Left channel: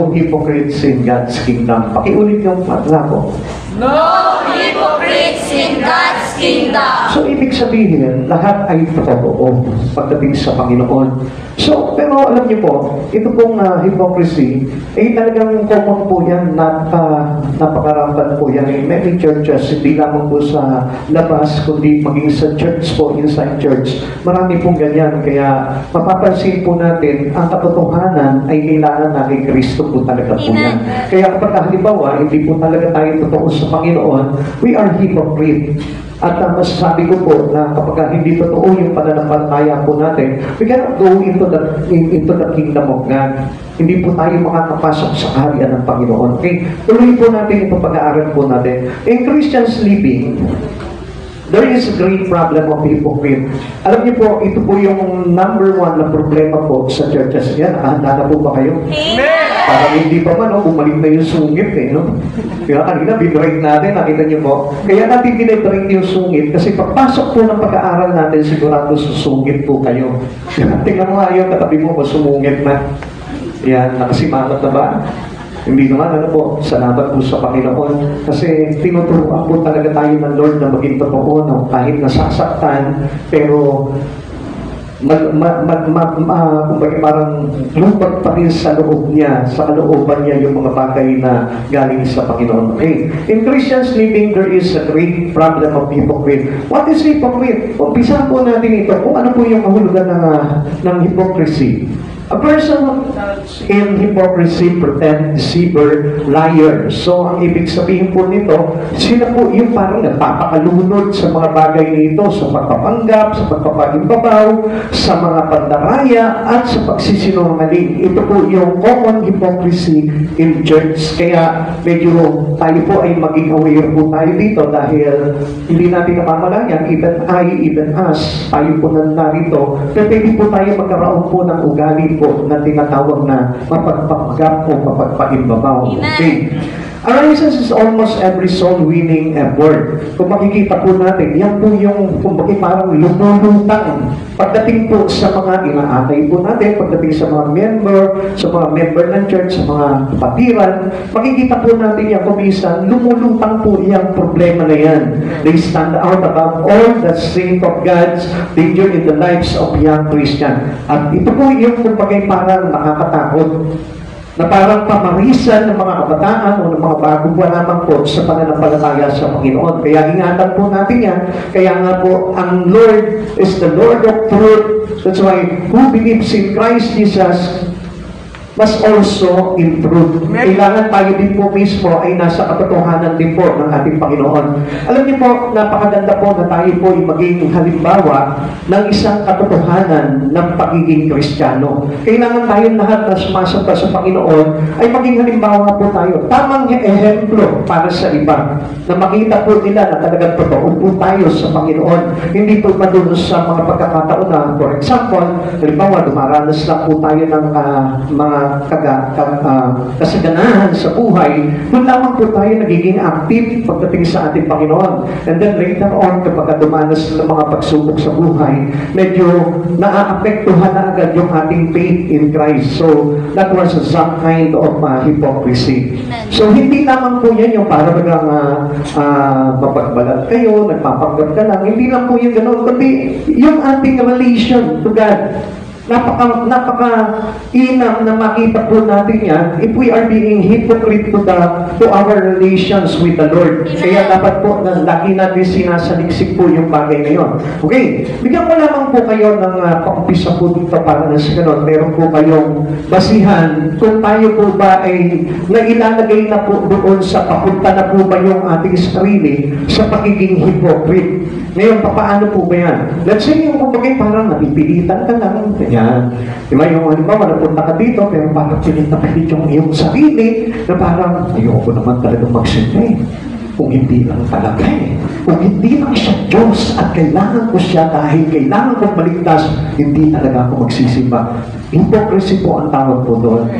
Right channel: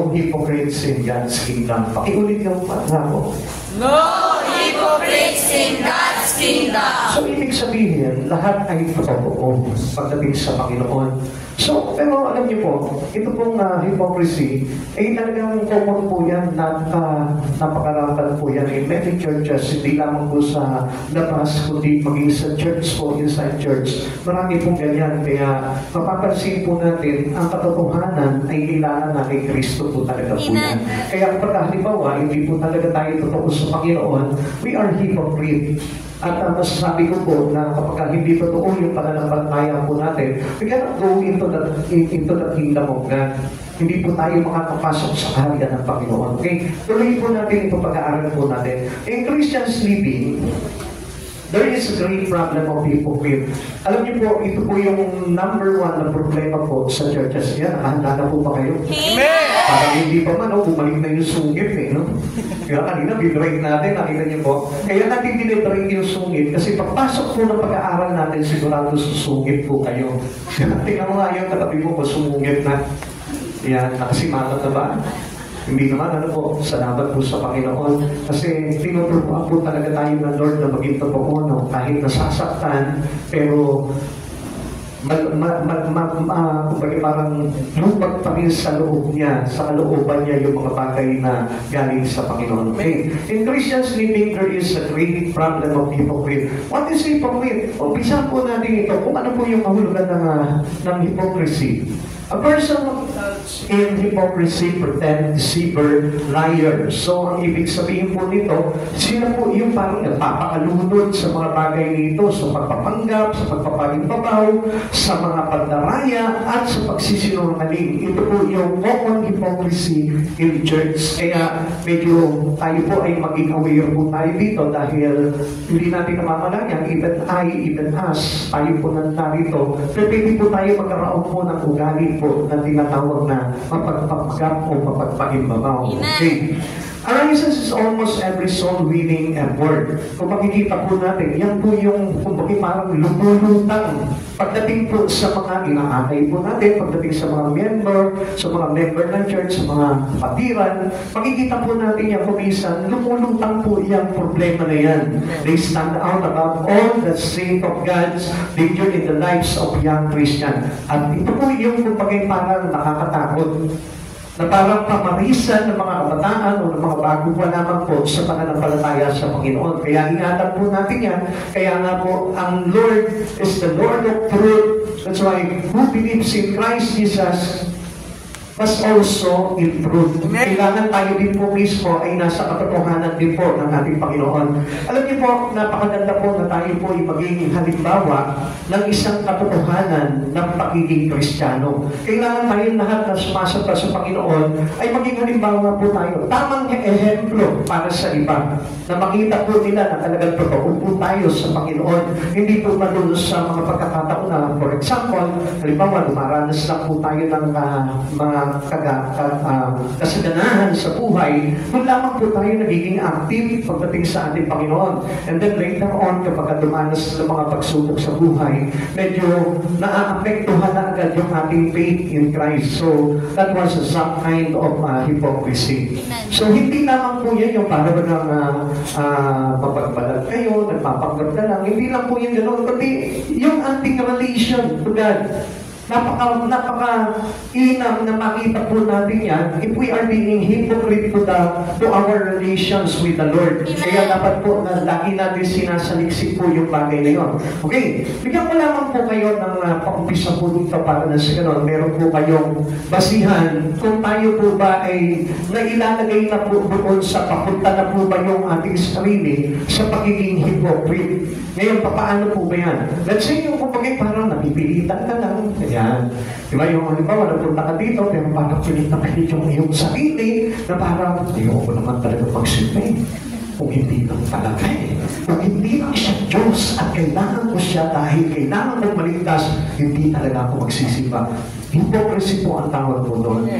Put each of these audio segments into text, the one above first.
Hypocrites in God's kingdom. Pakiulit yung patla ko. No hypocrites in God's kingdom. So, ibig sabihin, lahat ay totoo pagdating sa Panginoon. So, pero alam niyo po, ito pong hypocrisy, ay talagang common po yan, napakarapat po yan in many churches, hindi lamang po sa labas, kundi maging sa church po, inside church. Marami pong ganyan, kaya mapapansin po natin, ang katotohanan ay kailangan na kay Kristo po talaga po yan. Kaya kapag halimbawa, hindi po talaga tayo totoo sa Panginoon, we are hypocrite. At masasabi ko po na kapag hindi totoo yung pananampalataya po natin, we cannot go into the kingdom of God. Hindi po tayo makakapasok sa kaharian ng Panginoon. Okay? Tuloy po natin itong pag-aaral po natin. In Christians living, there is a great problem of hypocrite. Alam niyo po, ito po yung number one na problema po sa churches. Yan, nakahanda na po ba kayo? Parang hindi pa man, bumalik na yung sungit no? Kaya kanina, binrake natin, nakita niyo po. Kaya natin binrake yung sungit kasi pagpasok po ng pag-aaral natin, sigurado susungit po kayo. Tingnan mo nga yung katabi mo, masumungit na. Yan, nakasimangot na ba? Hindi naman, salamat po sa Panginoon. Kasi tinuturuan po talaga tayo ng Lord na maging totoo, no? Kahit nasasaktan, pero kumbaga parang lumpat pa rin sa loob niya, sa kalooban niya yung mga bagay na galing sa Panginoon. Okay. In Christians living, there is a great problem of hypocrite. What is hypocrite? Umpisa po natin ito kung ano po yung kahulugan ng hypocrisy. A person in hypocrisy, pretend, deceiver, liar. So, ang ibig sabihin po nito, sila po yung parang nagpapakalunod sa mga bagay nito, sa pagpapanggap, sa pagpapagimbabaw, sa mga pandaraya, at sa pagsisinungaling. Ito po yung common hypocrisy in church. Kaya medyo tayo po ay maging aware po tayo dito dahil hindi natin namamalayan, even I, even us, tayo po narito. Pero pwede po tayo magkaroon po ng ugali po na tinatawag na mapagpapanggap o mapagpaimbabaw. Okay. Arises is almost every soul-winning effort. Kung makikita po natin, yan po yung kumbaga parang lumulutang. Pagdating po sa mga inaakay po natin, pagdating sa mga member ng church, sa mga kapatiran, makikita po natin yan kung minsan, lumulutang po yung problema na yan. They stand out above all the strength of God's danger in the lives of young Christian. At ito po yung kumbaga parang nakakatakot na parang pamarisan ng mga kabataan o ng mga bago pa lamang po sa pananampalataya sa Panginoon. Kaya ingatan po natin yan. Kaya nga po, ang Lord is the Lord of truth. That's why, who believes in Christ Jesus must also in truth. Kailangan tayo din po mismo ay nasa katotohanan din po ng ating Panginoon. Alam niyo po, napakaganda po na tayo po ay maging halimbawa ng isang katotohanan ng pagiging Kristiyano. Kailangan tayo lahat na sumasamba sa Panginoon ay maging halimbawa po tayo. Tamang ehemplo para sa iba. Na makita po nila na talagang totoo po tayo sa Panginoon. Hindi po madulong sa mga pagkakataon na, for example, halimbawa, dumaranas lang po tayo ng mga kasaganahan sa buhay, doon lamang po tayo nagiging active pagdating sa ating Panginoon. And then later on, kapag dumanas ng mga pagsubok sa buhay, medyo naaapektuhan na agad yung ating faith in Christ. So, that was some kind of hypocrisy. So, hindi lamang po yan yung parang mapagbalat kayo, nagpapanggap ka lang. Hindi lang po yung ganoon, kundi yung ating relation to God. Napaka-inam na makita po natin yan if we are being hypocrite to our relations with the Lord. Kaya dapat po na lagi natin sinasaliksik po yung bagay na yun. Okay, bigyan ko lamang po kayo ng paumpisa po dito para na sa ganun. Meron po kayong basihan kung tayo po ba ay nailalagay na po doon sa papunta na po ba yung ating sarili sa pagiging hypocrite. Ngayon, paano po ba yan? Let's say yung kumbaga parang napipilitan ka lang. Yan. Diba yung halimbawa, napunta ka dito, pero parang pilit yung iyong sarili na parang, ayoko naman talaga magsimba kung hindi lang talaga Kung hindi lang siya Diyos at kailangan ko siya dahil kailangan kong maligtas, hindi talaga ako magsisimba. Hypocrisy po ang tawag po doon.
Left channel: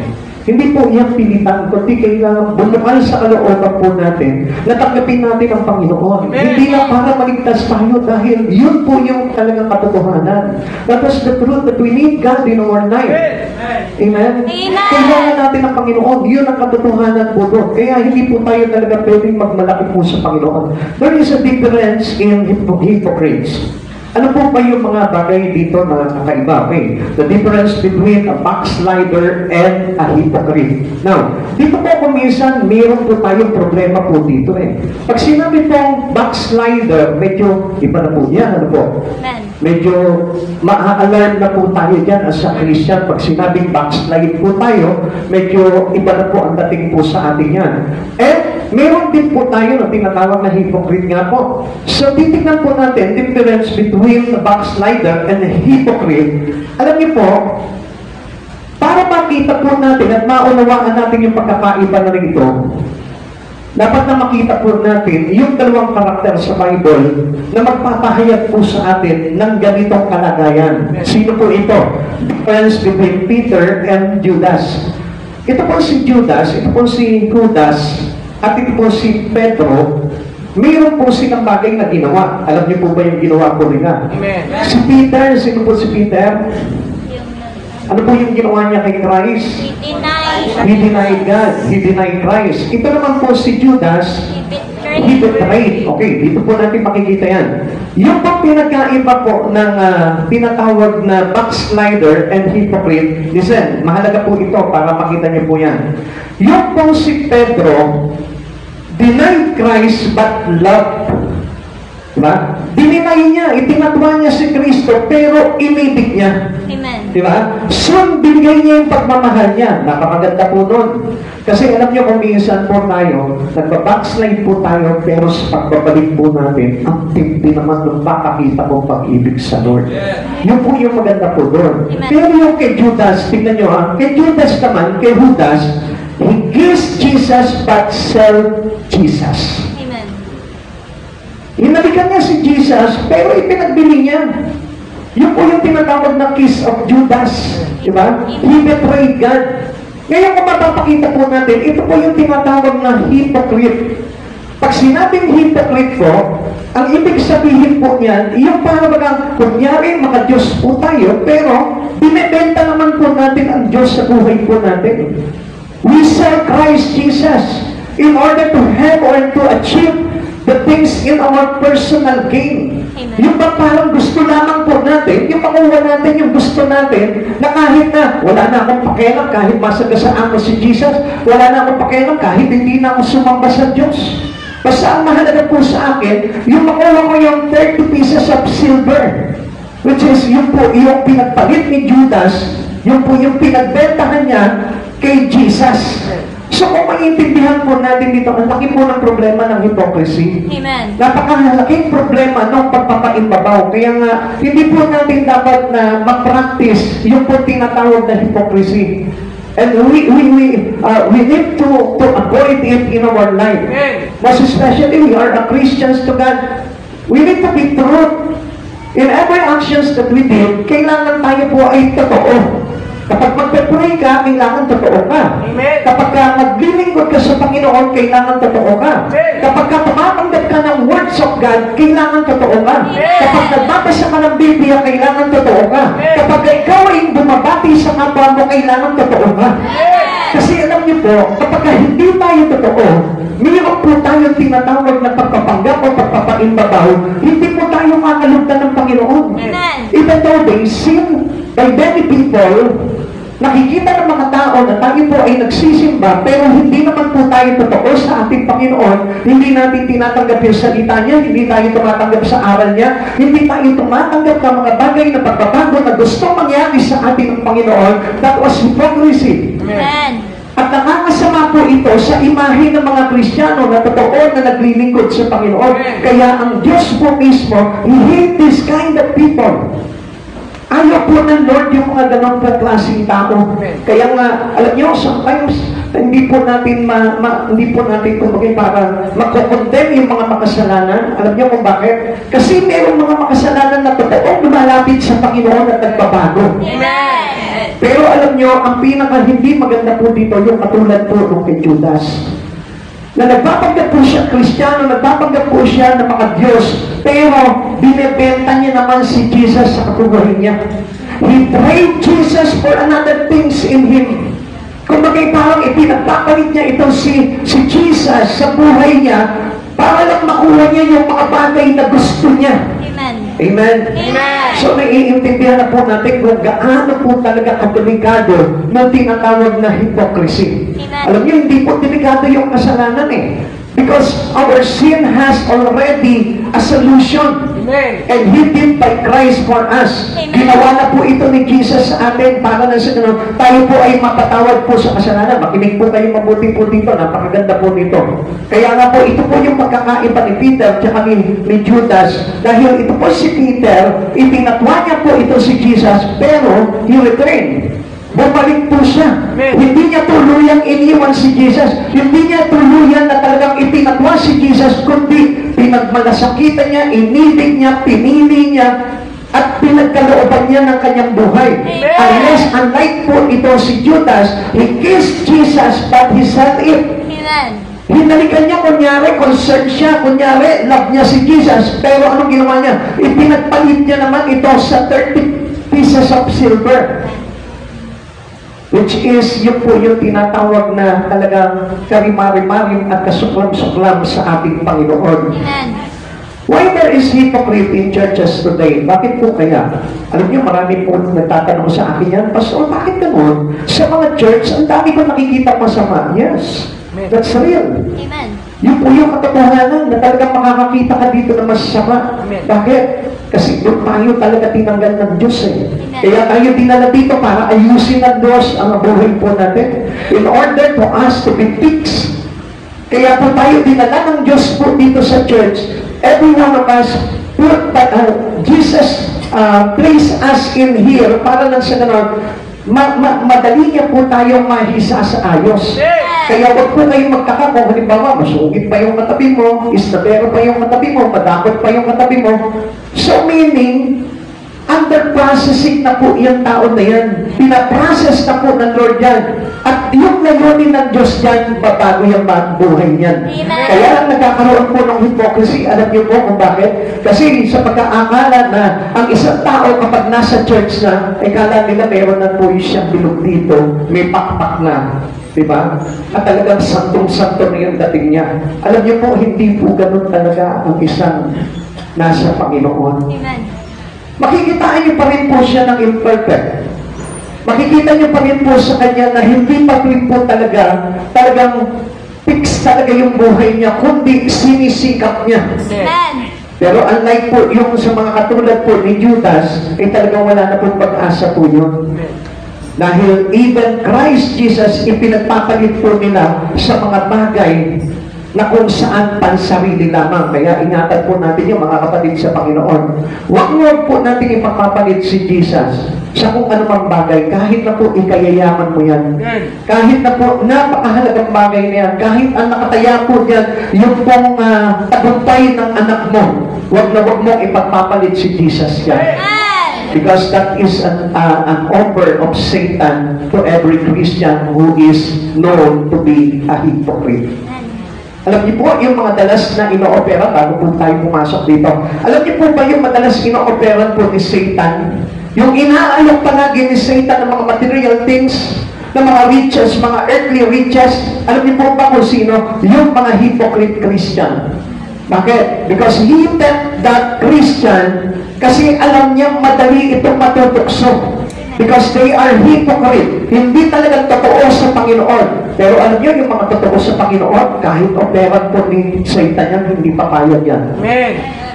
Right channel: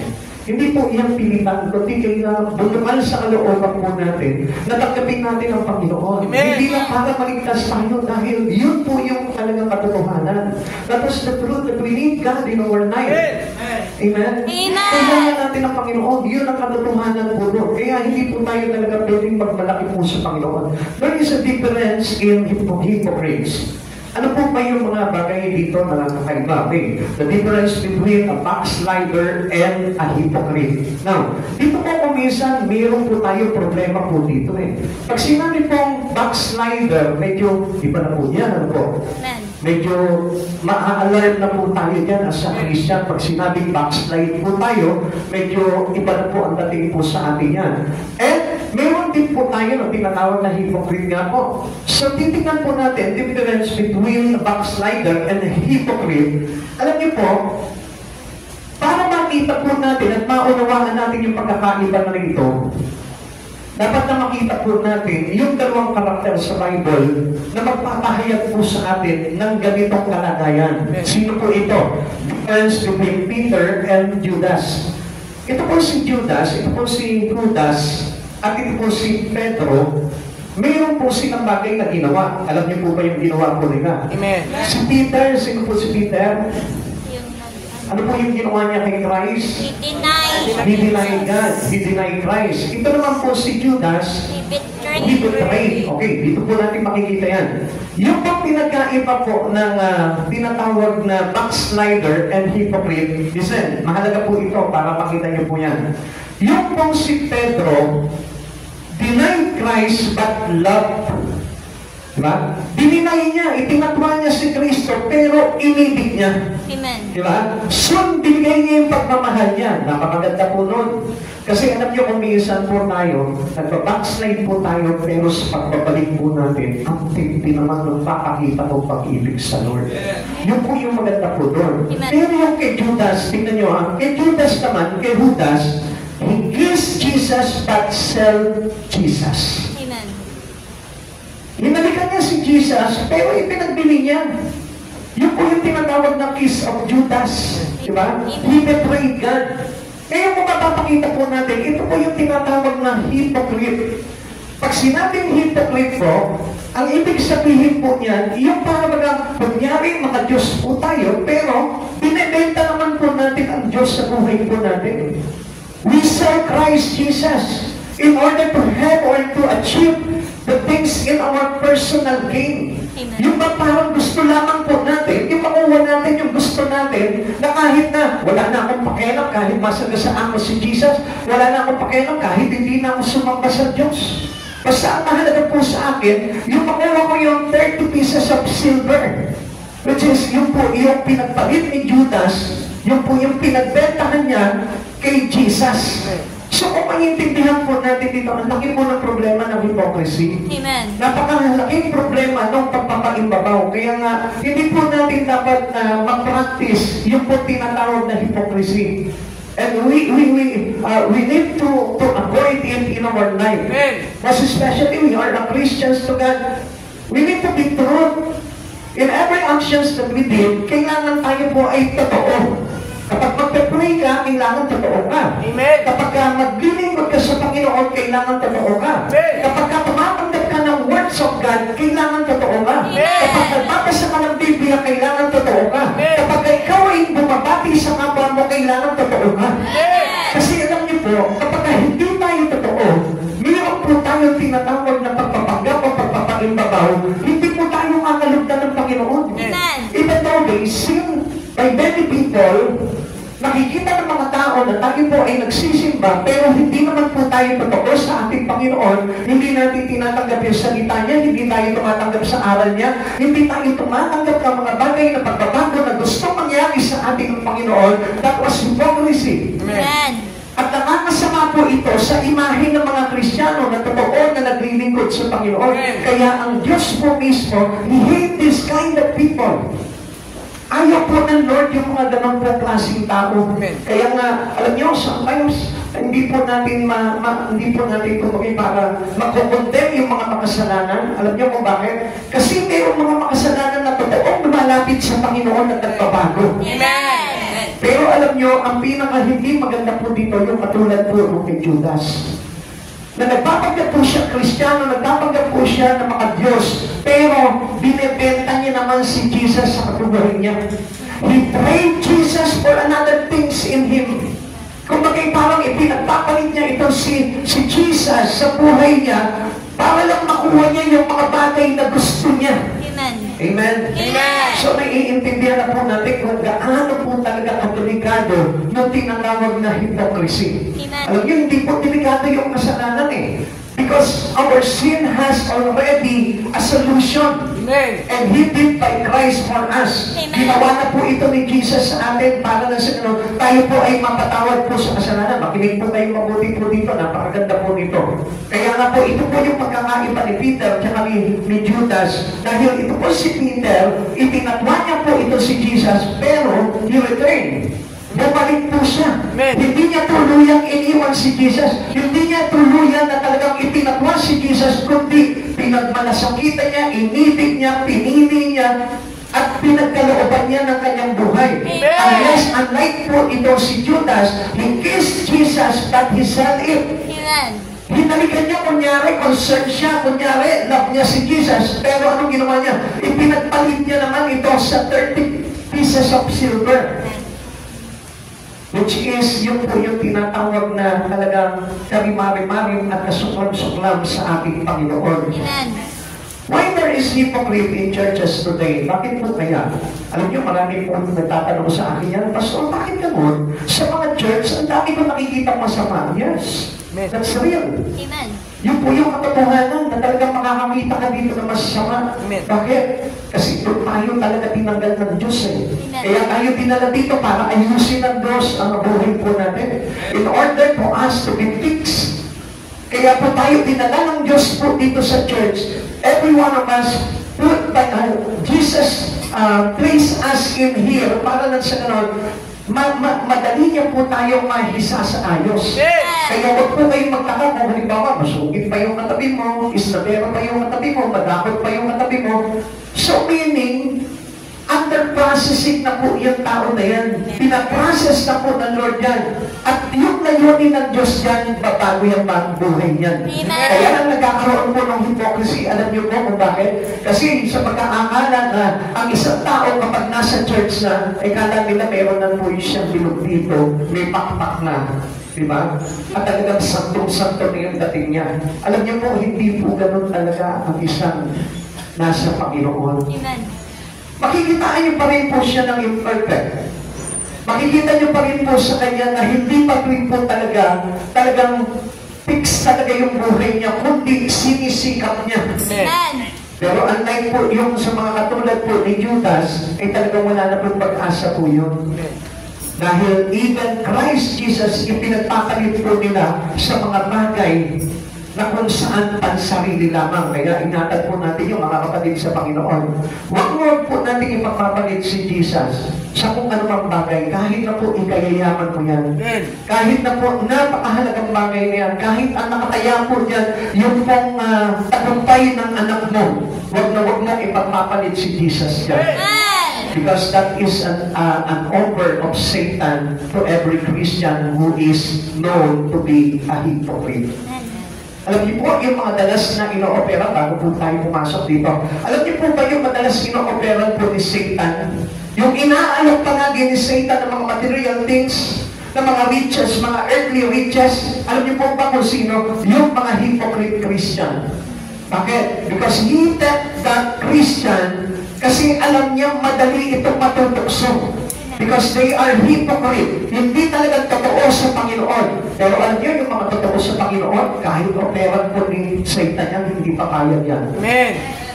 Hindi po iyang pilitan, kundi kailangan bumukal sa kalooban po natin na tanggapin natin ang Panginoon. Amen. Hindi lang para maligtas tayo dahil yun po yung talagang katotohanan. That is the truth that we need God in our life. Amen. Amen? Amen. Kailangan natin ang Panginoon. Yun ang katotohanan po doon. Kaya hindi po tayo talaga pwedeng magmalaki po sa Panginoon. There is a difference in hypocrites. Ano po ba yung mga bagay dito na kakaiba? Okay. The difference between a backslider and a hypocrite. Now, dito po kung minsan, mayroon po tayong problema po dito eh. Pag sinabi pong backslider, medyo iba na po yan. Ano po? Medyo ma-alarm na po tayo dyan as a Christian. Pag sinabing backslide po tayo, medyo iba na po ang dating po sa atin yan. And meron din po tayo na tinatawag na hypocrite nga po. So, titignan po natin difference between a backslider and a hypocrite. Alam niyo po, para makita po natin at maunawaan natin yung pagkakaiba na ito, dapat na makita po natin yung dalawang karakter sa Bible na magpapahayag po sa atin ng ganitong kalagayan. Sino po ito? Difference between Peter and Judas. Ito po si Judas, ito po si Judas, at ito po si Pedro. Mayroon po silang bagay na ginawa. Alam niyo po ba yung ginawa po nila? Si Peter, sino po si Peter? Ano po yung ginawa niya kay Christ? He denied God. He denied Christ. Ito naman po si Judas, he betrayed. Okay, dito po natin makikita yan. Yung pang pinagkaiba po ng tinatawag na backslider and hypocrite, listen, mahalaga po ito para makita niyo po yan. Yung po si Pedro, denied Christ but loved. Diba? Dininay niya, itinatwa niya si Kristo, pero inibig niya. Amen. Diba? So, binigay niya yung pagmamahal niya. Napakaganda po nun. Kasi alam niyo kung minsan po tayo, nagbabackslide po tayo, pero sa pagbabalik po natin, ang timpi naman nung papakita kong pag-ibig sa Lord. Yun po yung maganda po doon. Pero yung kay Judas, tignan niyo ha, kay Judas naman, kay Judas, he gives Jesus but sell Jesus. Amen. Hinalikan niya si Jesus, pero ipinagbili niya. Yun po yung tinatawag na kiss of Judas. Diba? He betrayed God. Ngayon kung mapapakita po natin, ito po yung tinatawag na hypocrite. Pag sinabing hypocrite po, ang ibig sabihin po niyan, yung parang kunyari mga Diyos po tayo, pero binibenta naman po natin ang Diyos sa buhay po natin. We serve Christ Jesus in order to have or to achieve the things in our personal gain. Yung ba parang gusto lamang po natin, yung makuha natin yung gusto natin, na kahit na wala na akong pakialam, kahit masagasaan mo si Jesus, wala na akong pakialam, kahit hindi na ako sumamba sa Diyos. Basta ang mahalaga po sa akin, yung makuha ko yung 30 pieces of silver, which is yung po yung pinagpalit ni Judas, yung po yung pinagbentahan niya kay Jesus. So kung maintindihan po natin dito, ang laki po ng problema ng hypocrisy. Amen. Napakalaking problema ng pagpapaimbabaw. Kaya nga, hindi po natin dapat na ma-practice yung po tinatawag na hypocrisy. And we need to avoid it in our life. Most especially, we are a Christians to God. We need to be true. In every actions that we did, kailangan tayo po ay totoo. Kapag magpe-pray ka, kailangan totoo ka. Amen. Kapag naglilingkod ka sa Panginoon, kailangan totoo ka. Amen. Kapag tumatanggap ka ng words of God, kailangan totoo ka. Amen. Kapag nagbabasa ka ng Biblia, kailangan totoo ka. Amen. Kapag ikaw ay bumabati sa kapwa mo, kailangan totoo ka. Amen. Kasi alam niyo po, kapag hindi tayo totoo, mayroon po tayong tinatawag na pagpapanggap o pagpapaimbabaw, hindi po tayo makalugdan ng Panginoon. Amen. Even though they sin by many people, nakikita ng mga tao na tayo po ay nagsisimba, pero hindi naman po tayo totoo sa ating Panginoon, hindi natin tinatanggap yung salita niya, hindi tayo tumatanggap sa aral niya, hindi tayo tumatanggap ng mga bagay na pagbabago na gusto mangyari sa ating Panginoon. That was hypocrisy. Amen. At nakakasama po ito sa imahe ng mga Kristiyano na totoo na naglilingkod sa Panginoon. Kaya ang Diyos po mismo, He hates this kind of people. Ayaw po ng Lord yung mga ganong klaseng tao. Kaya nga, alam niyo, sometimes, hindi po natin kumagay para makokondem yung mga makasalanan. Alam niyo kung bakit? Kasi mayroong mga makasalanan na totoo lumalapit sa Panginoon at nagbabago. Amen. Pero alam niyo, ang pinaka hindi maganda po dito, yung katulad po nung kay Judas. Na nagpapanggap po siya Kristiyano, nagpapanggap po siya ng mga Diyos, pero binibenta niya naman si Jesus sa kabuhay niya. He traded Jesus for another things in Him. Kung bagay parang ipinagpapalit niya ito si Jesus sa buhay niya para lang makuha niya yung mga bagay na gusto niya. Amen. Amen. So naiintindihan na po natin kung gaano po talaga kadelikado ng tinatawag na hypocrisy. Alam niyo, hindi po delikado yung kasalanan eh. Because our sin has already a solution. Amen. And He did by Christ for us. Ginawa na po ito ni Jesus sa atin para na sa ganun, tayo po ay mapatawad po sa kasalanan. Makinig po kayo mabuti po dito. Napakaganda po nito. Kaya nga po, ito po yung magkakaiba ni Peter at ni Judas. Dahil ito po si Peter, ipinatwa niya po ito si Jesus, pero he returned. Bumalik po siya. Hindi niya tuluyang iniwan si Jesus. Hindi niya tuluyan na talagang ipinatwa si Jesus, kundi pinagmalasakitan niya, inibig niya, pinili niya, at pinagkalooban niya ng kanyang buhay. Unlike po ito si Judas, he kissed Jesus but he said it. Hinalikan niya, kunyari, concerned siya, kunyari, love niya si Jesus. Pero anong ginawa niya? Ipinagpalit niya naman ito sa 30 pieces of silver. Which is, yun po yung tinatawag na talagang karimari-marim at kasuklam-suklam sa ating Panginoon. Why there is hypocrite in churches today? Bakit po kaya? Alam niyo, marami po nagtatanong sa akin yan, Pastor, bakit ganun? Sa mga church, ang dami ko nakikita masama. Yes, that's real. Yun po yung katotohanan na talagang makakakita ka dito na masama. Bakit? Kasi doon tayo talaga tinanggal ng Diyos eh. Kaya tayo dinala dito para ayusin ng Diyos ang buhay po natin. In order for us to be fixed. Kaya po tayo dinala ng Diyos po dito sa church. Every one of us, Jesus placed us in here para lang sa ganon, madali niya po tayong mahisa sa ayos. Kaya wag po kayong magtaka kung halimbawa, masugit pa yung katabi mo, istabero pa yung katabi mo, madakot pa yung katabi mo. So meaning, under processing na po yung tao na yan. Pinaprocess na po ng Lord yan. At yung layunin ng Diyos yan, babago yung buhay yan. Kaya lang nagkakaroon po ng hypocrisy. Alam niyo po kung bakit? Kasi sa pagkaakala na ang isang tao kapag nasa church na, ay kala nila meron na po siyang bilog dito, may pakpak na. Diba? At talagang santong-santo na yung dating niya. Alam niyo po, hindi po ganun talaga ang isang nasa Panginoon. Makikitaan niyo pa rin po siya ng imperfect. Makikita niyo pa rin po sa kanya na hindi pa rin po talagang fix talaga yung buhay niya, kundi sinisikap niya. Pero unlike po yung sa mga katulad po ni Judas, ay talagang wala na po pag-asa po yun. Dahil even Christ Jesus, ipinagpapalit po nila sa mga bagay na kung saan pansarili lamang. Kaya ingatan po natin yung mga kapatid sa Panginoon. Huwag po natin ipagpapalit si Jesus sa kung anumang bagay, kahit na po ikayayaman mo yan. Kahit na po napakahalagang bagay na yan, kahit ang nakataya po dyan, yung pong tagumpay ng anak mo, huwag na huwag mong ipagpapalit si Jesus yan. Because that is an offer of Satan to every Christian who is known to be a hypocrite. Alam niyo po, yung mga dalas na ino-opera, bago po tayo pumasok dito, alam niyo po ba yung madalas ino-opera po ni Satan? Yung inaalok palagi ni Satan ng mga material things, ng mga riches, mga earthly riches, alam niyo po ba kung sino? Yung mga hypocrite Christian. Bakit? Because he that Christian, kasi alam niya madali itong matutukso. Because they are hypocrite. Hindi talagang totoo sa Panginoon. Pero alam niyo, yung mga totoo sa Panginoon, kahit operan po ni Satan yan, hindi pa kaya yan. Amen.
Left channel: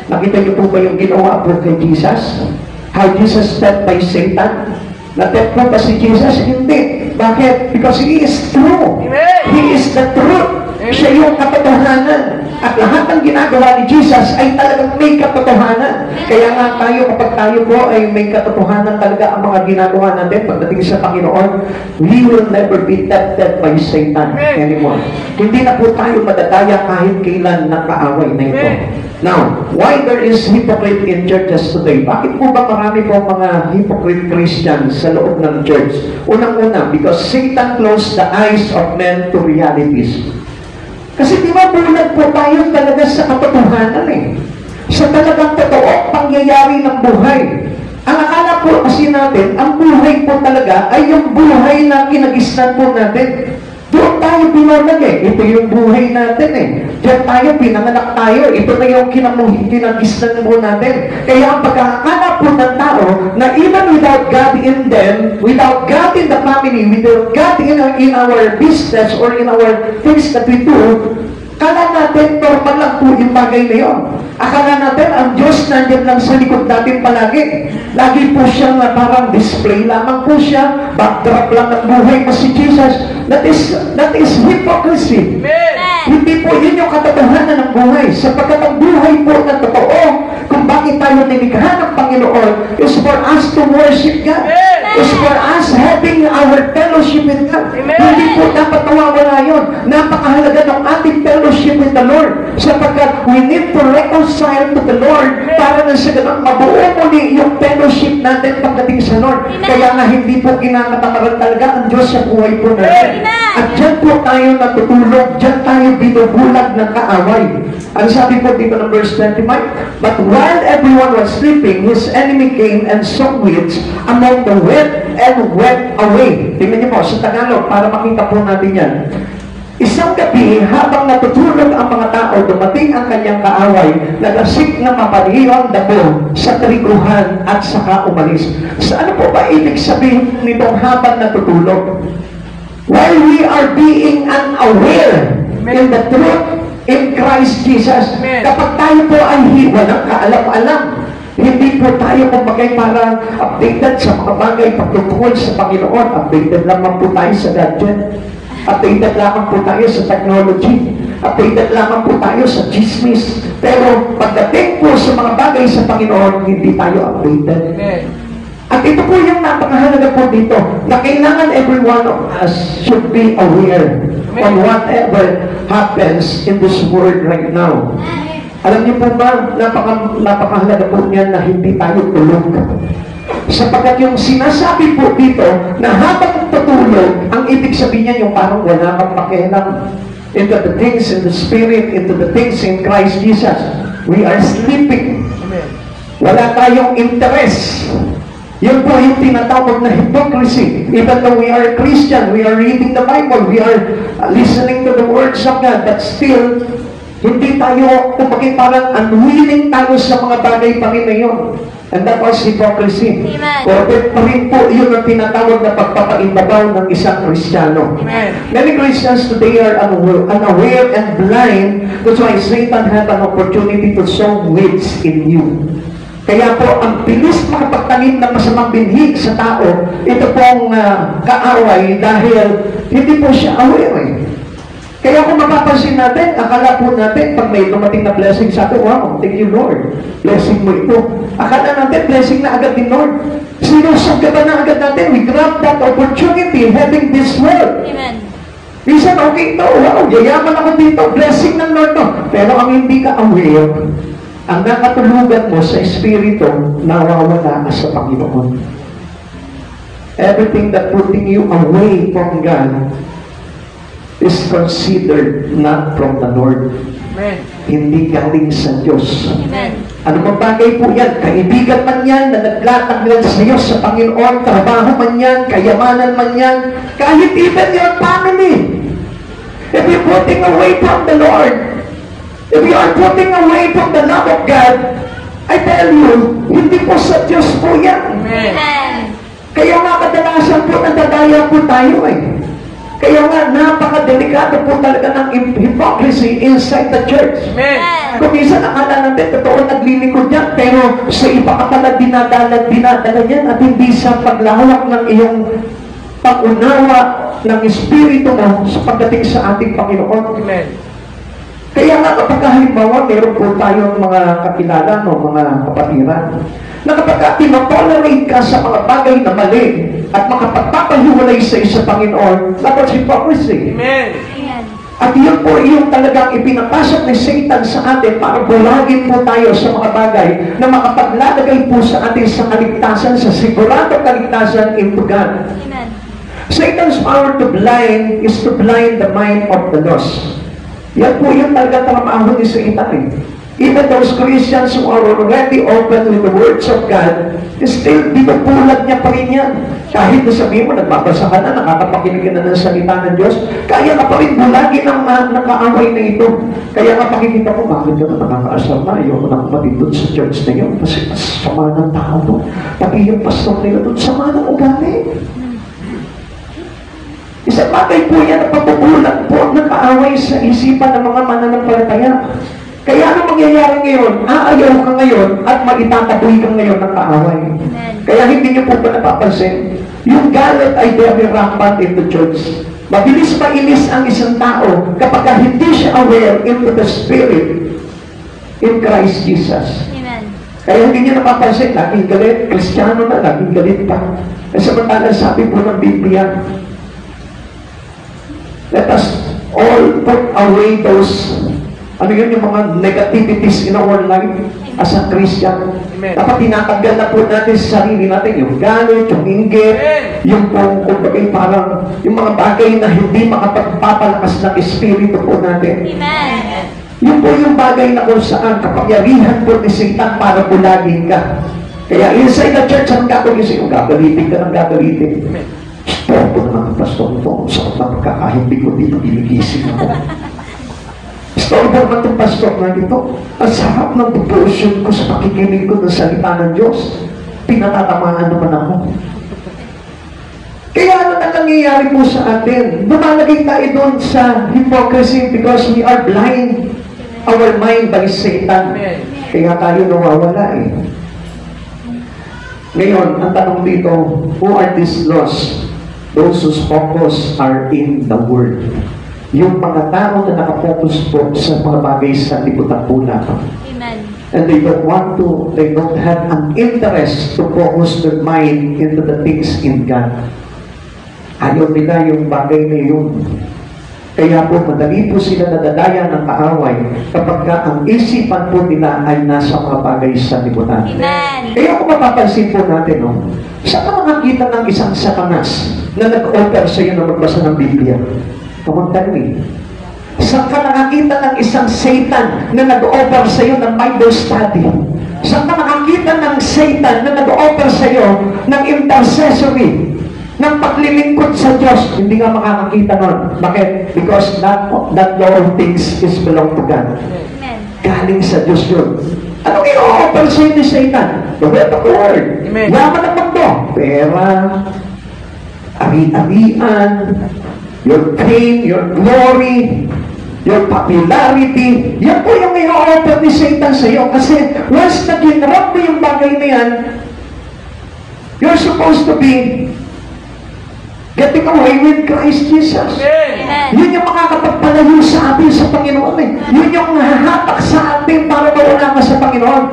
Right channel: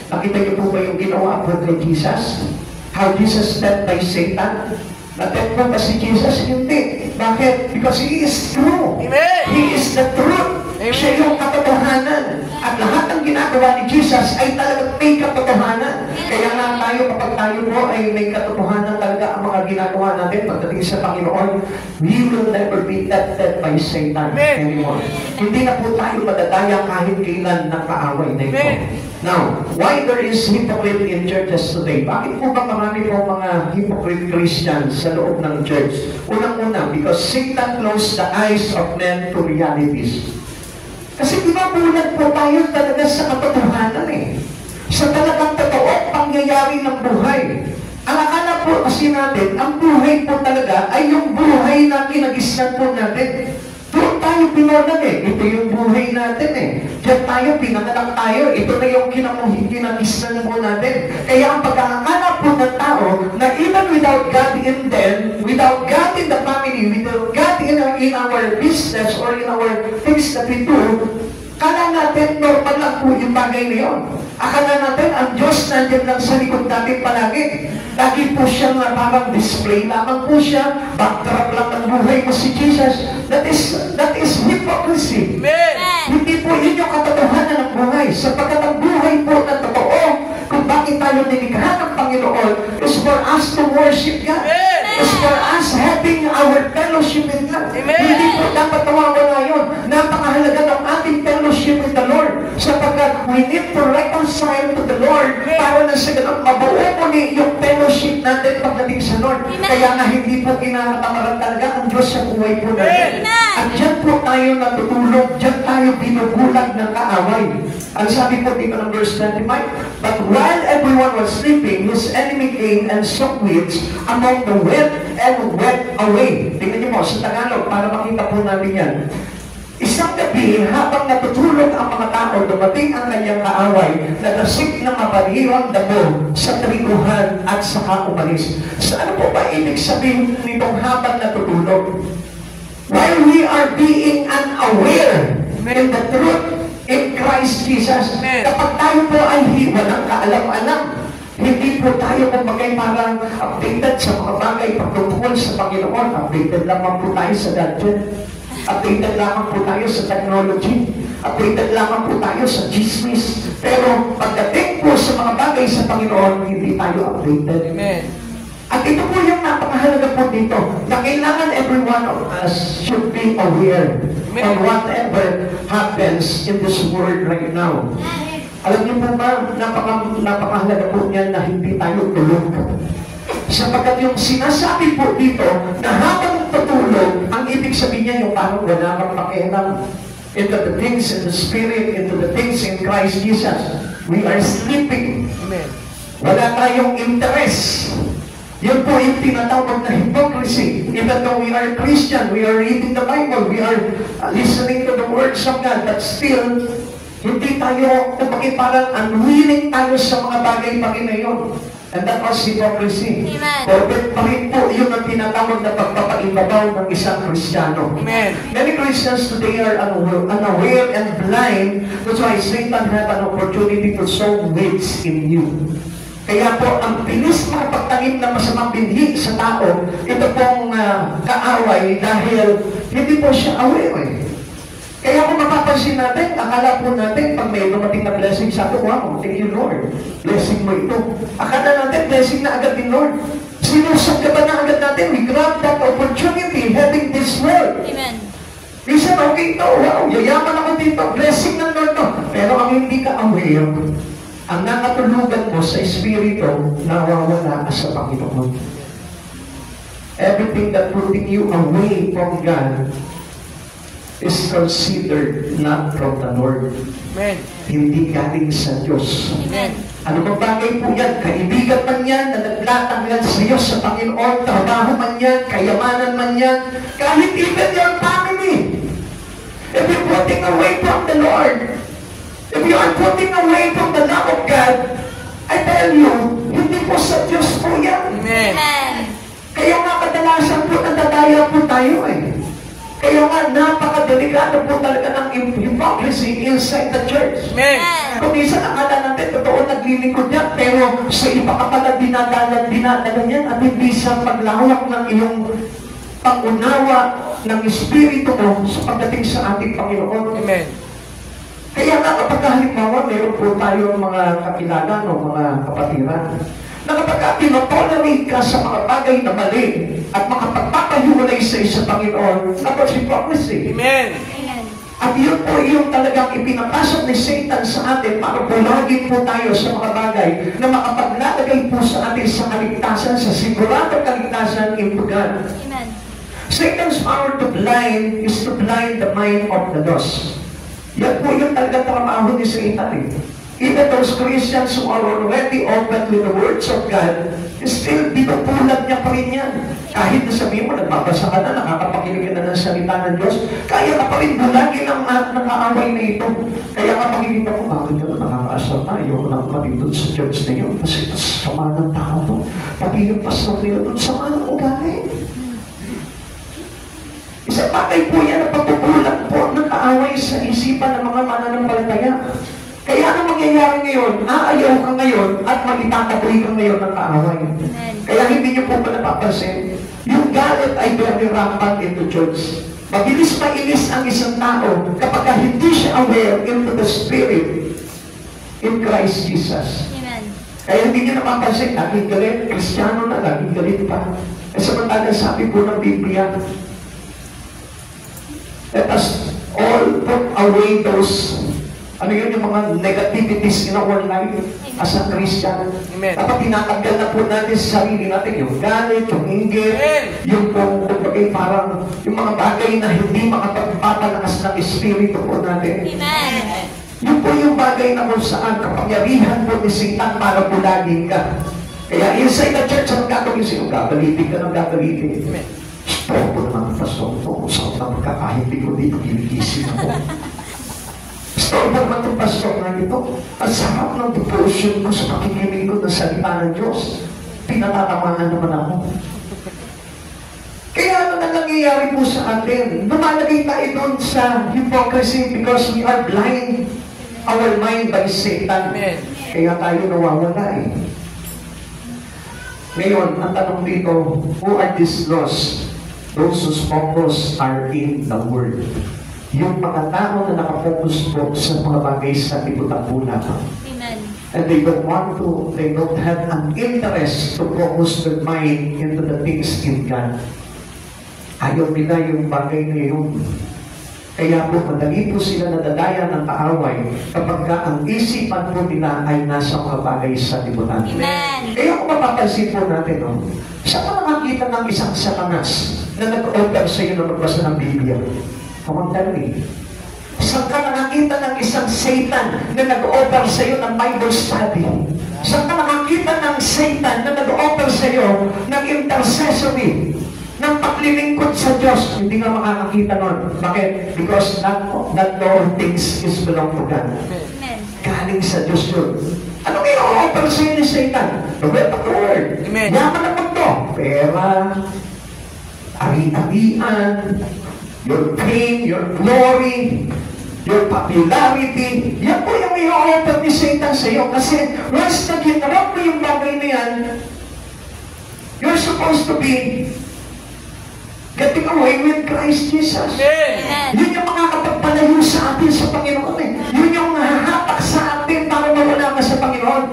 Nakita niyo po ba yung ginawa po kay Jesus? How Jesus stepped by Satan? Na-tep po ba si Jesus? Hindi. Bakit? Because He is true. Amen. He is the truth. Amen. Siya yung katotohanan. At lahat ng ginagawa ni Jesus ay talagang may katotohanan. Kaya nga tayo, kapag tayo po ay may katotohanan talaga ang mga ginagawa natin pagdating sa Panginoon, we will never be tempted by Satan anymore. Hindi na po tayo madadaya kahit kailan nakaaway na ito. Now, why there is hypocrite in churches today? Bakit po ba marami po mga hypocrite Christians sa loob ng church? Unang-una, because Satan closed the eyes of men to realities. Kasi di ba bulag po tayo talaga sa katotohanan eh. Sa talagang totoo pangyayari ng buhay. Ang akala po po kasi natin, ang buhay po talaga ay yung buhay na kinagisnan po natin. Doon tayo pinanag eh. Ito yung buhay natin eh. Diyan tayo, pinanganak tayo. Ito na yung kinagisnan po natin. Kaya ang pagkakakala po ng tao na even without God in them, without God in the family, without God in our business or in our things that we do, kala natin, normal lang po yung bagay na yun. Akala natin, ang Diyos nandiyan lang sa likod natin palagi. Lagi po siyang parang display lamang po siya. Backdrop lang ng buhay mo si Jesus. That is hypocrisy. Amen. Hindi po yun yung katotohanan ng buhay. Sapagkat ang buhay po na totoo, kung bakit tayo nilikha ng Panginoon, is for us to worship God. Amen. Is for us having our fellowship with God. Amen. Hindi po dapat nawawala yun. Napakahalaga ng ating fellowship with the Lord. Sapagkat we need to reconcile to the Lord para na sa ganun mabuo muli yung fellowship natin pagdating sa Lord. Kaya nga hindi po kinakatamaran talaga ang Diyos sa buhay po natin. At dyan po tayo natutulog, dyan tayo binubulag ng kaaway. Ang sabi po dito ng verse 25, but while everyone was sleeping, his enemy came and sowed weeds among the wheat and went away. Tingnan niyo po sa Tagalog para makita po natin yan. Isang gabi, habang natutulog ang mga tao, dumating ang kanyang kaaway, nagasik na mapaniyo ang damo sa triguhan at saka umalis. Sa ano po ba ibig sabihin nitong habang natutulog? While we are being unaware in the truth in Christ Jesus, kapag tayo po ay walang kaalam-alam, hindi po tayo kumagay parang updated sa mga bagay pagtutungkol sa Panginoon. Updated lamang po tayo sa gadget. Updated lamang po tayo sa technology. Updated lamang po tayo sa chismis. Pero pagdating po sa mga bagay sa Panginoon, hindi tayo updated. At ito po yung napakahalaga po dito, na kailangan every one of us should be aware on whatever happens in this world right now. Alam niyo po ba, napakahalaga po niyan na hindi tayo tulog. Sapagkat yung sinasabi po dito na habang tutulog, ang ibig sabihin niya yung parang wala kang pakialam into the things in the Spirit, into the things in Christ Jesus. We are sleeping. Wala tayong interest. Yun po yung tinatawag na hypocrisy. Even though we are Christian, we are reading the Bible, we are listening to the words of God, but still, hindi tayo, kumbaga parang unwilling tayo sa mga bagay Panginoon. And that was hypocrisy. Corporate pa rin po yun ang tinatawag na pagpapaimbabaw ng isang Kristiyano. Many Christians today are unaware and blind. That's why Satan had an opportunity to sow weeds in you. Kaya po, ang bilis makapagtanim ng masamang binhi sa tao, ito pong kaaway dahil hindi po siya aware eh. Kaya kung mapapansin natin, akala po natin, pag may dumating na blessing sa atin, wow, thank you Lord, blessing mo ito. Akala natin, blessing na agad din Lord. Sinusagatan na agad natin, we grab that opportunity having this world. Amen. Minsan, okay ito, wow, yayaman ako dito, blessing ng Lord to. Pero ang hindi ka aware, ang nakatulugan mo sa Espiritu, nawawala ka sa Panginoon. Everything that putting you away from God is considered not from the Lord. Amen. Hindi galing sa Diyos. Amen. Ano bang bagay po yan? Kaibigan man yan, na naglatag lang sa iyo sa Panginoon, trabaho man yan, kayamanan man yan, kahit even your family. If you're putting away from the Lord, if you are putting away from the love of God, I tell you, hindi po sa Diyos po yan. Amen. Kaya nga kadalasan po nadadaya po tayo eh. Kaya nga napakadelikado po talaga ng hypocrisy inside the church. Amen. Kung minsan akala natin, totoo naglilingkod yan, pero sa iba ka pala dinadala yan at hindi sa paglawak ng iyong pag-unawa ng Espiritu mo sa pagdating sa ating Panginoon. Amen. Kaya nga kapag halimbawa, meron po tayong mga kakilala, no, mga kapatiran, na kapag tinotolerate ka sa mga bagay na mali at makapagpapahiwalay sa isa Panginoon, that's hypocrisy. Amen. At yun po yung talagang ipinapasok ni Satan sa atin para bulagin po tayo sa mga bagay na makapaglalagay po sa atin sa kaligtasan, sa siguradong kaligtasan into God. Amen. Satan's power to blind is to blind the mind of the lost. Yan po yung talagang trabaho ni Satan eh. Even those Christians who are already open with the words of God, still, binubulag niya pa rin yan. Kahit na sabihin mo, nagbabasa ka na, nakakapakinig ka na ng salita ng Diyos, kaya ka pa rin bulagin ang nakaaway na ito. Kaya nga pakikita ko, bakit ka na nakakaasal na? Ayaw ko na kapatid doon sa church na yun, kasi sama ng tao doon. Pati yung pastor nila doon, sama ng ugali. Isang bagay po yan na pagbubulag po ang nakaaway sa isipan ng mga mananampalataya. Kaya ano mangyayari ngayon? Aayaw ka ngayon at magitataboy ka ngayon ng kaaway. Kaya hindi niyo po ba napapansin? Yung galit ay very rampant in the church. Mabilis mainis ang isang tao kapag hindi siya aware into the Spirit in Christ Jesus. Amen. Kaya hindi niyo napapansin, laging galit, Kristiyano na, laging galit pa. Eh samantalang sabi po ng Biblia, let us all put away those yung mga negativities in our life as a Christian. Amen. Dapat tinatanggal na po natin sa sarili natin yung galit, yung inggit, yung kumbaga parang yung mga bagay na hindi makapagpapalakas ng espiritu po natin. Amen. Yun po yung bagay na kung saan kapangyarihan po ni Satan para bulagin ka. Kaya inside the church, ang gagawin sa'yo, gagalitin ka ng gagalitin. Stop po na mga pastor ito. Sakot na pagkakahindi ko dito, ginigising ako. Story naman itong pastor na ito. Ang sarap ng devotion ko sa pakikinig ko ng salita ng Diyos. Pinatatamaan naman ako. Kaya ano ang nangyayari po sa atin? Lumalagay tayo doon sa hypocrisy because we are blind our mind by Satan. Kaya tayo nawawala eh. Ngayon, ang tanong dito, who are these lost? Those whose focus are in the Word. Yung mga tao na nakapokus po sa mga bagay sa liputan po lamang. And they don't have an interest to focus their mind into the things in God. Ayaw nila yung bagay na yun. Kaya po, madali po sila nadadaya ng kaaway kapag ang isipan po nila ay nasa mga bagay sa liputan. Kaya kung mapapansin po natin, no, saan ka nakakita ng isang satanas na nag-offer sa iyo na magbasa ng Biblia? Come on, tell me. Saan ka nakakita ng isang Satan na nag-offer sa iyo ng Bible study? Saan ka nakakita ng Satan na nag-offer sa iyo ng intercessory, ng paglilingkod sa Diyos? Hindi nga makakakita nun. Bakit? Because that all things is belong to God. Galing sa Diyos yun. Anong i-offer sa iyo ni Satan? The word of the Lord. Yaman ang mundo. Pera, ari-arian, your fame, your glory, your popularity. Yan po yung i-offer ni Satan sa iyo. Kasi once na ginrap mo yung bagay na yan, you're supposed to be getting away with Christ Jesus. Yun yung makakapagpalayo sa atin sa Panginoon eh. Yun yung hahatak sa atin para mawala ka sa Panginoon.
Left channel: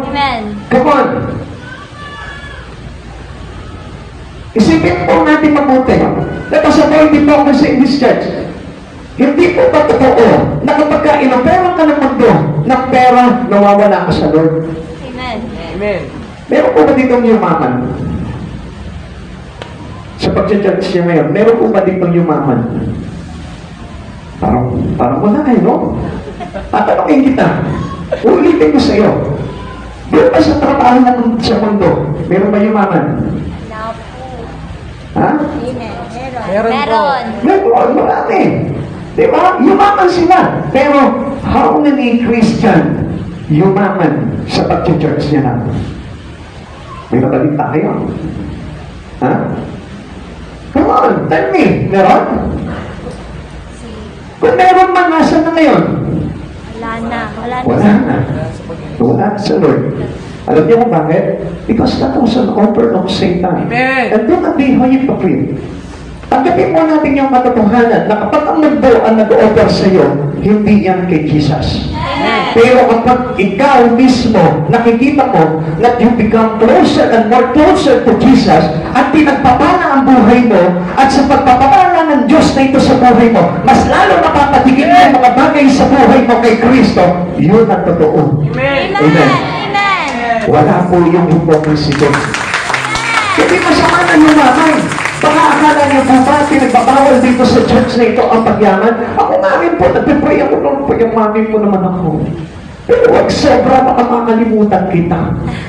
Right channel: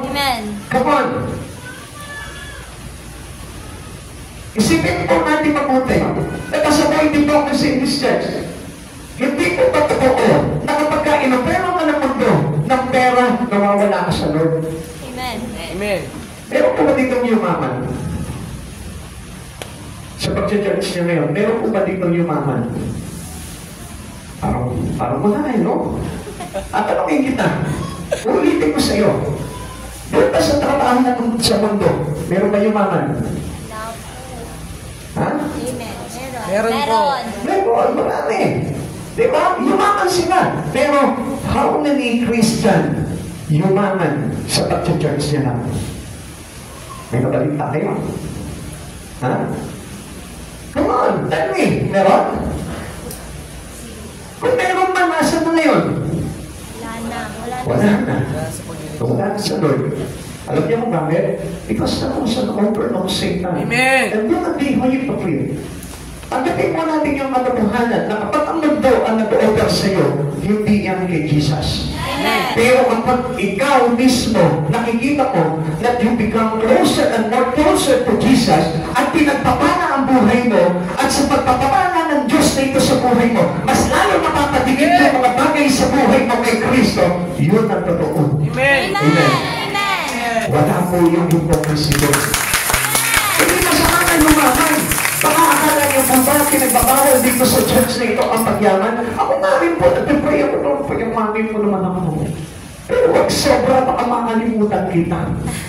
Come on. Isipin po natin mabuti. Nakasabaw hindi po kasi in this church. Hindi po ba totoo na kapag inopera ka ng mundo ng pera, nawawala ka sa Lord? Amen. Meron po ba dito yumaman? Sa pag-church niya ngayon, meron po ba dito yumaman? Parang wala eh, no? Tatanungin kita. Ulitin ko sa iyo. Doon pa sa trabaho natin sa mundo, meron ba yumaman? Ha? Meron, marami. Diba? Yumaman sila. Pero, how many Christian yumaman sa pag-church niya na? May nabalita kayo. Ha? Come on, tell me. Meron? Kung meron man, nasa na ngayon? Wala na. Wala na sa Lord. Alam niyo kung bakit? Because that was an offer of Satan. Amen. And don't be hypocrite. Tanggapin mo natin yung katotohanan na kapag ang mundo ang nag-offer sa iyo, hindi yan kay Jesus. Amen. Pero kapag ikaw mismo, nakikita mo that you become closer and more closer to Jesus at pinagpapala ang buhay mo at sa pagpapala ng Diyos na ito sa buhay mo, mas lalo mapapatigil yung mga bagay sa buhay mo kay Kristo, yun ang totoo. Amen. Amen. Wala po yung hypocrisy doon. Kasi masama na yumaman. Baka akala niyo po ba pinagbabawal dito sa church na ito ang pagyaman? Ako nga rin po, nagpipray ako doon, pagyaman po naman ako. Pero huwag sobra, baka makalimutan kita.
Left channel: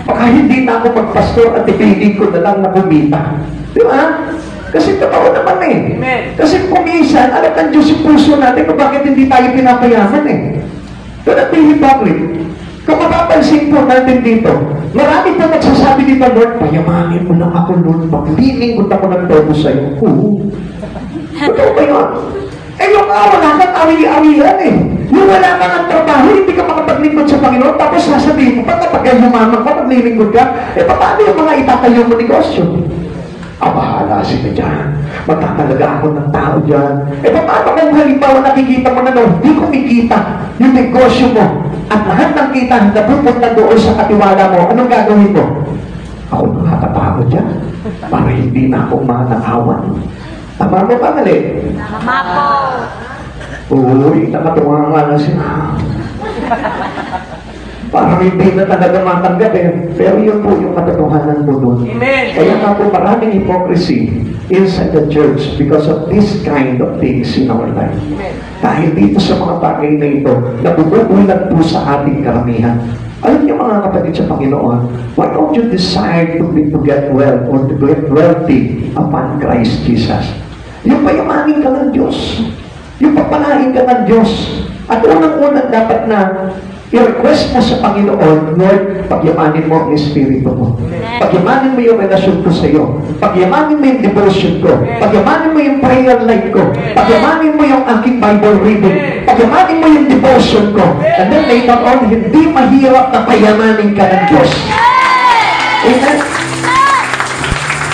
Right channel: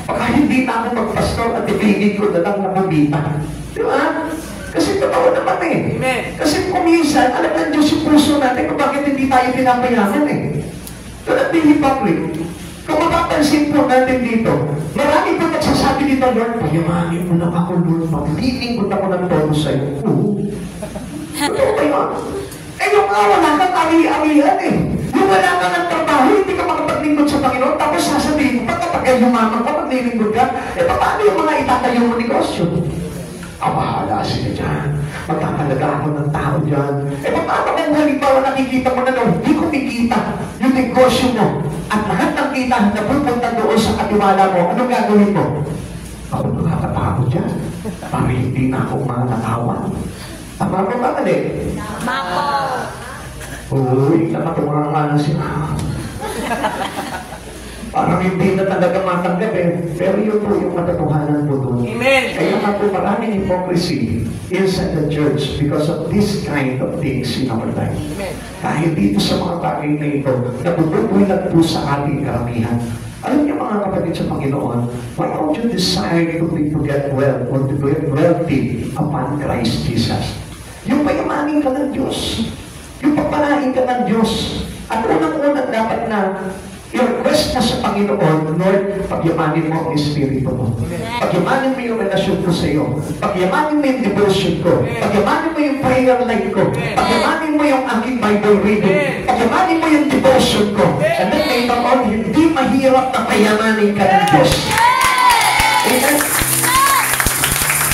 Baka hindi na ako magpastor at ipilig ko na lang na kumita. Di ba? Kasi totoo naman eh. Amen. Kasi kung minsan, alam ng Diyos yung puso natin kung bakit hindi tayo pinapayaman eh. Don't be hypocrite. Kung mapapansin po natin dito, marami pa nagsasabi dito, Lord, payamanin mo lang ako, Lord, maglilingkod ako ng todo sa'yo. Totoo ba yun? Eh, yung wala kang awi-awian eh. Yung wala kang ng trabaho, hindi ka makapaglingkod sa Panginoon, tapos sasabihin mo, kapag yumaman ka, maglilingkod ka, eh, paano yung mga itatayo mo negosyo? Bahala sila dyan. Magkakalaga ako ng tao dyan. Eh, paano kung halimbawa nakikita mo na hindi kumikita yung negosyo mo at lahat ng kita na pupunta doon sa katiwala mo, anong gagawin mo? Ako nakatapago dyan para hindi na ako manakawan. Tama mo ba, mali? Tama po. Uy, nakatuwa nga na siya. Parang hindi na talaga matanggap eh. Pero yun po yung katotohanan po doon. Amen. Kaya nga po maraming hypocrisy inside the church because of this kind of things in our life. Dahil dito sa mga bagay na ito, nabububulan po sa ating karamihan. Alam niyo mga kapatid sa Panginoon, why don't you decide to get wealth or to get wealthy upon Christ Jesus? Yung payamanin ka ng Diyos. Yung papalain ka ng Diyos. At unang-unang dapat na i-request mo sa Panginoon, Lord, pagyamanin mo ang Espiritu mo. Pagyamanin mo yung relasyon ko sa iyo. Pagyamanin mo yung devotion ko. Pagyamanin mo yung prayer life ko. Pagyamanin mo yung aking Bible reading. Pagyamanin mo yung devotion ko. And then later on, hindi mahirap na payamanin ka ng Diyos. Amen?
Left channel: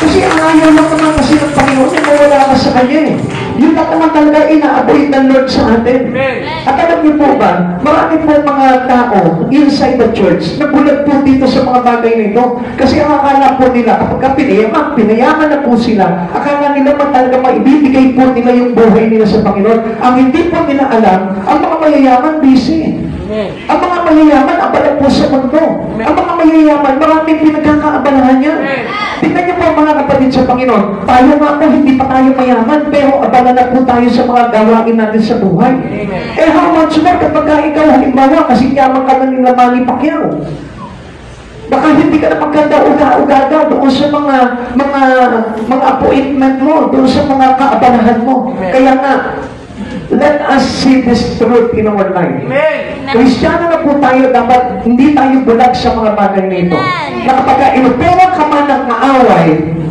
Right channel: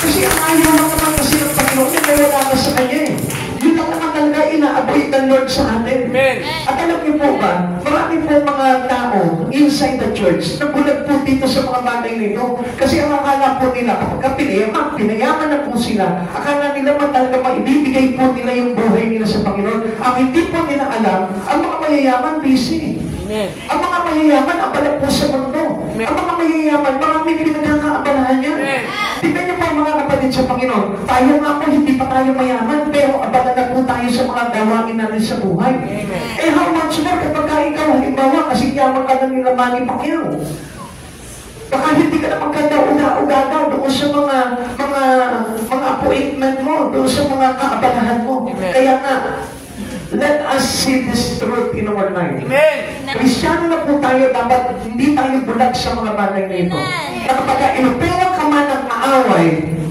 Kasi ang ayaw lang naman kasi ng Panginoon, wala ka sa Kanya eh. Yun lang naman talaga ina-avoid ng Lord sa atin. Amen. At alam niyo po ba, marami po mga tao inside the church nagulat po dito sa mga bagay na ito. Kasi ang akala po nila, kapag pinayaman na po sila, akala nila man talaga maibibigay po nila yung buhay nila sa Panginoon. Ang hindi po nila alam, ang mga mayayaman busy. Amen. Ang mga mayayaman, abala po sa mundo. Ang mga mayayaman, maraming pinagkakaabalahan niya. Tingnan niyo po mga kapatid sa Panginoon, tayo nga po, hindi pa tayo mayaman, pero abala na po tayo sa mga gawain natin sa buhay. Eh, how much more kapag ikaw, halimbawa, kasi yaman ka na nila Manny Pacquiao. Baka hindi ka na maganda uga-ugaga doon sa mga appointment mo, doon sa mga kaabalahan mo. Kaya nga, let us see this truth in our life. Amen. Kristiyano na po tayo, dapat hindi tayo bulag sa mga bagay na ito. Na kapag inupera ka man ng kaaway,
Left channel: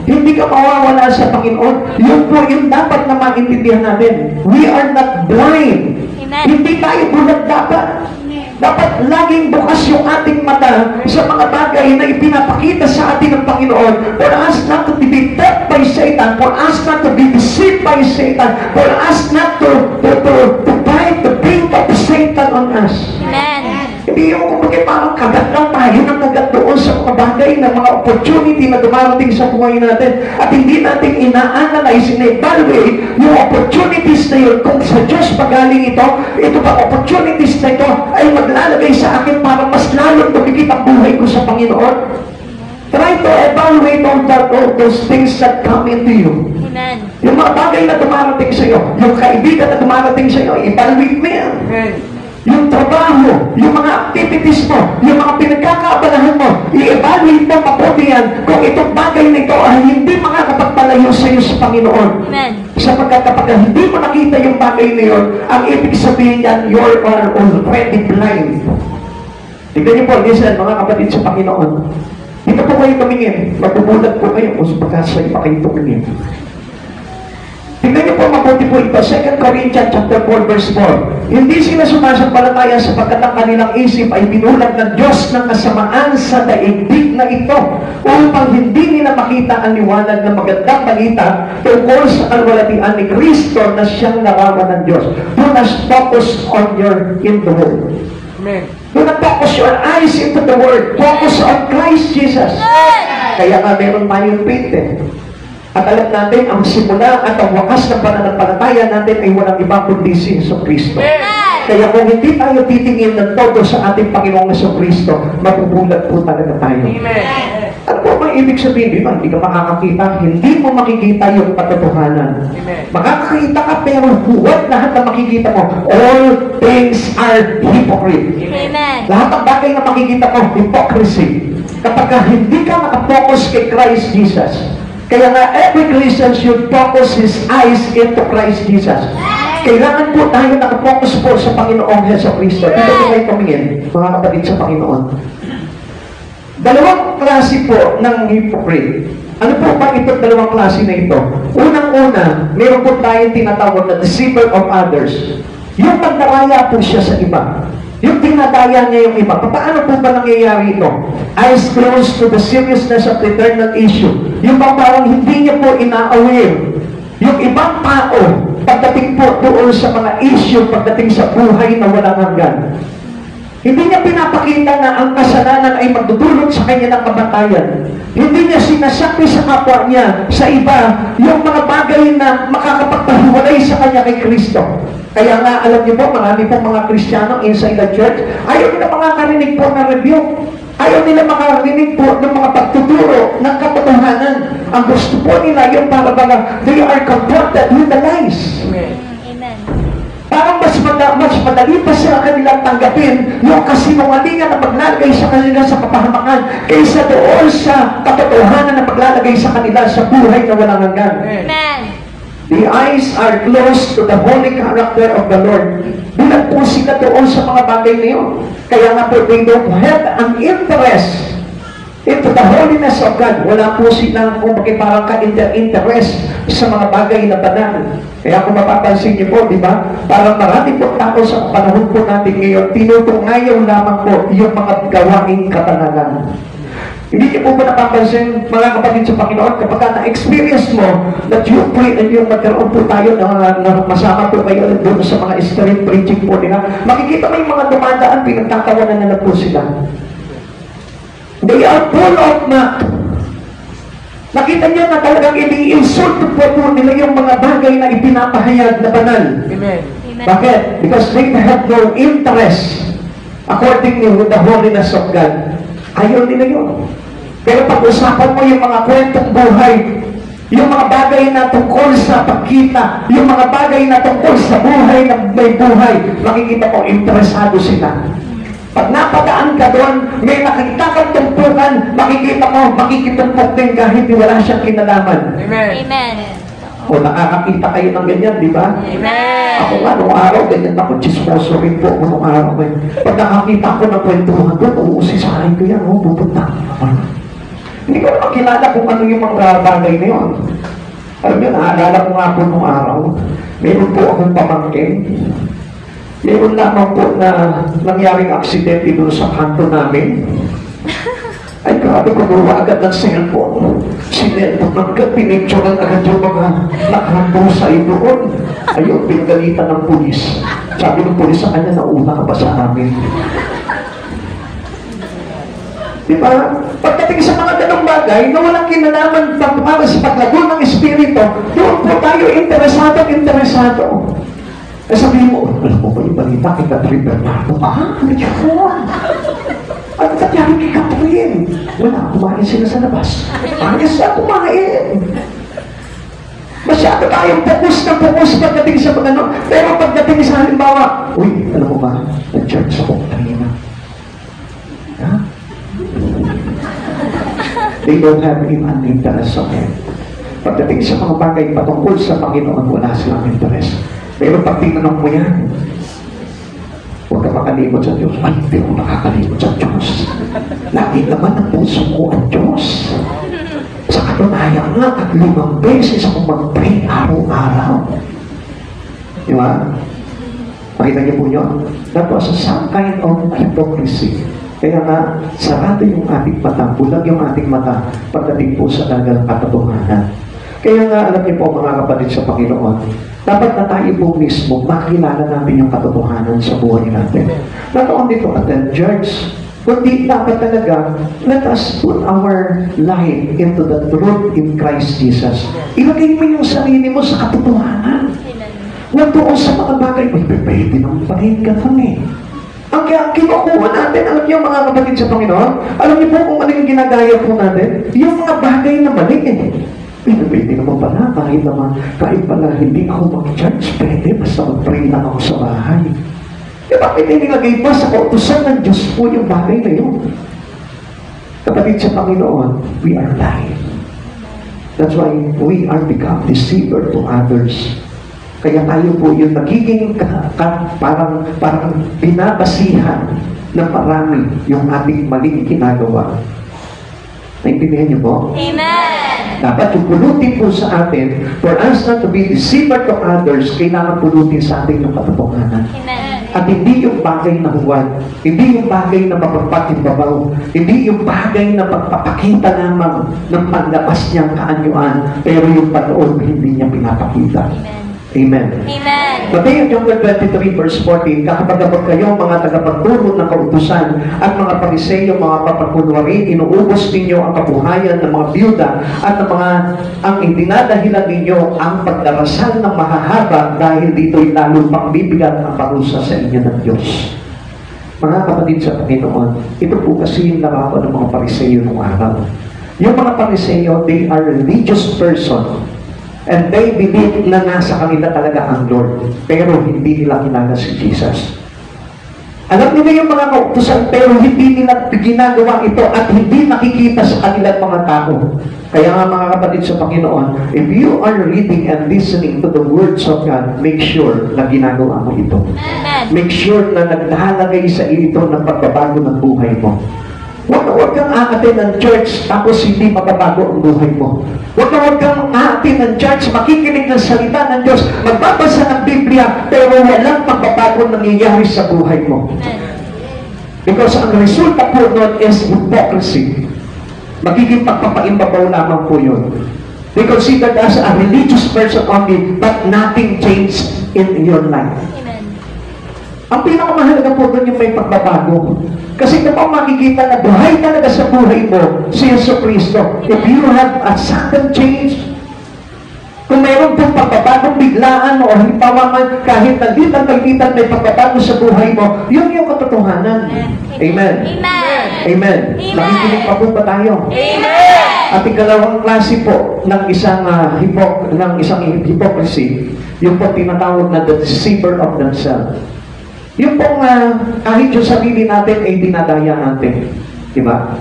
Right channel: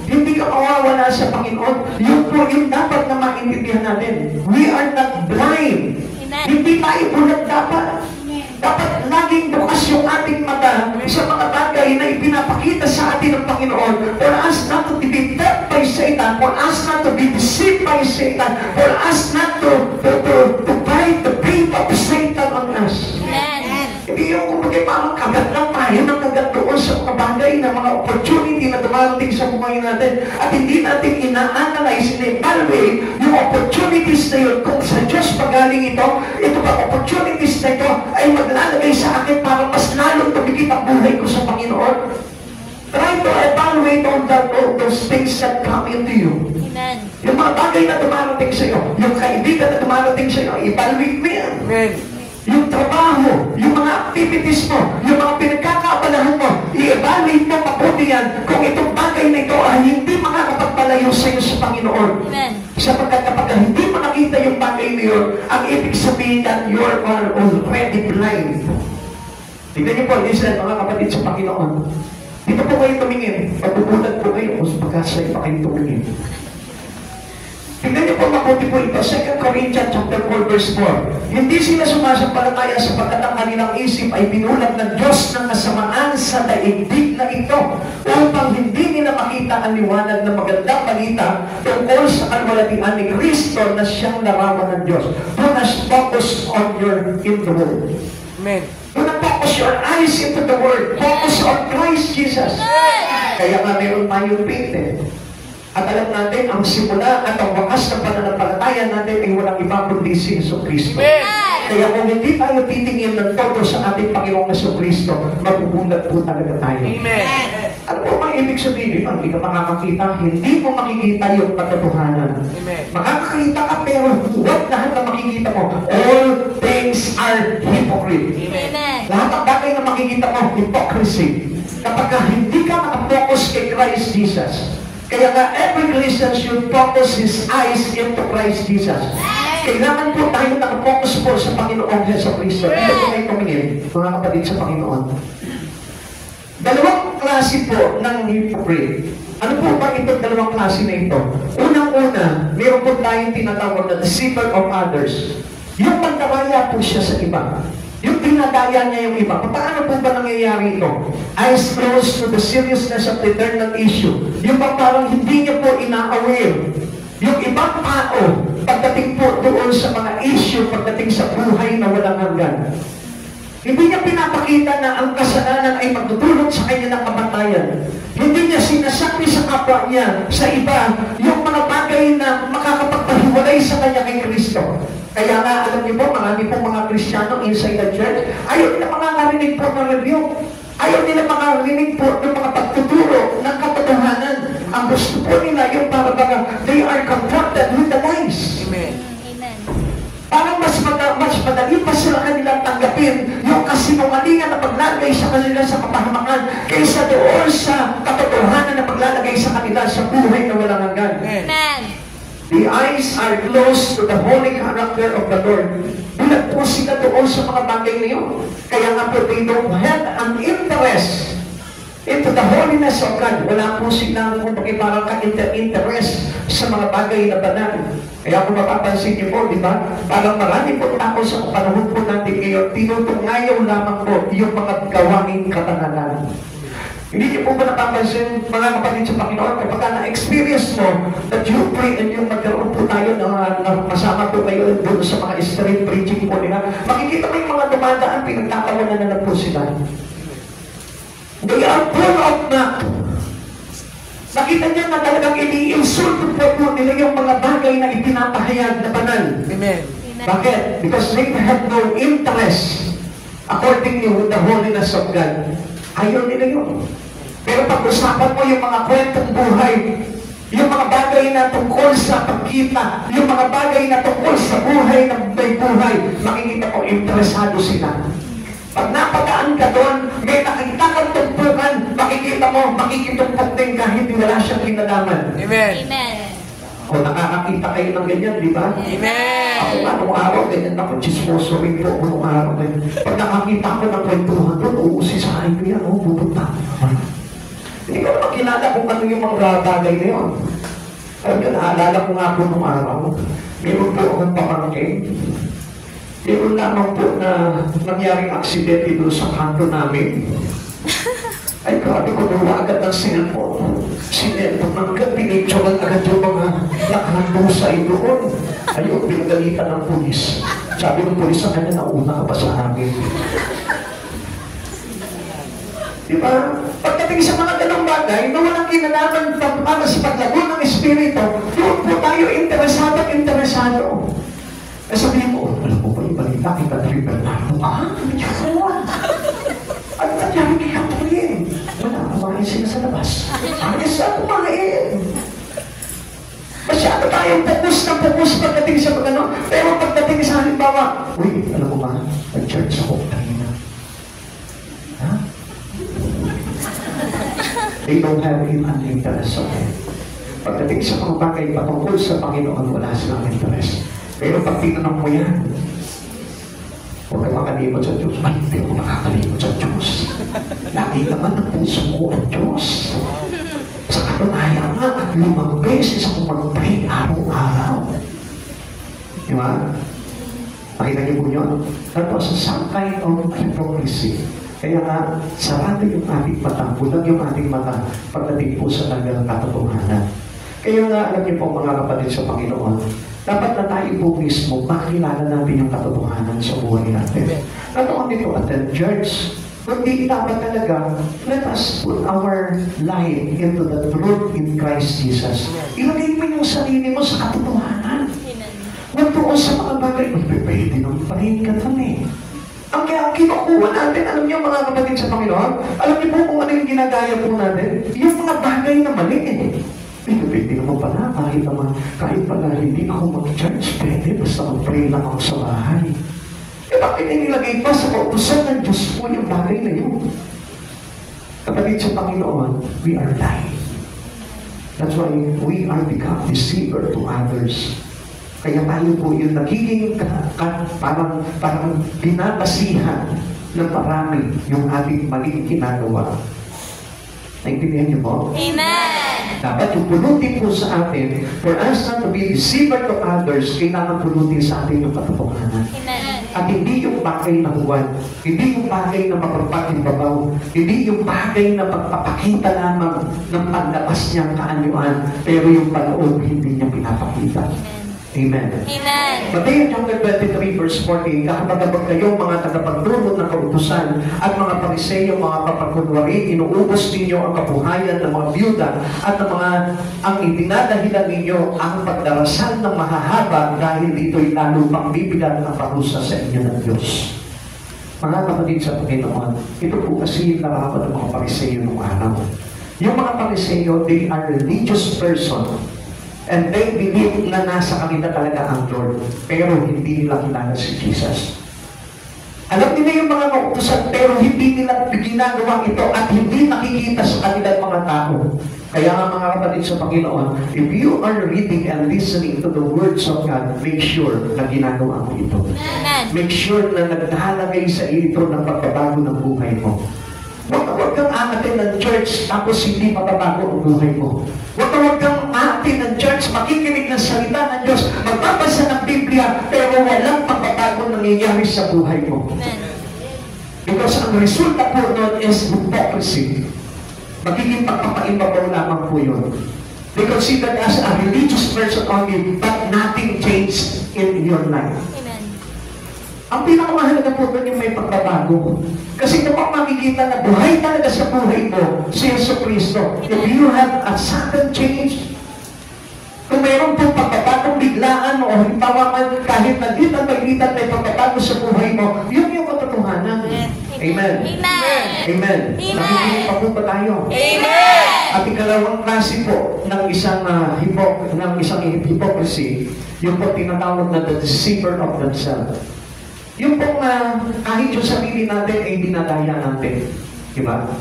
hindi ka mawawala sa Panginoon. Yun po yung dapat na maintindihan natin. We are not blind. Hindi tayo bulag dapat. Dapat laging bukas yung ating mata sa mga bagay na ipinapakita sa atin ng Panginoon. For us not to be tempted by Satan, for us not to be deceived by Satan, for us not to bite the bait of Satan on us. Hindi yung kumagay parang kagat lang tayo ng kagat doon sa mga bagay na mga opportunity na dumarating sa buhay natin at hindi natin ina-analyze, ina-evaluate yung opportunities na yun kung sa Diyos pagaling ito ba opportunities na ito ay maglalagay sa akin para mas lalong tumigit ang buhay ko sa Panginoon. Try to evaluate all those things that come into you. Yung mga bagay na dumarating sa iyo, yung kaibigan na dumarating sa iyo, evaluate mo yan. Yung trabaho, yung mga activities mo, yung mga pinagkakaabalahan mo, i-evaluate mo mabuti yan kung itong bagay na ito ay hindi makakapagpalayo sa iyo sa Panginoon. Sapagkat kapag hindi mo nakita yung bagay na yun, ang ibig sabihin yan, you are already blind. Tignan niyo po, listen, mga kapatid sa Panginoon. Dito po kayo tumingin. Mabubulag po kayo kung pagkasay pa kayo tumingin. Tignan niyo po mabuti po ito, 2 Corinthians chapter 4 verse 4. Hindi sila sumasampalataya sapagkat ang kanilang isip ay binulag ng Diyos ng kasamaan sa daigdig na ito upang hindi nila makita ang liwanag ng magandang balita tungkol sa kalwalatian ni Kristo na siyang naraman ng Diyos. Do not focus on in the Word. Amen. Do not focus your eyes into the Word. Focus on Christ Jesus. Kaya nga meron tayong faith eh. At alam natin, ang simula at ang wakas ng pananampalataya natin ay walang ibang kundi si Jesucristo. Kaya kung hindi tayo titingin ng todo sa ating Panginoong Jesucristo, mapubulag po talaga tayo. Amen. Ano po ba ibig sabihin dito? Hindi ka makakakita, hindi mo makikita yung katotohanan. Makakakita ka pero huwag lahat na makikita mo. All things are hypocrite. Amen. Lahat ng bagay na makikita mo, hypocrisy. Kapag hindi ka nakapokus kay Christ Jesus. Kaya nga, every Christian should focus his eyes into Christ Jesus. Kailangan po tayo nakapokus po sa Panginoong Jesucristo. Dito po kayo tumingin, mga kapatid sa Panginoon. Dalawang klase po ng hypocrite. Ano po ba itong dalawang klase na ito? Unang-una, meron po tayong tinatawag na deceiver of others. Yung pagdaraya po siya sa iba. Yung pinadaya niya yung iba. Paano po ba nangyayari ito? Eyes closed to the seriousness of the eternal issue. Yung parang hindi niya po ina-aware. Yung ibang tao, pagdating po doon sa mga issue, pagdating sa buhay na walang hanggan. Hindi niya pinapakita na ang kasalanan ay magdudulot sa kanya ng kamatayan. Hindi niya sinasabi sa kapwa niya, sa iba, yung mga bagay na makakapagpahiwalay sa kanya kay Kristo. Kaya nga, alam niyo po, marami pong mga Kristiyano inside the church, ayaw nila makakarinig po na review. Ayaw nila makakarinig po ng mga pagtuturo ng katotohanan. Ang gusto po nila yung para baga, they are confronted with the lies. Amen. Parang mas madali pa sila kanilang tanggapin yung kasinungalingan na maglalagay sa kanila sa kapahamakan kaysa doon sa katotohanan na maglalagay sa kanila sa buhay na walang hanggan. Amen. The eyes are closed to the holy character of the Lord. Bulag po sila doon sa mga bagay na yun. Kaya nga po, they don't have an interest into the holiness of God. Wala po silang kung bakit parang ka-interest sa mga bagay na banal. Kaya kung mapapansin niyo po, di ba? Parang marami po tao sa panahon po natin ngayon, tinutungayaw lamang po yung mga gawaing katanalan. Hindi niyo po ba napapansin, mga kapatid sa Panginoon, kapag na-experience mo that you pray and yung magkaroon po tayo na masama po kayo doon sa mga street preaching po nila, makikita mo yung mga dumadaan, pinagtatawanan na po sila. They are full of map. Nakita niyo na talagang ini-insult po nila yung mga bagay na ipinapahayag na banal. Amen. Bakit? Because they have no interest according to the holiness of God. Ayaw nila yun. Pero pag-usapan mo yung mga kwentong buhay, yung mga bagay na tungkol sa pagkita, yung mga bagay na tungkol sa buhay na may buhay, makikita ko, interesado sila. Pag napadaan ka doon, may nakikita kang tumpukan, makikita ko, makikitumpok din kahit wala siyang kinalaman. Amen. Amen. O nakakakita kayo ng ganyan, di ba? Amen. Ako nga, nung araw, ganyan ako, chismoso rin po ako nung araw. Pag nakakita ko ng kwentuhan doon, uusisahin ko yan, pupunta ako. Hindi ko naman kilala kung ano yung mga bagay na yun. Alam niyo, naalala ko nga po nung araw, meron po akong pamangkin. Meron lamang po na nangyaring aksidente doon sa kanto namin. Ay, grabe ko nawa agad ng cellphone. Sinelpon agad, pinicturean agad yung mga nakahambusay doon. Ayun, pinagalitan ng pulis. Sabi ng pulis sa kanya, nauna ka ba sa amin? Diba? Pagdating sa mga ganong bagay, na walang kinalaman para sa paglago ng espiritu, doon po tayo interesado. Eh sabihin mo, alam mo ba yung balita kay Catherine Bernardo? Ano yun? Ano nangyari kay Catherine? Wala, kumain sila sa labas. Ayos na kumain. Masyado tayong fokus pagdating sa pag-ano. Pero pagdating sa halimbawa, uy, alam mo ba, nag-church ako kanina. Ha? They don't have an interest on it. Pagdating sa mga bagay patungkol sa Panginoon, wala silang interest. Pero pag tinanong mo yan, huwag ka makalimot sa Diyos. Ay, hindi ako nakakalimot sa Diyos. Lagi naman ang puso ko ang Diyos. Sa katunayan nga, at 5 beses ako mag-pray araw-araw. Di ba? Nakita niyo po yun? That was some kind of hypocrisy. Kaya nga, sarado yung ating mata, bulag yung ating mata, pagdating po sa talagang katotohanan. Kaya nga, alam niyo po mga kapatid sa Panginoon, dapat na tayo po mismo makilala natin yung katotohanan sa buhay natin. Not only to attend church, kundi dapat talaga, let us put our life into the truth in Christ Jesus. Ilagay mo yung sarili mo sa katotohanan. Huwag doon sa mga bagay, pwede naman panahin ka doon eh. Ang kinukuha natin, alam niyo mga kapatid sa Panginoon, alam niyo po kung ano yung ginagaya po natin, yung mga bagay na mali eh. Pwede naman pala, kahit pala hindi ako mag-church, pwede, basta mag-pray lang ako sa bahay. Diba Bakit inilagay pa sa kautusan ng Diyos po yung bagay na yun? Kapatid sa Panginoon, we are blind. That's why we are become deceiver to others. Kaya tayo po yung nagiging parang binabasihan ng marami yung ating maling ginagawa. Naintindihan niyo po? Amen. Dapat yung pulutin po sa atin, for us not to be deceiver to others, kailangan pulutin sa atin yung katotohanan. Amen. At hindi yung bagay na huwad, hindi yung bagay na mapagpatimbabaw, hindi yung bagay na pagpapakita lamang ng panlabas niyang kaanyuan, pero yung panoob hindi niya pinapakita. Amen. Amen. Mateo chapter 23 verse 14, kakapagabag kayo mga tagapagturo ng kautusan at mga pariseyo, mga papakunwari, inuubos ninyo ang kabuhayan ng mga biyuda at ang idinadahilan ninyo ang pagdarasal ng mahahaba dahil dito'y lalo pang bibigat ang parusa sa inyo ng Diyos. Mga kapatid sa Panginoon, ito po kasi yung larawan ng mga pariseyo noong araw. Yung mga pariseyo, they are religious person. And they believe na nasa kanila talaga ang Lord. Pero hindi nila kilala si Jesus. Alam nila yung mga kautusan, pero hindi nila ginagawa ito at hindi nakikita sa kanilang mga tao. Kaya nga mga kapatid sa Panginoon, if you are reading and listening to the words of God, make sure na ginagawa mo ito. Make sure na naglalagay sa iyo ito ng pagbabago ng buhay mo. Huwag kang aatin ng church tapos hindi mababago ang buhay mo. Huwag kang aatin ng church, makikinig ng salita ng Diyos, magbabasa ng Biblia, pero walang pagbabago nangyayari sa buhay mo. Because ang resulta po nun is hypocrisy. Magiging pagpapaimbabaw lamang po yun. They consider as a religious person only, but nothing changed in your life. Ang pinakamahalaga po doon yung may pagbabago. Kasi kapag makikita na buhay talaga sa buhay mo, si Yesu Cristo, if you have a sudden change, kung mayroon pong pagbabagong biglaan o halimbawa man kahit nalitan may pagbabago sa buhay mo, yun yung katotohanan. Amen. Amen. Amen. Nakikinig pa po ba tayo? Amen. At ikalawang klase po ng isang hypocrisy, yung po tinatawag na the deceiver of themselves. Yung pong kahit yung sarili natin ay dinadaya natin. Diba?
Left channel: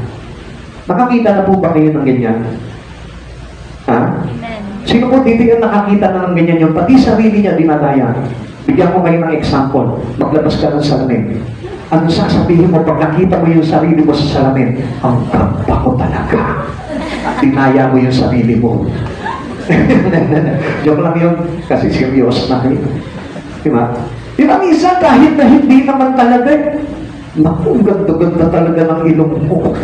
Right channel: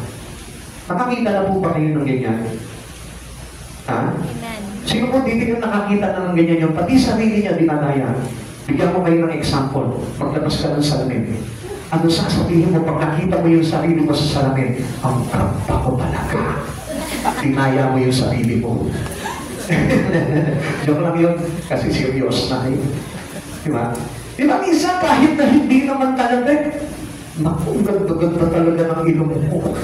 Nakakita na po ba kayo ng ganyan? Ha? Sino po dito yung nakakita na ng ganyan yung pati sarili niya dinadaya? Bigyan ko kayo ng example. Maglabas ka ng salamin. Ano sasabihin mo pag nakita mo yung sarili mo sa salamin? Ang ganda ko talaga. Dinaya mo yung sarili mo. Joke lang yun. Kasi serious na kayo. Diba? Diba minsan kahit na hindi naman talaga, naku, ganda-ganda talaga ng ilong mo.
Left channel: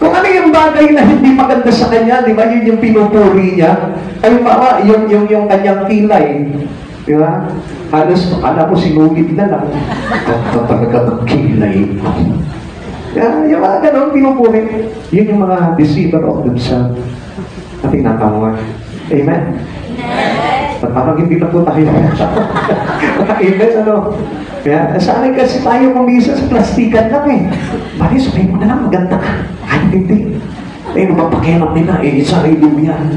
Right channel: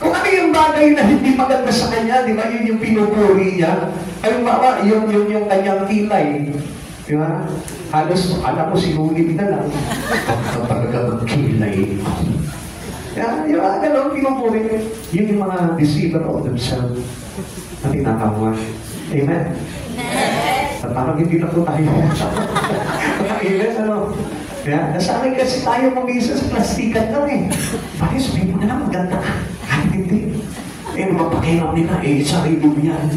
Kung ano yung bagay na hindi maganda sa kanya, di ba, yun yung pinupuri niya. Ay, yung kanyang kilay. Di ba? Halos, akala ko sinugid na lang. Ganda talaga ng kilay. Yung mga ganun, pinupuri. Yun yung mga deceiver of themselves na tinatawag. Amen? At parang hindi na po tayo. Amen, ano? Kaya sa akin kasi tayo kumisa sa plastikan kami. Bakit sabihin mo na lang, maganda ka. Ay, hindi. Mapapakialam nila, sarili mo yan.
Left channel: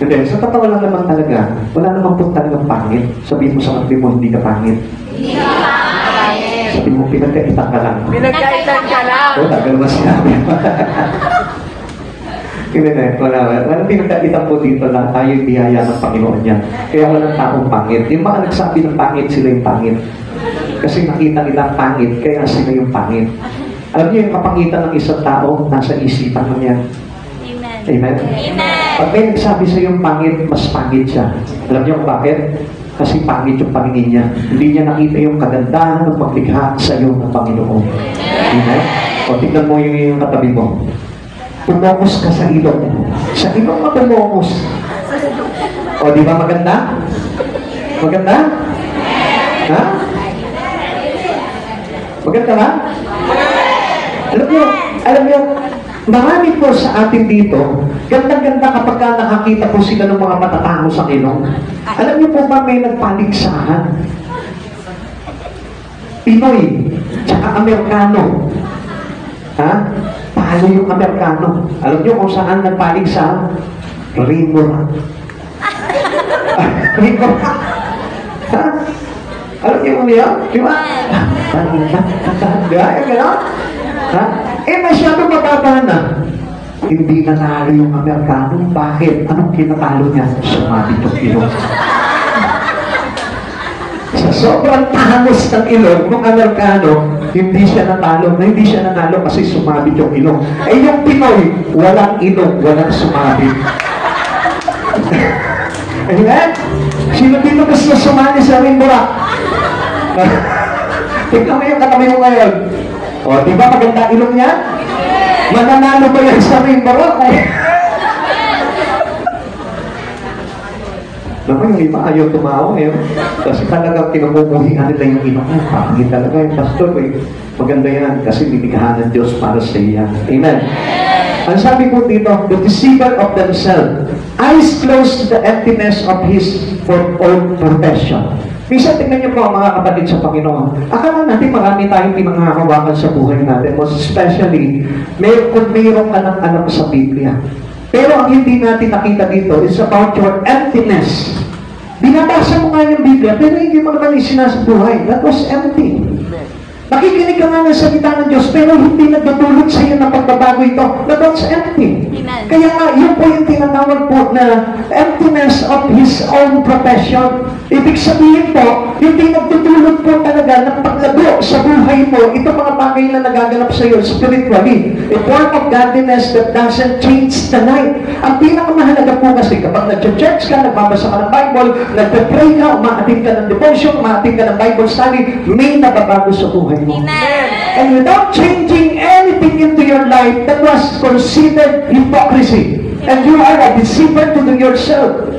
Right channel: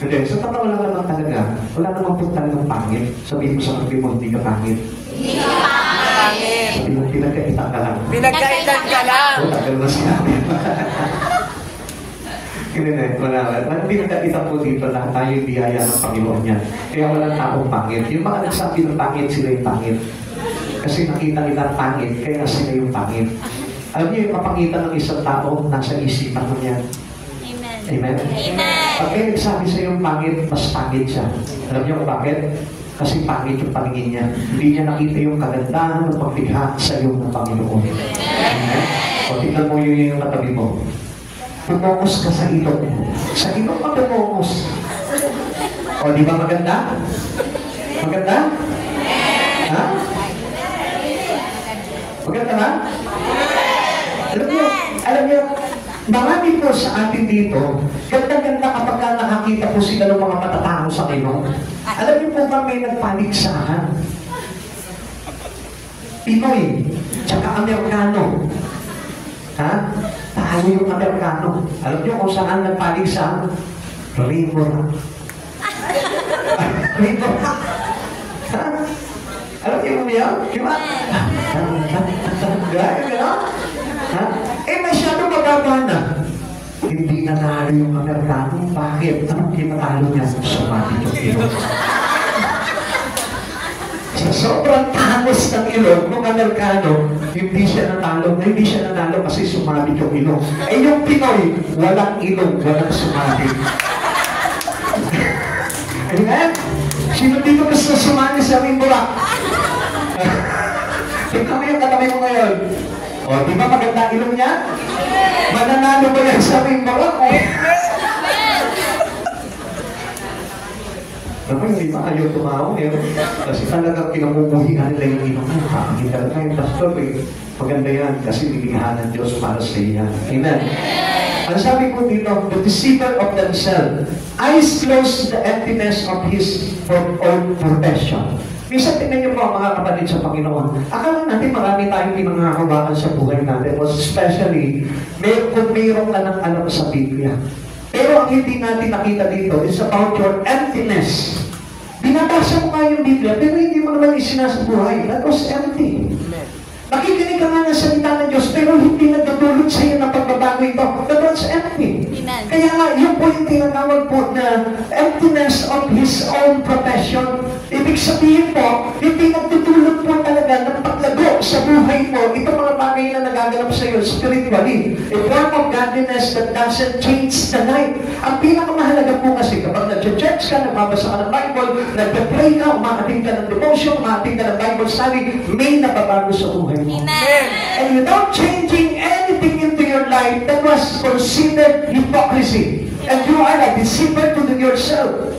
Hindi, sa totoo lang naman talaga, wala naman po talagang pangit. Sabihin mo sa kapatid mo, hindi ka pangit. Hindi ka pangit. Sabihin mo, pinagkaitan ka lang. Pinagkaitan ka lang. Oo, tagal ba sinabi? Walang pinagkaitan po dito na tayo yung biyaya ng Panginoon niya. Kaya walang taong pangit. Yung mga nagsabi ng pangit, sila yung pangit. Kasi nakita nila pangit, kaya sila yung pangit. Alam niyo yung kapangitan ng isang tao, nasa isipan mo yan. Amen. Amen? Amen. Pag may nagsabi sa yung pangit, mas pangit siya. Alam niyo kung bakit? Kasi pangit yung paningin niya. Hindi niya nakita yung kagandahan ng paglikha sa iyo ng Panginoon. Amen? O tignan mo yung katabi mo. Pumokos ka sa ilong. Sa ilong ka pumokos. O, di ba maganda? Maganda? Ha? Maganda ba? Alam niyo, marami po sa atin dito, ganda-ganda kapag nakakita po sila ng mga matatao sa ilong. Alam niyo po ba may nagpaligsahan? Pinoy, tsaka Amerikano. Ha? Talo yung Amerikano. Alam niyo kung saan nagpaligsahan? Rino. Rino. Ha? Alam niyo kung niya? Di ba? Di ba? Yung gano'n? Ha? Masyado mataba na. Hindi nanalo yung Amerikano. Bakit? Anong kinatalo niya? Sumabit yung ilong. Sa sobrang tangos ng ilong ng Amerikano, hindi siya nanalo kasi sumabit yung ilong. Yung Pinoy, walang ilong, walang sumabit. Amen? Sino dito gusto sumali sa Wimbora? Tignan mo yung katabi mo ngayon. O, di ba maganda ilong niya? Mananalo ba yan sa Wimbora? Naman yung iba ayaw tumawa eh. Kasi talagang kinamumuhingan nila yung ilong. Pakingin talaga yung pastor eh. Maganda yan kasi bibigyan ng Diyos para sa iya. Amen. Ang sabi ko dito, the deceiver of themselves, eyes closed to the emptiness of his own profession. Minsan tingnan niyo po mga kapatid sa Panginoon. Akala natin marami tayong pinanghahawakan sa buhay natin. Most especially, kung mayroong anak-anak sa Biblia. Pero ang hindi natin nakita dito is about your emptiness. Binabasa mo nga yung Biblia, pero hindi mo naman isinasa buhay. That was empty. Nakikinig ka nga ng salita ng Diyos, pero hindi nagdudulot sa iyo ng pagbabago ito. That was empty. Kaya nga, yun po yung tinatawag po na emptiness of his own profession. Ibig sabihin po, hindi nagdudulot po talaga ng paglago sa buhay mo. Ito mga bagay na nagaganap sa iyo spiritually. A form of godliness that doesn't change the night. Ang pinakamahalaga po kasi kapag nag-church ka, nagbabasa ka ng Bible, nagpe-pray ka, umaating ka ng devotion, umaating ka ng Bible study, may nababago sa buhay mo. And without changing anything into your life, that was considered hypocrisy. And you are a deceiver to yourself.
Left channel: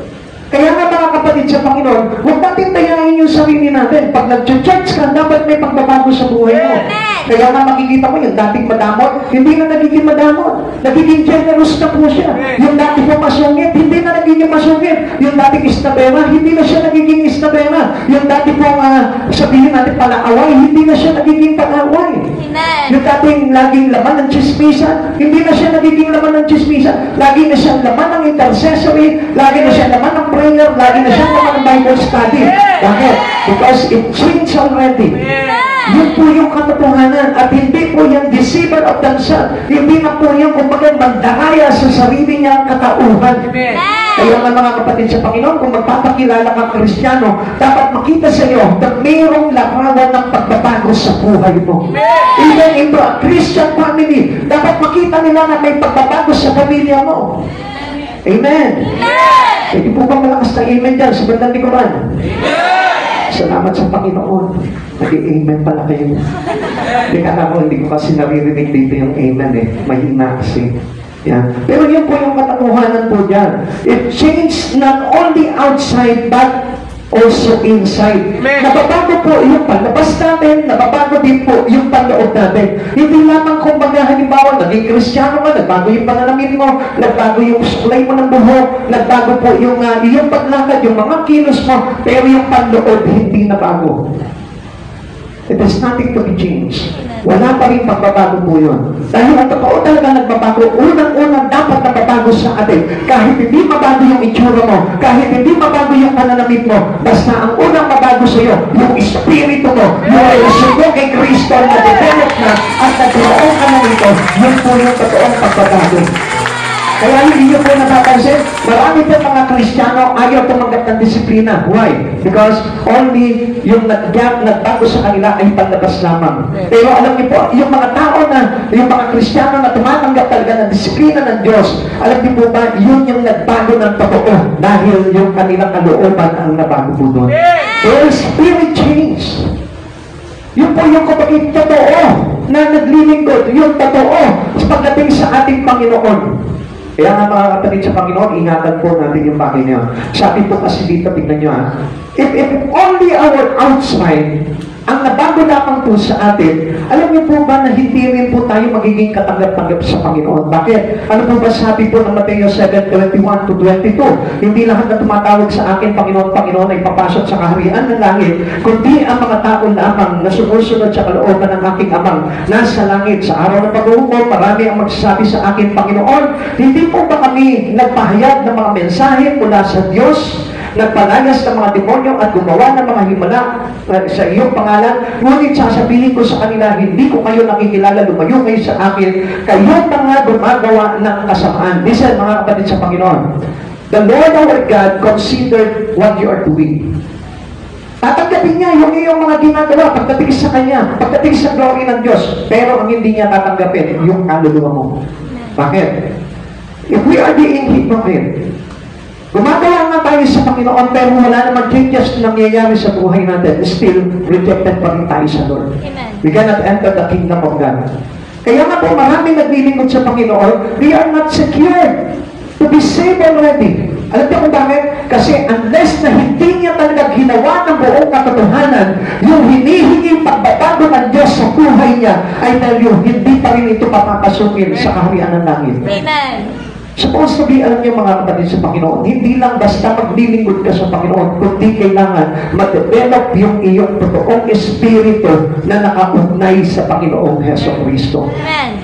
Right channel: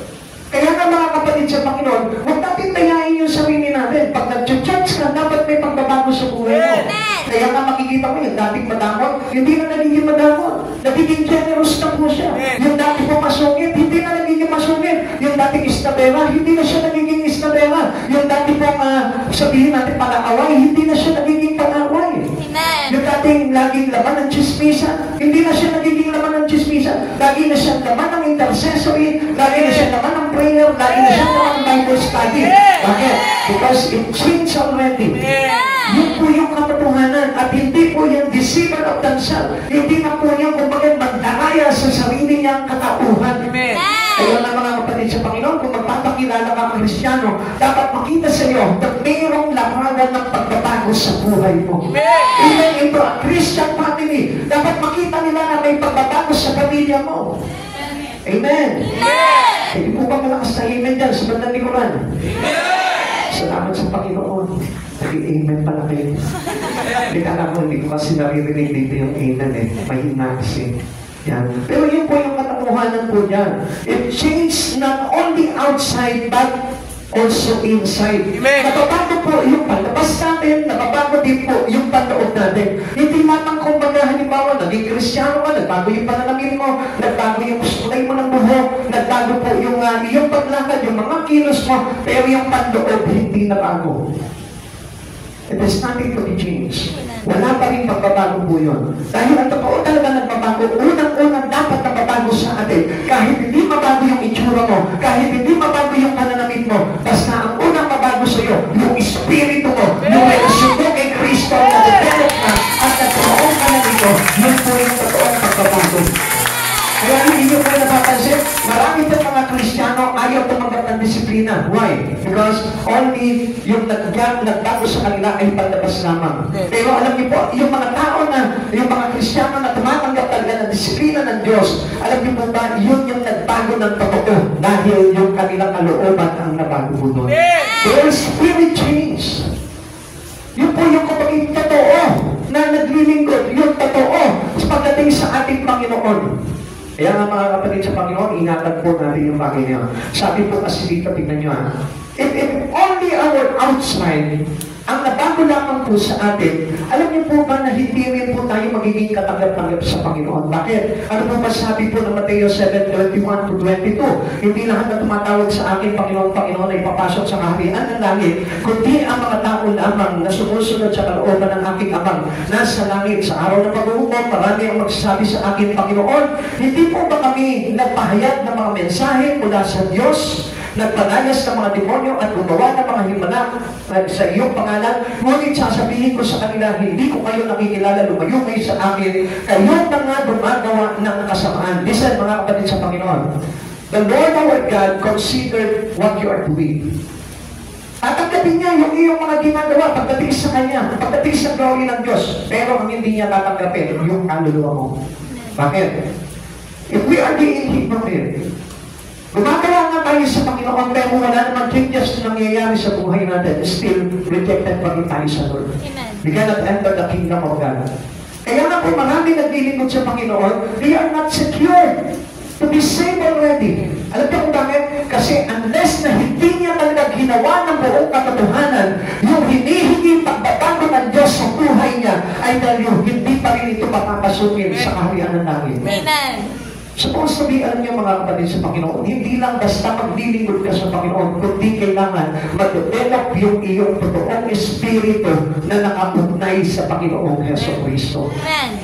Kaya nga mga kapatid sa Panginoon, huwag natin tayain yung sarili natin. Pag nag-church ka, dapat may pagbabago sa buhay mo. Kaya nga makikita mo yung dating madamot, hindi na nagiging madamot. Nagiging generous na po siya. Yung dati po masungit, hindi na nagiging masungit. Yung dating istabera, hindi na siya nagiging istabera. Yung dati pong sabihin natin palaaway, hindi na siya nagiging palaaway. Yung dating laging laman ng chismisa, hindi na siya nagiging laman ng chismisa. Lagi na siya laman ng intercessory, lagi na siya laman ng prayer, lagi na siya naman ng Bible study. Bakit? Because it changed already. Yun po yung katotohanan at hindi po yung deceiver of themselves. Hindi na po yung kumbaga magdaraya sa sarili niyang katauhan. Kaya nga mga kapatid sa Panginoon, kung magpapakilala kang Kristiyano, dapat makita sa iyo na mayroong larawan ng pagbabago sa buhay mo. Even into a Christian family, dapat makita nila na may pagbabago sa pamilya mo. Amen. Hindi po ba malakas na amen dyan sa bandang likuran? Salamat sa Panginoon. Nag-amen pala kayo. Hindi ko kasi naririnig dito yung amen eh. Mahina kasi. Yan. Pero yun po yung katotohanan po dyan. It changed not only outside but also inside. Nababago po yung palabas natin, nababago din po yung panloob natin. Hindi lamang kumbaga halimbawa, naging Kristiyano ka, nagbago yung pananamit mo, nagbago yung suklay mo ng buhok, nagbago po yung iyong paglakad, yung mga kilos mo, pero yung panloob hindi nabago. It has nothing to be changed. Wala pa rin pagbabago po yun. Dahil ang totoo talaga nagbabago, unang-unang dapat nagbabago sa atin. Kahit hindi mabago yung itsura mo, kahit hindi mabago yung pananamit mo, basta ang unang mabago sa iyo, yung espiritu mo, yung relasyon mo kay Kristo na develop na at nagkaroon ka na nito, yun po yung totoong pagbabago. Kaya hindi nyo po napapansin, marami po mga Kristiyano ayaw tumanggap ng disiplina. Why? Because only yung nagbago sa kanila ay pandabas lamang. Pero alam niyo po, yung mga tao na, yung mga Kristiyano na tumatanggap talaga ng disiplina ng Diyos, alam niyo po ba, yun yung nagbago ng totoo dahil yung kanilang kalooban ang nabago po doon. Their spirit change. Yun po yung kapagin totoo na naglilingkod, yung totoo sa pagdating sa ating Panginoon. Kaya nga mga kapatid sa Panginoon, ingatan po natin yung bagay niyo. Sabi po kasi dito, tignan nyo ha, if only our outside ang nabago lamang po sa atin, alam niyo po ba na hindi rin po tayo magiging katanggap-tanggap sa Panginoon? Bakit? Ano po ba sabi po ng Mateo 7:21 to 22? Hindi lahat na tumatawag sa akin, Panginoon ay papasok sa kaharian ng langit, kundi ang mga tao lamang na sumusunod sa kalooban ng aking amang nasa langit. Sa araw ng pag-uukom, marami ang magsasabi sa akin, Panginoon, hindi po ba kami nagpahayag ng mga mensahe mula sa Diyos? nagpalayas ng mga demonyo at gumawa ng mga himala sa iyong pangalan, ngunit sasabihin ko sa kanila, hindi ko kayo nakikilala, lumayo kayo sa akin, kayo mga gumagawa ng kasamaan. Listen, mga kapatid sa Panginoon, the Lord our God considered what you are doing. Tatanggapin niya yung iyong mga ginagawa pagdating sa Kanya, pagdating sa glory ng Diyos. Pero ang hindi niya tatanggapin, yung kaluluwa mo. Bakit? If we are being hypocrite, gumagawa nga tayo sa Panginoon pero wala naman changes na nangyayari sa buhay natin, still rejected pa rin tayo sa Lord. Amen. We cannot enter the kingdom of God. Kaya nga po marami naglilingkod sa Panginoon, they are not secured to be saved already. Alam niyo kung bakit? Kasi unless na hindi niya talaga ginawa ng buong katotohanan, yung hinihingi pagbabago ng Diyos sa buhay niya, I tell you, hindi pa rin ito papapasukin sa kaharian ng langit. Amen. Supposed to be, alam niyo mga kapatid sa Panginoon, hindi lang basta maglilingkod ka sa Panginoon, kundi kailangan ma-develop yung iyong totoong espiritu na nakaugnay sa Panginoong Heso Kristo. Amen.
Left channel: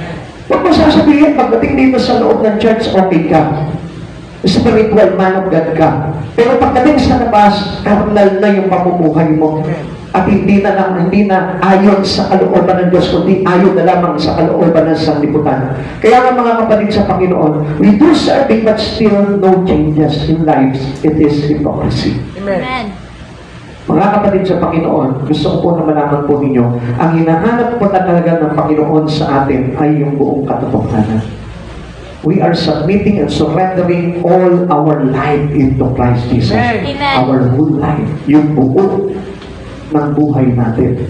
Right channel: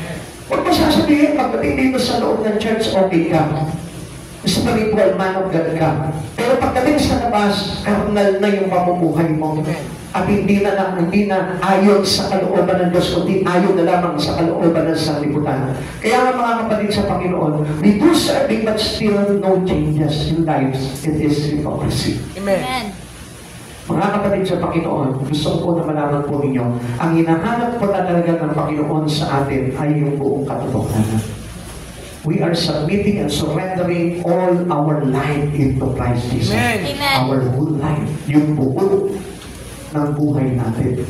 Huwag mo sasabihin, pagdating dito sa loob ng church, okay ka. Spiritual man of God ka. Pero pagdating sa labas, carnal na yung pamumuhay mo. At hindi na ayon sa kalooban ng Diyos, kundi ayon na lamang sa kalooban ng sanlibutan. Kaya nga mga kapatid sa Panginoon, we do serving but still no changes in lives. It is hypocrisy. Amen. Mga kapatid sa Panginoon, gusto ko po na malaman po ninyo, ang hinahanap po na talaga ng Panginoon sa atin ay yung buong katotohanan. We are submitting and surrendering all our life into Christ Jesus. Amen. Our whole life, yung buo ng buhay natin.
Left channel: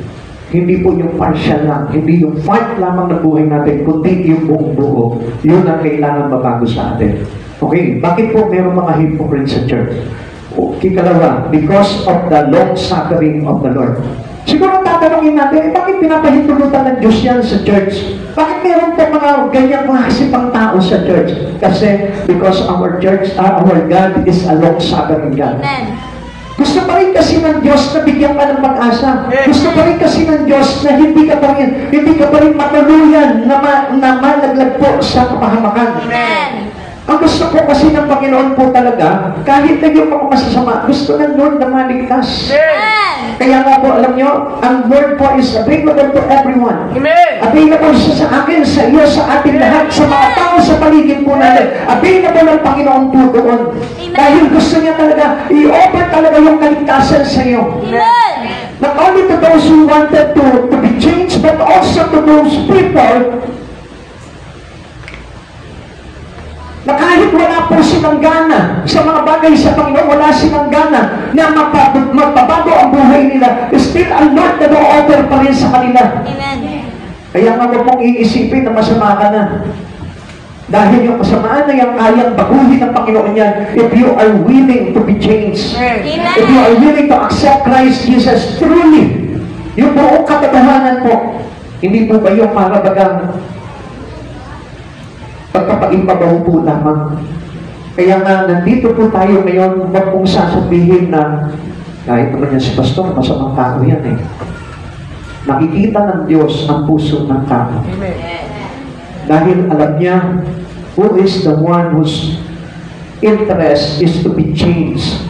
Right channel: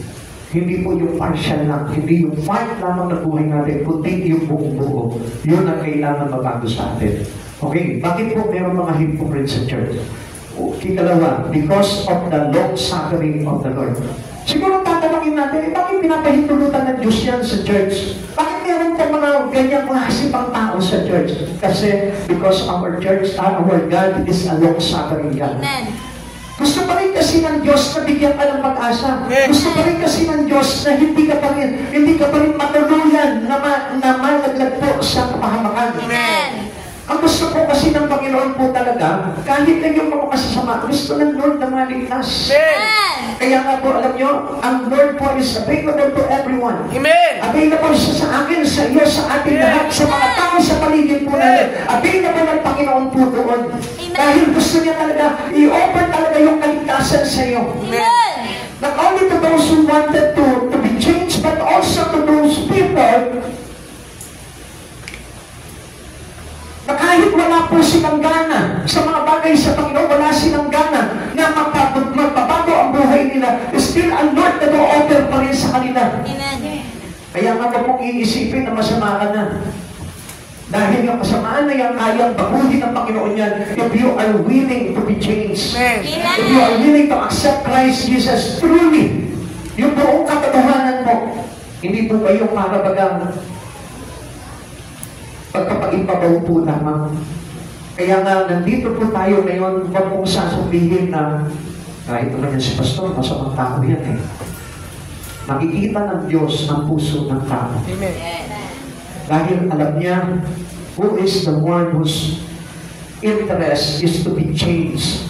Hindi po yung partial lang, hindi yung part lamang ng buhay natin, kundi yung buong buo. Yun ang kailangan mabago sa atin. Okay, bakit po meron mga hypocrites sa church? Kikalawa, because of the long suffering of the Lord. Siguro tatanungin natin, bakit pinapahintulutan ng Diyos yan sa church? Bakit meron po mga ganyang klase pang tao sa church? Kasi because our church, our God is a long suffering God. Amen. Gusto pa rin kasi ng Diyos na bigyan ka ng pag-asa. Gusto pa rin kasi ng Diyos na hindi ka pa rin matuluyan na malaglag po sa kapahamakan. Amen. Ang gusto ko kasi ng Panginoon po talaga, kahit na yung mga masasama, gusto ng Lord na maligtas. Amen. Kaya nga po, alam nyo, ang Word po is available to everyone. Amen. Available siya sa akin, sa iyo, sa atin lahat, sa mga tao sa paligid po natin. Available ang Panginoon po doon. Dahil gusto niya talaga, i-offer talaga yung kaligtasan sa iyo. Amen. Not only to those who wanted to be changed, but also to those people na kahit wala po silang gana sa mga bagay sa Panginoon, wala silang gana na magpabago ang buhay nila, still ang Lord na do-offer pa rin sa kanila. Amen. Kaya nga po mong iisipin na masama ka na. Dahil yung kasamaan na yung kayang baguhin ng Panginoon yan, if you are willing to be changed, if you are willing to accept Christ Jesus truly, yung buong katotohanan po, hindi po ba yung para bagang pagpapag-ipabaw po lamang. Kaya nga, nandito po tayo ngayon, huwag pong sasabihin na kahit naman yan si Pastor, masamang tao yan eh. Nakikita ng Diyos ang puso ng tao. Dahil alam niya, who is the one whose interest is to be changed.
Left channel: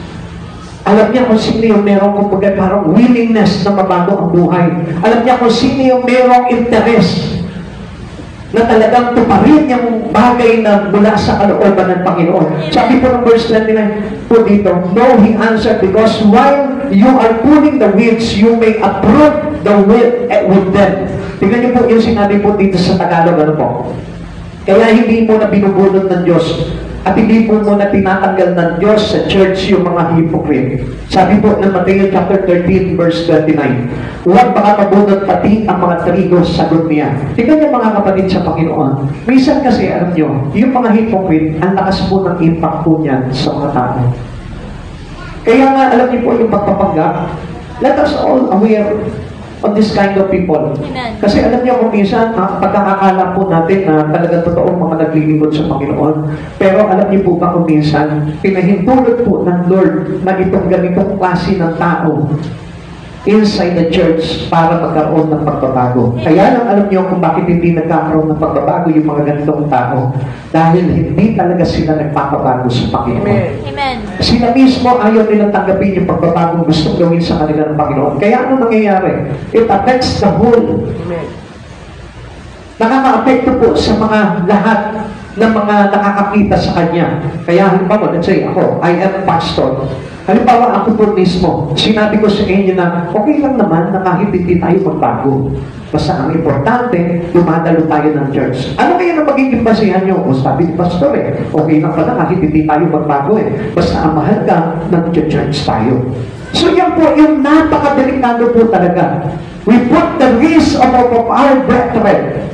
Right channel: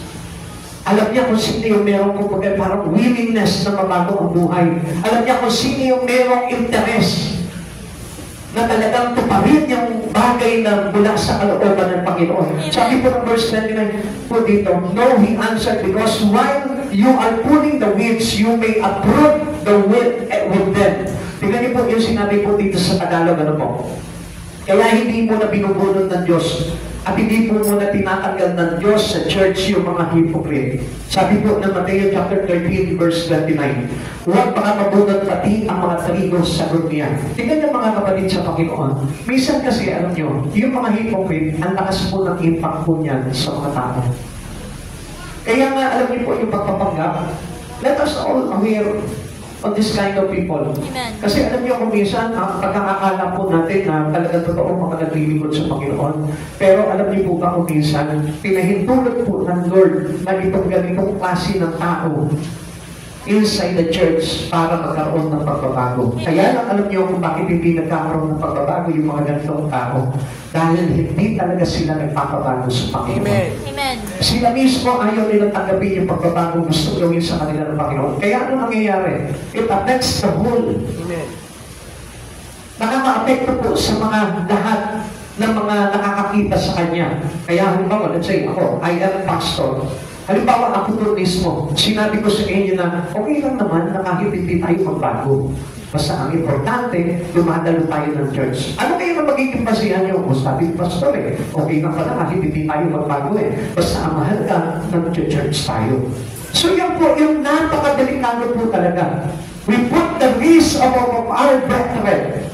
Alam niya kung sino yung merong kumbaga parang willingness na mabago ang buhay. Alam niya kung sino yung merong interest na talagang tuparin yung bagay na mula sa kalooban ng Panginoon. Sabi po ng verse 29 po dito, no, he answered, because while you are pulling the weeds, you may uproot the wheat with them. Tingnan niyo po yung sinabi po dito sa Tagalog, ano po? Kaya hindi mo na binubunod ng Diyos at hindi po muna tinatanggal ng Diyos sa church yung mga hypocrite. Sabi po ng Mateo chapter 13 verse 29, huwag baka mabunod pati ang mga trigo, sagot niya. Tingnan niyo mga kapatid sa Panginoon, minsan kasi alam niyo, yung mga hypocrite, ang lakas po ng impact po niyan sa mga tao. Kaya nga alam niyo po yung pagpapanggap, let us all aware of this kind of people. Amen. Kasi alam niyo kung minsan, pagkakakala po natin na talagang totoong mga naglilingkod sa Panginoon. Pero alam niyo po ba kung minsan, pinahintulot po ng Lord na itong ganitong klase ng tao inside the church para magkaroon ng pagbabago. Kaya lang alam niyo kung bakit hindi nagkakaroon ng pagbabago yung mga ganitong tao. Dahil hindi talaga sila nagpapabago sa Panginoon. Amen. Sila mismo ayaw nilang tanggapin yung pagbabagong gustong gawin sa kanila ng Panginoon. Kaya ano nangyayari? It affects the whole. Amen. Nakaka-apekto po sa mga lahat ng mga nakakakita sa Kanya. Kaya halimbawa, let's say ako, I am a pastor. Halimbawa, ako po mismo, sinabi ko sa inyo na okay lang naman na kahit hindi tayo magbago. Basta ang importante, dumadalo tayo ng church. Ano kaya na magiging basihan nyo? O sabi ni pastor okay lang pala kahit hindi tayo magbago Basta ang mahal ka, nag-church tayo. So yan po, yung napakadelikado po talaga. We put the risk of our brethren.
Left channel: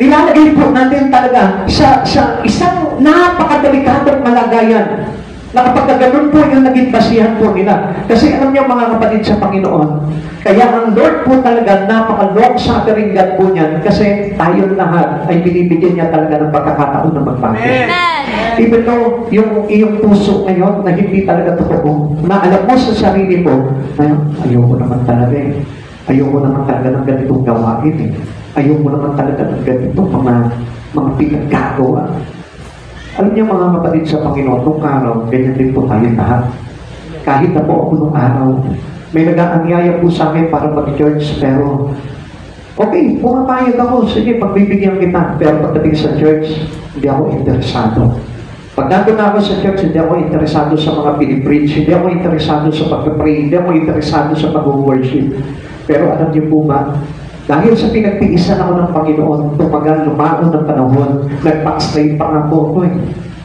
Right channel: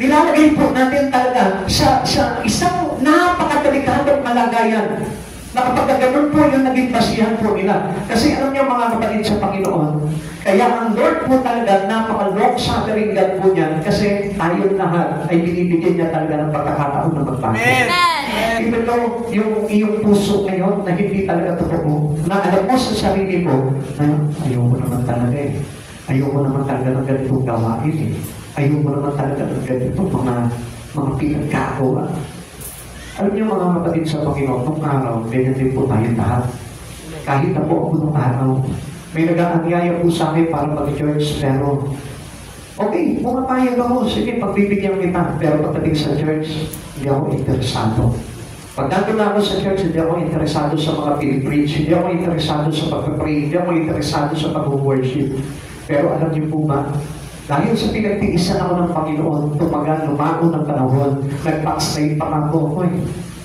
Nilalagay po natin talaga sa isang napakadelikadong kalagayan na kapag ganun po yung naging basihan po nila. Kasi alam niyo mga kapatid sa Panginoon, kaya ang Lord po talaga napaka-long suffering God po niyan kasi tayo lahat ay binibigyan niya talaga ng pagkakataon na magbago. Even though yung iyong puso ngayon na hindi talaga totoo, na alam mo sa sarili mo, ayoko naman talaga ayoko naman talaga ng ganitong gawain ayoko naman talaga ng ganitong mga pinagkagawa. Alam niyo mga kapatid sa Panginoon, nung araw, ganyan din po tayo lahat. Kahit na po ako nung araw, may nag-aanyaya po sa akin para mag-church, pero okay, pumapayag ako, sige, pagbibigyan kita. Pero pagdating sa church, hindi ako interesado. Pag nandun ako sa church, hindi ako interesado sa mga pinipreach, hindi ako interesado sa pag-pray, hindi ako interesado sa pag-worship. Pero alam niyo po ba, dahil sa pinagtiisan ako ng Panginoon, tumagal, lumaon ng panahon, nag-backslide pa nga po ako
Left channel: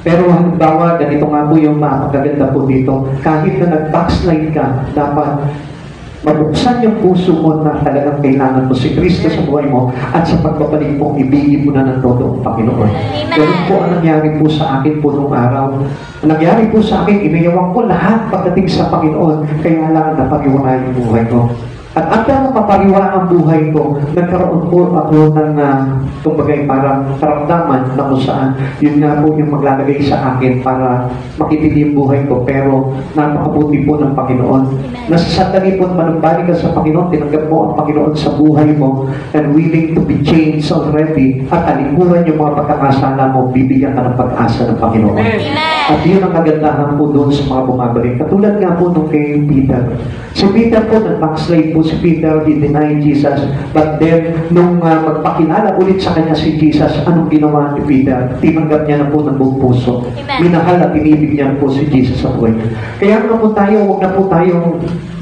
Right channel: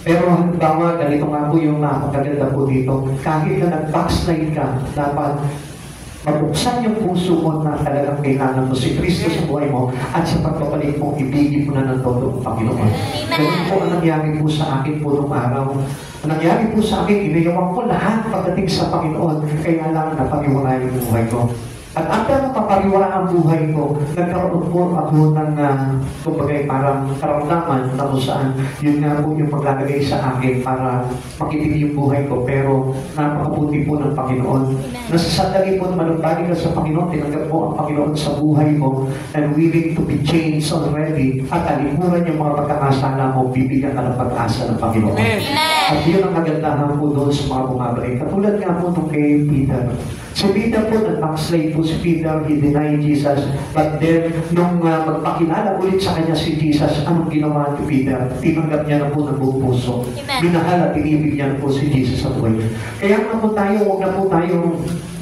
Pero halimbawa, ganito nga po yung mapagaganda po dito, kahit na nag-backslide ka, dapat mabuksan yung puso mo na talagang kailangan mo si Kristo sa buhay mo at sa pagbabalik mo, ibigin mo na ng todo ang Panginoon. Ganun po ang nangyari po sa akin po nung araw. Ang nangyari po sa akin, iniyawan ko lahat pagdating sa Panginoon, kaya lang napariwala yung buhay ko. At after na mapariwala ang buhay ko, nagkaroon po ako ng kumbagay parang karamdaman na kung saan yun nga po yung maglalagay sa akin para makitili yung buhay ko. Pero napakabuti po ng Panginoon. Nasasandali po naman balik ka sa Panginoon, tinanggap mo ang Panginoon sa buhay mo and willing to be changed already at alikuran yung mga pagkakasala mo, bibigyan ka ng pag-asa ng Panginoon. At yun ang kagandahan po doon sa mga bumabalik. Katulad nga po nung kay Peter. Si Peter po, nag-backslide po si Peter, he denied Jesus. But then, nung magpakilala ulit sa kanya si Jesus, anong ginawa ni Peter? Tinanggap niya na po ng buong puso. Minahal at inibig niya po si Jesus sa buhay. Kaya naman po tayo, huwag na po tayo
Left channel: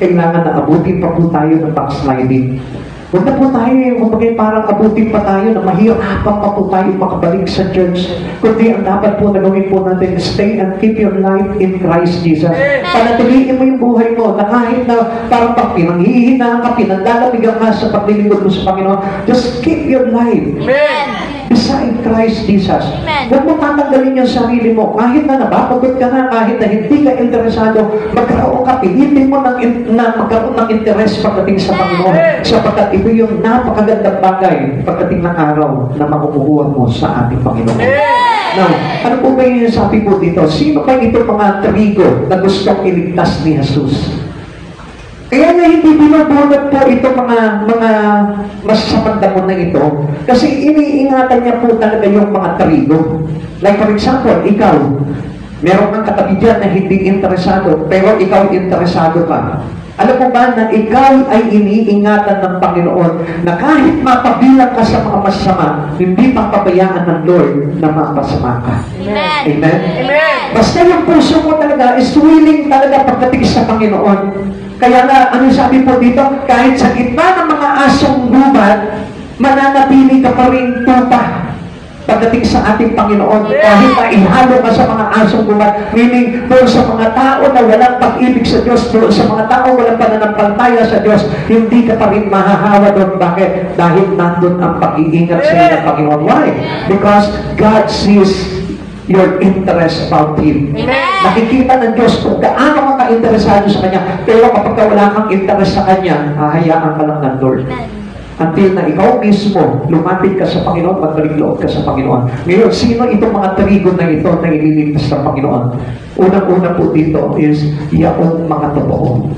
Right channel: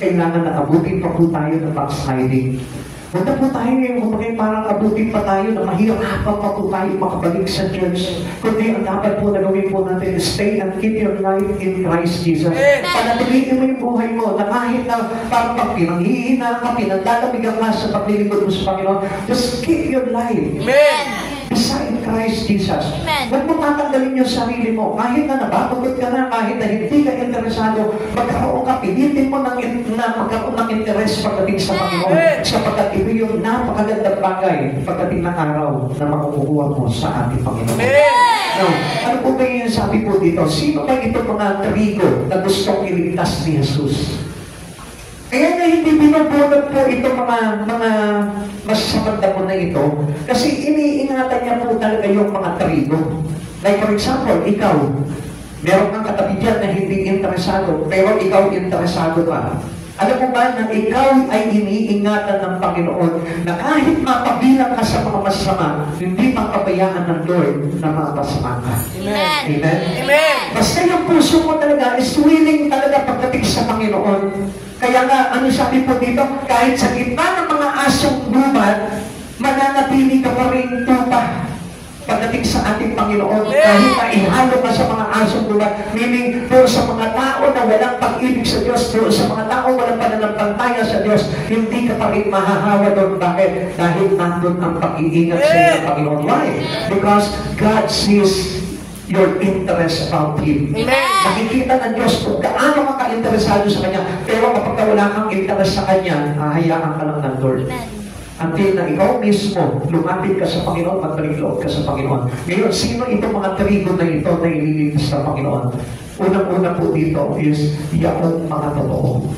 kailangan na abutin pa po tayo ng backsliding. Huwag na po tayo yung parang abutin pa tayo na mahirapan pa po tayo makabalik sa church. Kundi ang dapat po na gawin po natin, stay and keep your life in Christ Jesus. Panatiliin mo yung buhay mo na kahit na parang pag pinanghihina ka, pinaglalamigan ka sa paglilingkod mo sa Panginoon, just keep your life beside Christ Jesus. Huwag mo tatanggalin yung sarili mo. Kahit na napapagod ka na, kahit na hindi ka interesado, magkaroon ka, pilitin mo na magkaroon ng interes pagdating sa Panginoon. Sapagkat ito yung napakagandang bagay pagdating ng araw na makukuha mo sa ating Panginoon. Now, ano po ba yung sabi po dito? Sino ba ito mga trigo na gustong iligtas ni Jesus? Kaya niya hindi binubunot po ito mga masasamang damo na ito kasi iniingatan niya po talaga yung mga trigo. Like for example, ikaw, meron kang katabi dyan na hindi interesado pero ikaw interesado ka. Alam mo ba na ikaw ay iniingatan ng Panginoon na kahit mapabilang ka sa mga masama, hindi papabayaan ng Lord na mapasama ka. Amen. Amen? Amen. Basta yung puso mo talaga is willing talaga pagdating sa Panginoon. Kaya nga, ano sabi po dito? Kahit sa gitna ng mga asong gubat, mananatili ka pa rin tupa pagdating sa ating Panginoon. Kahit na ihalo ka sa mga asong gubat, meaning doon sa mga tao na walang pag-ibig sa Diyos, doon sa mga tao walang pananampalataya sa Diyos, hindi ka pa rin mahahawa doon. Bakit? Dahil nandun ang pag-iingat sa iyo ng Panginoon. Why? Because God sees your interest about Him. Nakikita ng Diyos kung gaano ka interesado sa Kanya. Pero kapag wala kang interest sa Kanya, hahayaan ka lang ng Lord. Until na ikaw mismo, lumapit ka sa Panginoon, magbalik-loob ka sa Panginoon. Ngayon, sino itong mga trigo na ito na ililigtas ng Panginoon? Unang-una po dito is, yaong mga totoo.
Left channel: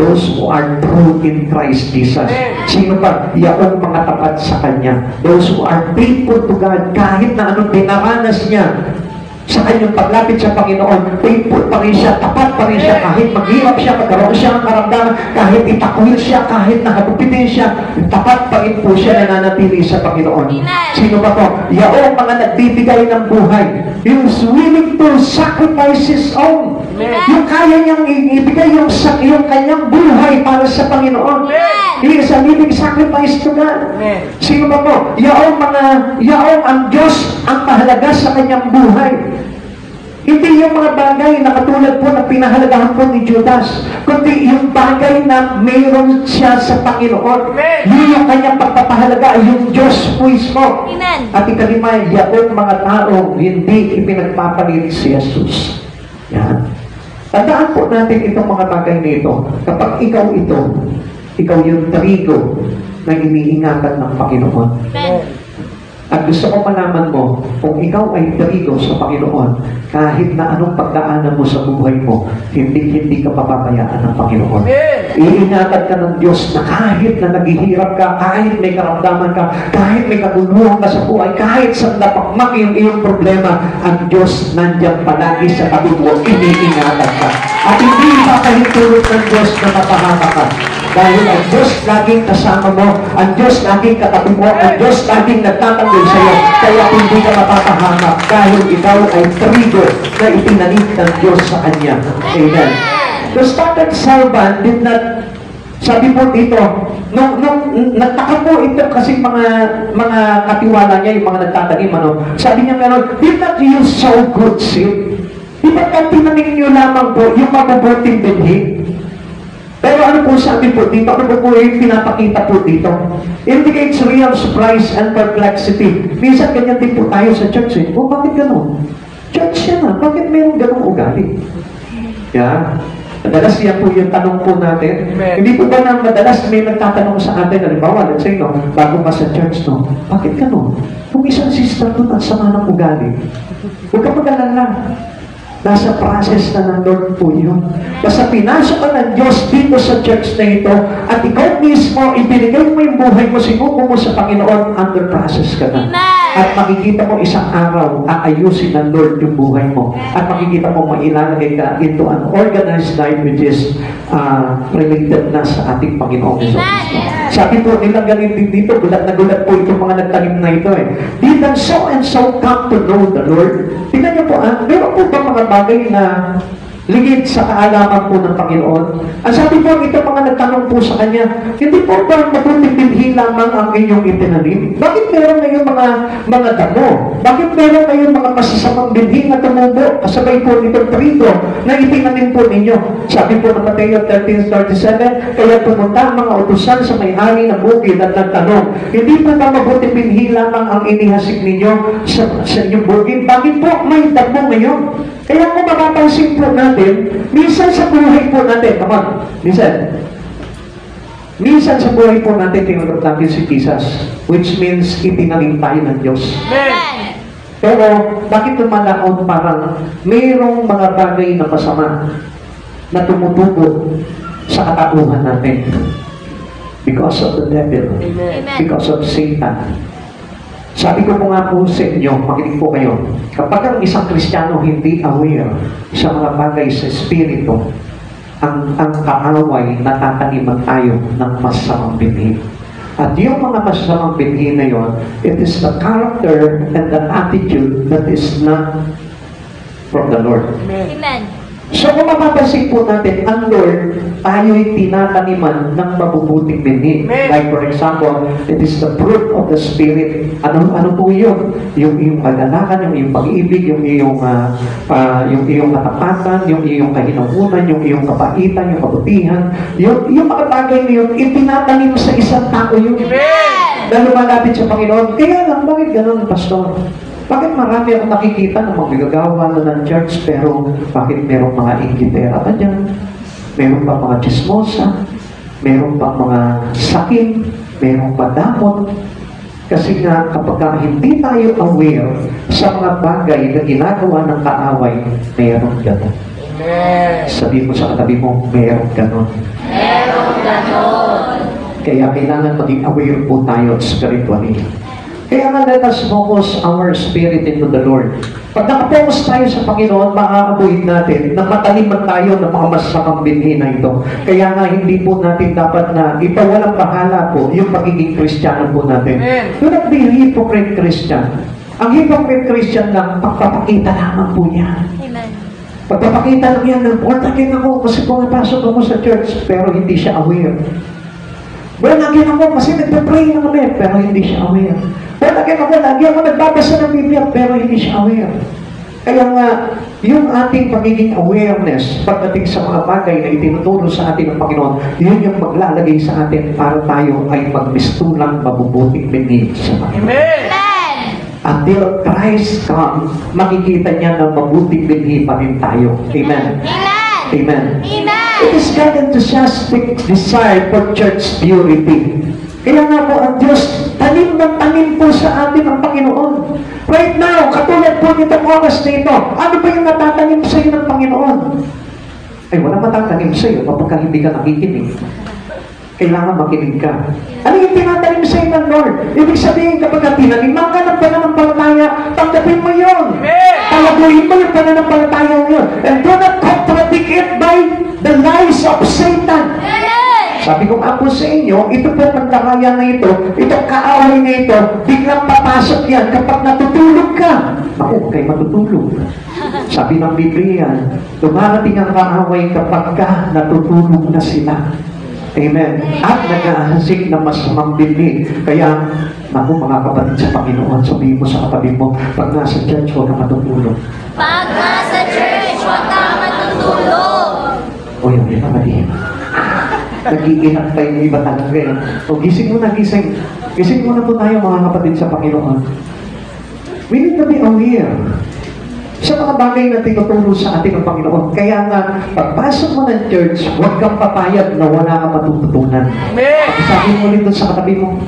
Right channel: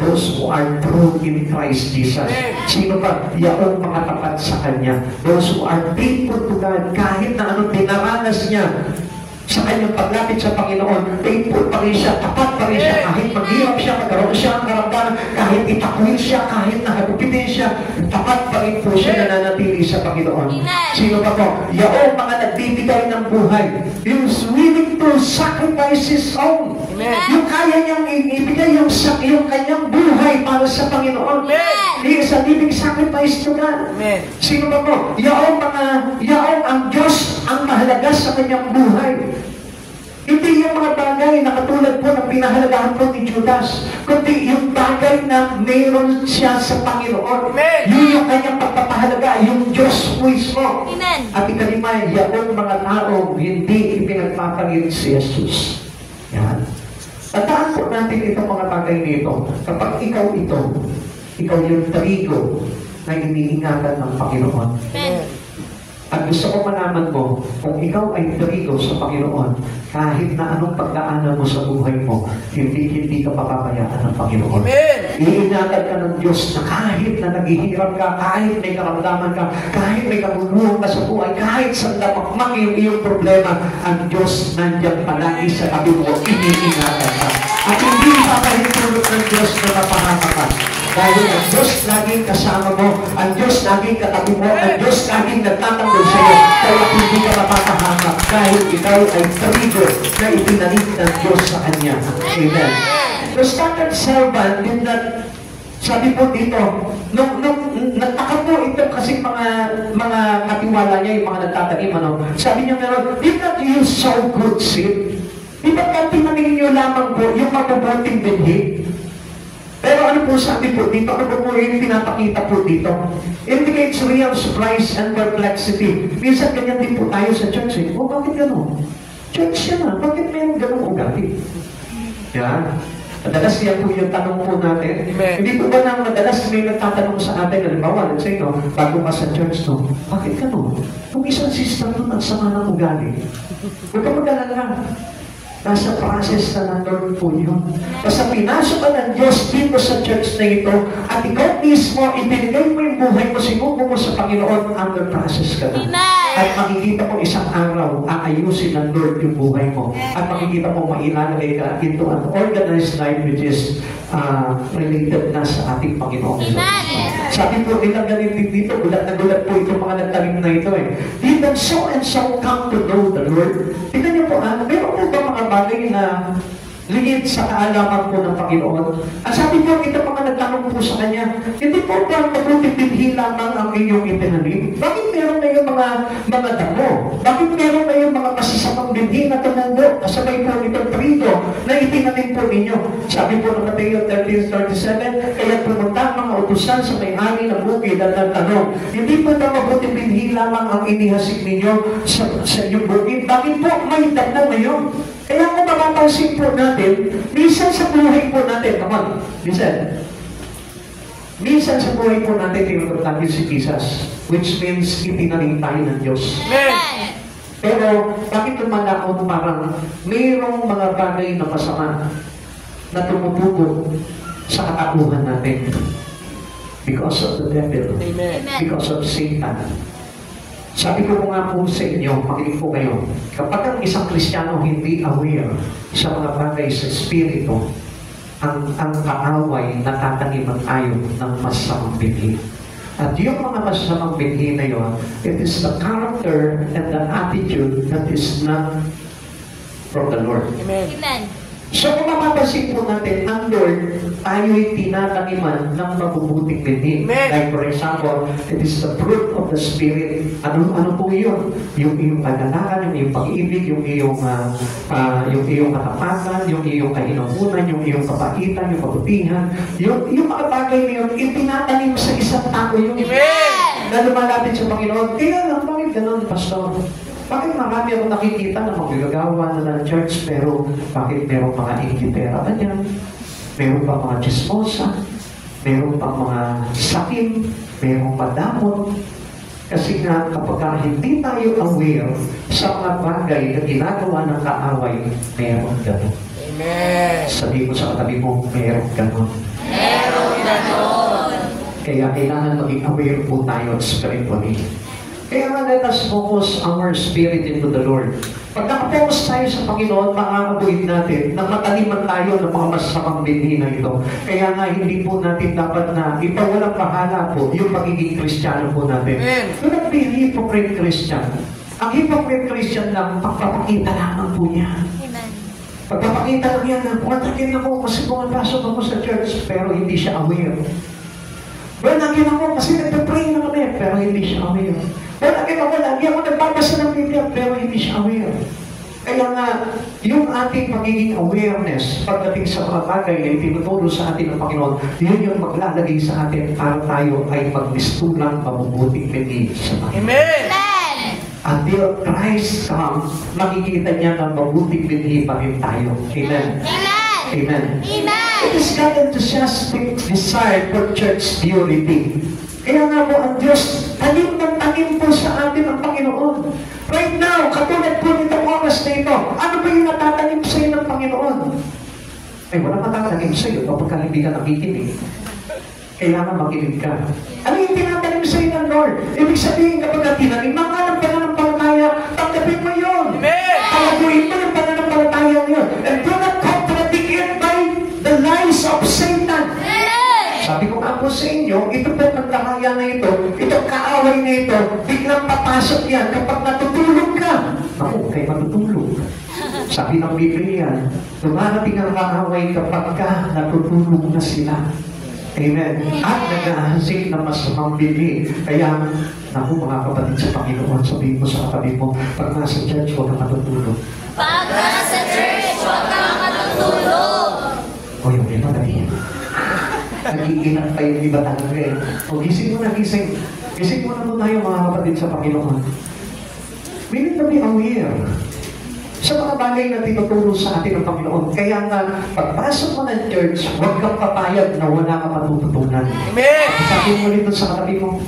Those who are true in Christ Jesus. Sino pa? Yaong mga tapat sa Kanya. Those who are faithful to God, kahit na anong dinaranas niya sa kanyang paglapit sa Panginoon, faithful pa rin siya, tapat pa rin siya, kahit maghirap siya, magkaroon siya ng karamdaman, kahit itakwil siya, kahit nakabukitin siya, tapat pa rin po siya nananatili sa Panginoon. Sino ba to? Yaong mga nagbibigay ng buhay. Yung willing to sacrifice his own. Yung kaya niyang ibigay yung kanyang buhay para sa Panginoon. He is a living sacrifice to God. Sino ba po? Yaong ang Diyos ang mahalaga sa kanyang buhay. Hindi yung mga bagay na katulad po na pinahalagahan po ni Judas, kundi yung bagay na mayroon siya sa Panginoon. Yun yung kanyang pagpapahalaga, yung Diyos mismo. At ikalima, yung mga tao hindi ipinagpapalit si Jesus. Yan. Tandaan po natin itong mga bagay nito. Kapag ikaw yung trigo na iniingatan ng Panginoon. At gusto ko malaman mo, kung ikaw ay trigo sa Panginoon, kahit na anong pagdaanan mo sa buhay mo, hindi ka papabayaan ng Panginoon. Iingatan ka ng Diyos na kahit na naghihirap ka, kahit may karamdaman ka, kahit may kaguluhan ka sa buhay, kahit sa napakmak yung iyong problema, ang Diyos nandiyan palagi sa tabi mo, iniingatan ka. At hindi papahintulot ng Diyos na mapahama ka. Dahil ang Diyos laging kasama mo, ang Diyos laging katabi mo, ang Diyos laging nagtatanggol sa iyo, kaya hindi ka mapapahamak dahil ikaw ay trigo na itinanim ng Diyos sa Kanya. Amen. The started servant did not, sabi po dito, nung nagtaka po ito kasi mga katiwala niya, yung mga nagtatanim, sabi niya meron, did not you sow good seed? Di ba tinanim niyo lamang po yung mabubuting binhi? Pero ano po sabi po dito, ano po yung pinapakita po dito? Indicates real surprise and perplexity. Minsan ganyan din po tayo sa church eh. Bakit gano'n? Church yan bakit mayroong gano'ng ugali? Yeah. Madalas yan po yung tanong po natin. Hindi po ba na madalas may nagtatanong sa atin, halimbawa, let's say, bago ka sa church, bakit gano'n? Kung isang sister doon ang sama ng ugali, huwag ka mag-alala. Nasa process na ng Lord po yun. Basta pinasok ka ng Diyos dito sa church na ito at ikaw mismo, ibinigay mo yung buhay mo, sinuko mo sa Panginoon, under process ka na. At makikita mo isang araw, aayusin ng Lord yung buhay mo. At makikita mo mailalagay ka into an organized life which is related na sa ating Panginoon. Sabi po nila galing din dito, gulat na gulat po itong mga nagtanim na ito eh. Didn't so and so come to know the Lord? Tingnan niyo po, meron po ba mga bagay na ligid sa kaalaman po ng Panginoon? Ang sabi po, ito mga nagtanong po sa Kanya, hindi po ba mabuting binhi lamang ang inyong itinanim? Bakit meron ngayong mga damo? Bakit meron ngayong mga masasamang binhi na tumubo? Kasabay po nitong trigo na itinanim po ninyo. Sabi po ng Mateo 13:37, kaya pumunta ang mga utusan sa may-ari ng bukid at nagtanong, hindi pa ba mabuting binhi lamang ang inihasik ninyo sa inyong bukid? Bakit po may damo ngayon? Kaya kung mapapansin po natin, minsan sa buhay po natin, minsan sa buhay po natin, tinuturo natin si Jesus, which means itinanim tayo ng Diyos. Pero, bakit lumalaon parang mayroong mga bagay na masama na tumutubo sa katauhan natin? Because of the devil. Because of Satan. Sabi ko po nga po sa inyo, makinig po kayo, kapag ang isang Kristiyano hindi aware sa mga bagay sa Espiritu, ang kaaway, natataniman tayo ng masamang binhi. At yung mga masamang binhi na yun, it is the character and the attitude that is not from the Lord. Amen. So kung mapapansin po natin, ang Lord, tayo'y tinataniman ng mabubuting binhi. Like for example, it is the fruit of the Spirit. Ano po yun? Yung iyong kagalakan, yung iyong pag-ibig, yung iyong katapatan, yung iyong kahinangunan, yung iyong kabaitan, yung kabutihan. Yung mga bagay na yun, itinatanim sa isang tao yun. Na lumalapit sa Panginoon. Kaya lang, bakit ganun, Pastor? Bakit marami akong nakikita ng magagagawa na ng church, pero bakit merong mga inggitera ba dyan? Meron pa mga chismosa? Meron pa mga sakin? Meron pa damot? Kasi nga, kapag hindi tayo aware sa mga bagay na ginagawa ng kaaway, meron gano'n. Amen. Sabi mo sa katabi mo, meron gano'n. Meron ganon. Kaya kailangan maging aware po tayo spiritually. Kaya nga, let us focus our spirit into the Lord. Pag nakapokus tayo sa Panginoon, maa-avoid natin na mataliman tayo ng mga masasamang binhi na ito. Kaya nga, hindi po natin dapat na ipawalang bahala po yung pagiging Kristiyano po natin. Do not be hypocrite Christian. Ang hypocrite Christian lang, pagpapakita lamang po niya. Amen. Pagpapakita lang yan, born again ako kasi pumapasok ako sa church, pero hindi siya aware. Born again ako kasi nagpa-pray na kami, pero hindi siya aware. Born again ako, lagi ako nagbabasa ng Biblia, pero hindi siya aware. Kaya nga, yung ating pagiging awareness pagdating sa mga bagay na itinuturo sa atin ng Panginoon, yun yung maglalagay sa atin para tayo ay magmistulang mabubuting binhi sa Panginoon. Amen. Until Christ come, makikita niya na mabuting binhi pa rin tayo. Amen. Amen. Amen. Amen. It is God enthusiastic desire for church purity. Kaya nga po ang Diyos, tanim ng tanim po sa atin ang Panginoon. Right now, katulad po nitong oras na ito, ano ba yung natatanim sa iyo ng Panginoon? Ay, wala matatanim sa iyo kapag hindi ka nakikinig. Kailangan makinig ka. Ano yung tinatanim sa iyo ng Lord? Ibig sabihin, kapag tinaniman ka ng pananampalataya, tanggapin mo yun. Palaguin mo yung pananampalataya mo yun. And do not contradict it by the lies of Satan. Sabi ko nga po sa inyo, ito po pagkakaya na ito, itong kaaway na ito, biglang papasok yan kapag natutulog ka. Naku, kayo matutulog. Sabi ng Biblia, dumarating ang kaaway kapag ka natutulog na sila. Amen. At nag-ahasik ng masamang binhi. Kaya, naku mga kapatid sa Panginoon, sabihin mo sa kapatid mo, pag nasa church, huwag ka matutulog. Pag nasa church, huwag ka matutulog. O yung iba, mali. Nag-iingat pa yung iba talaga eh. O gising mo na, gising. Gising mo na po tayo mga kapatid sa Panginoon. We need to be aware sa mga bagay na tinuturo sa atin ng Panginoon. Kaya nga, pagpasok mo ng church, huwag kang papayag na wala kang matututunan. Sabi mo rin doon sa katabi mo.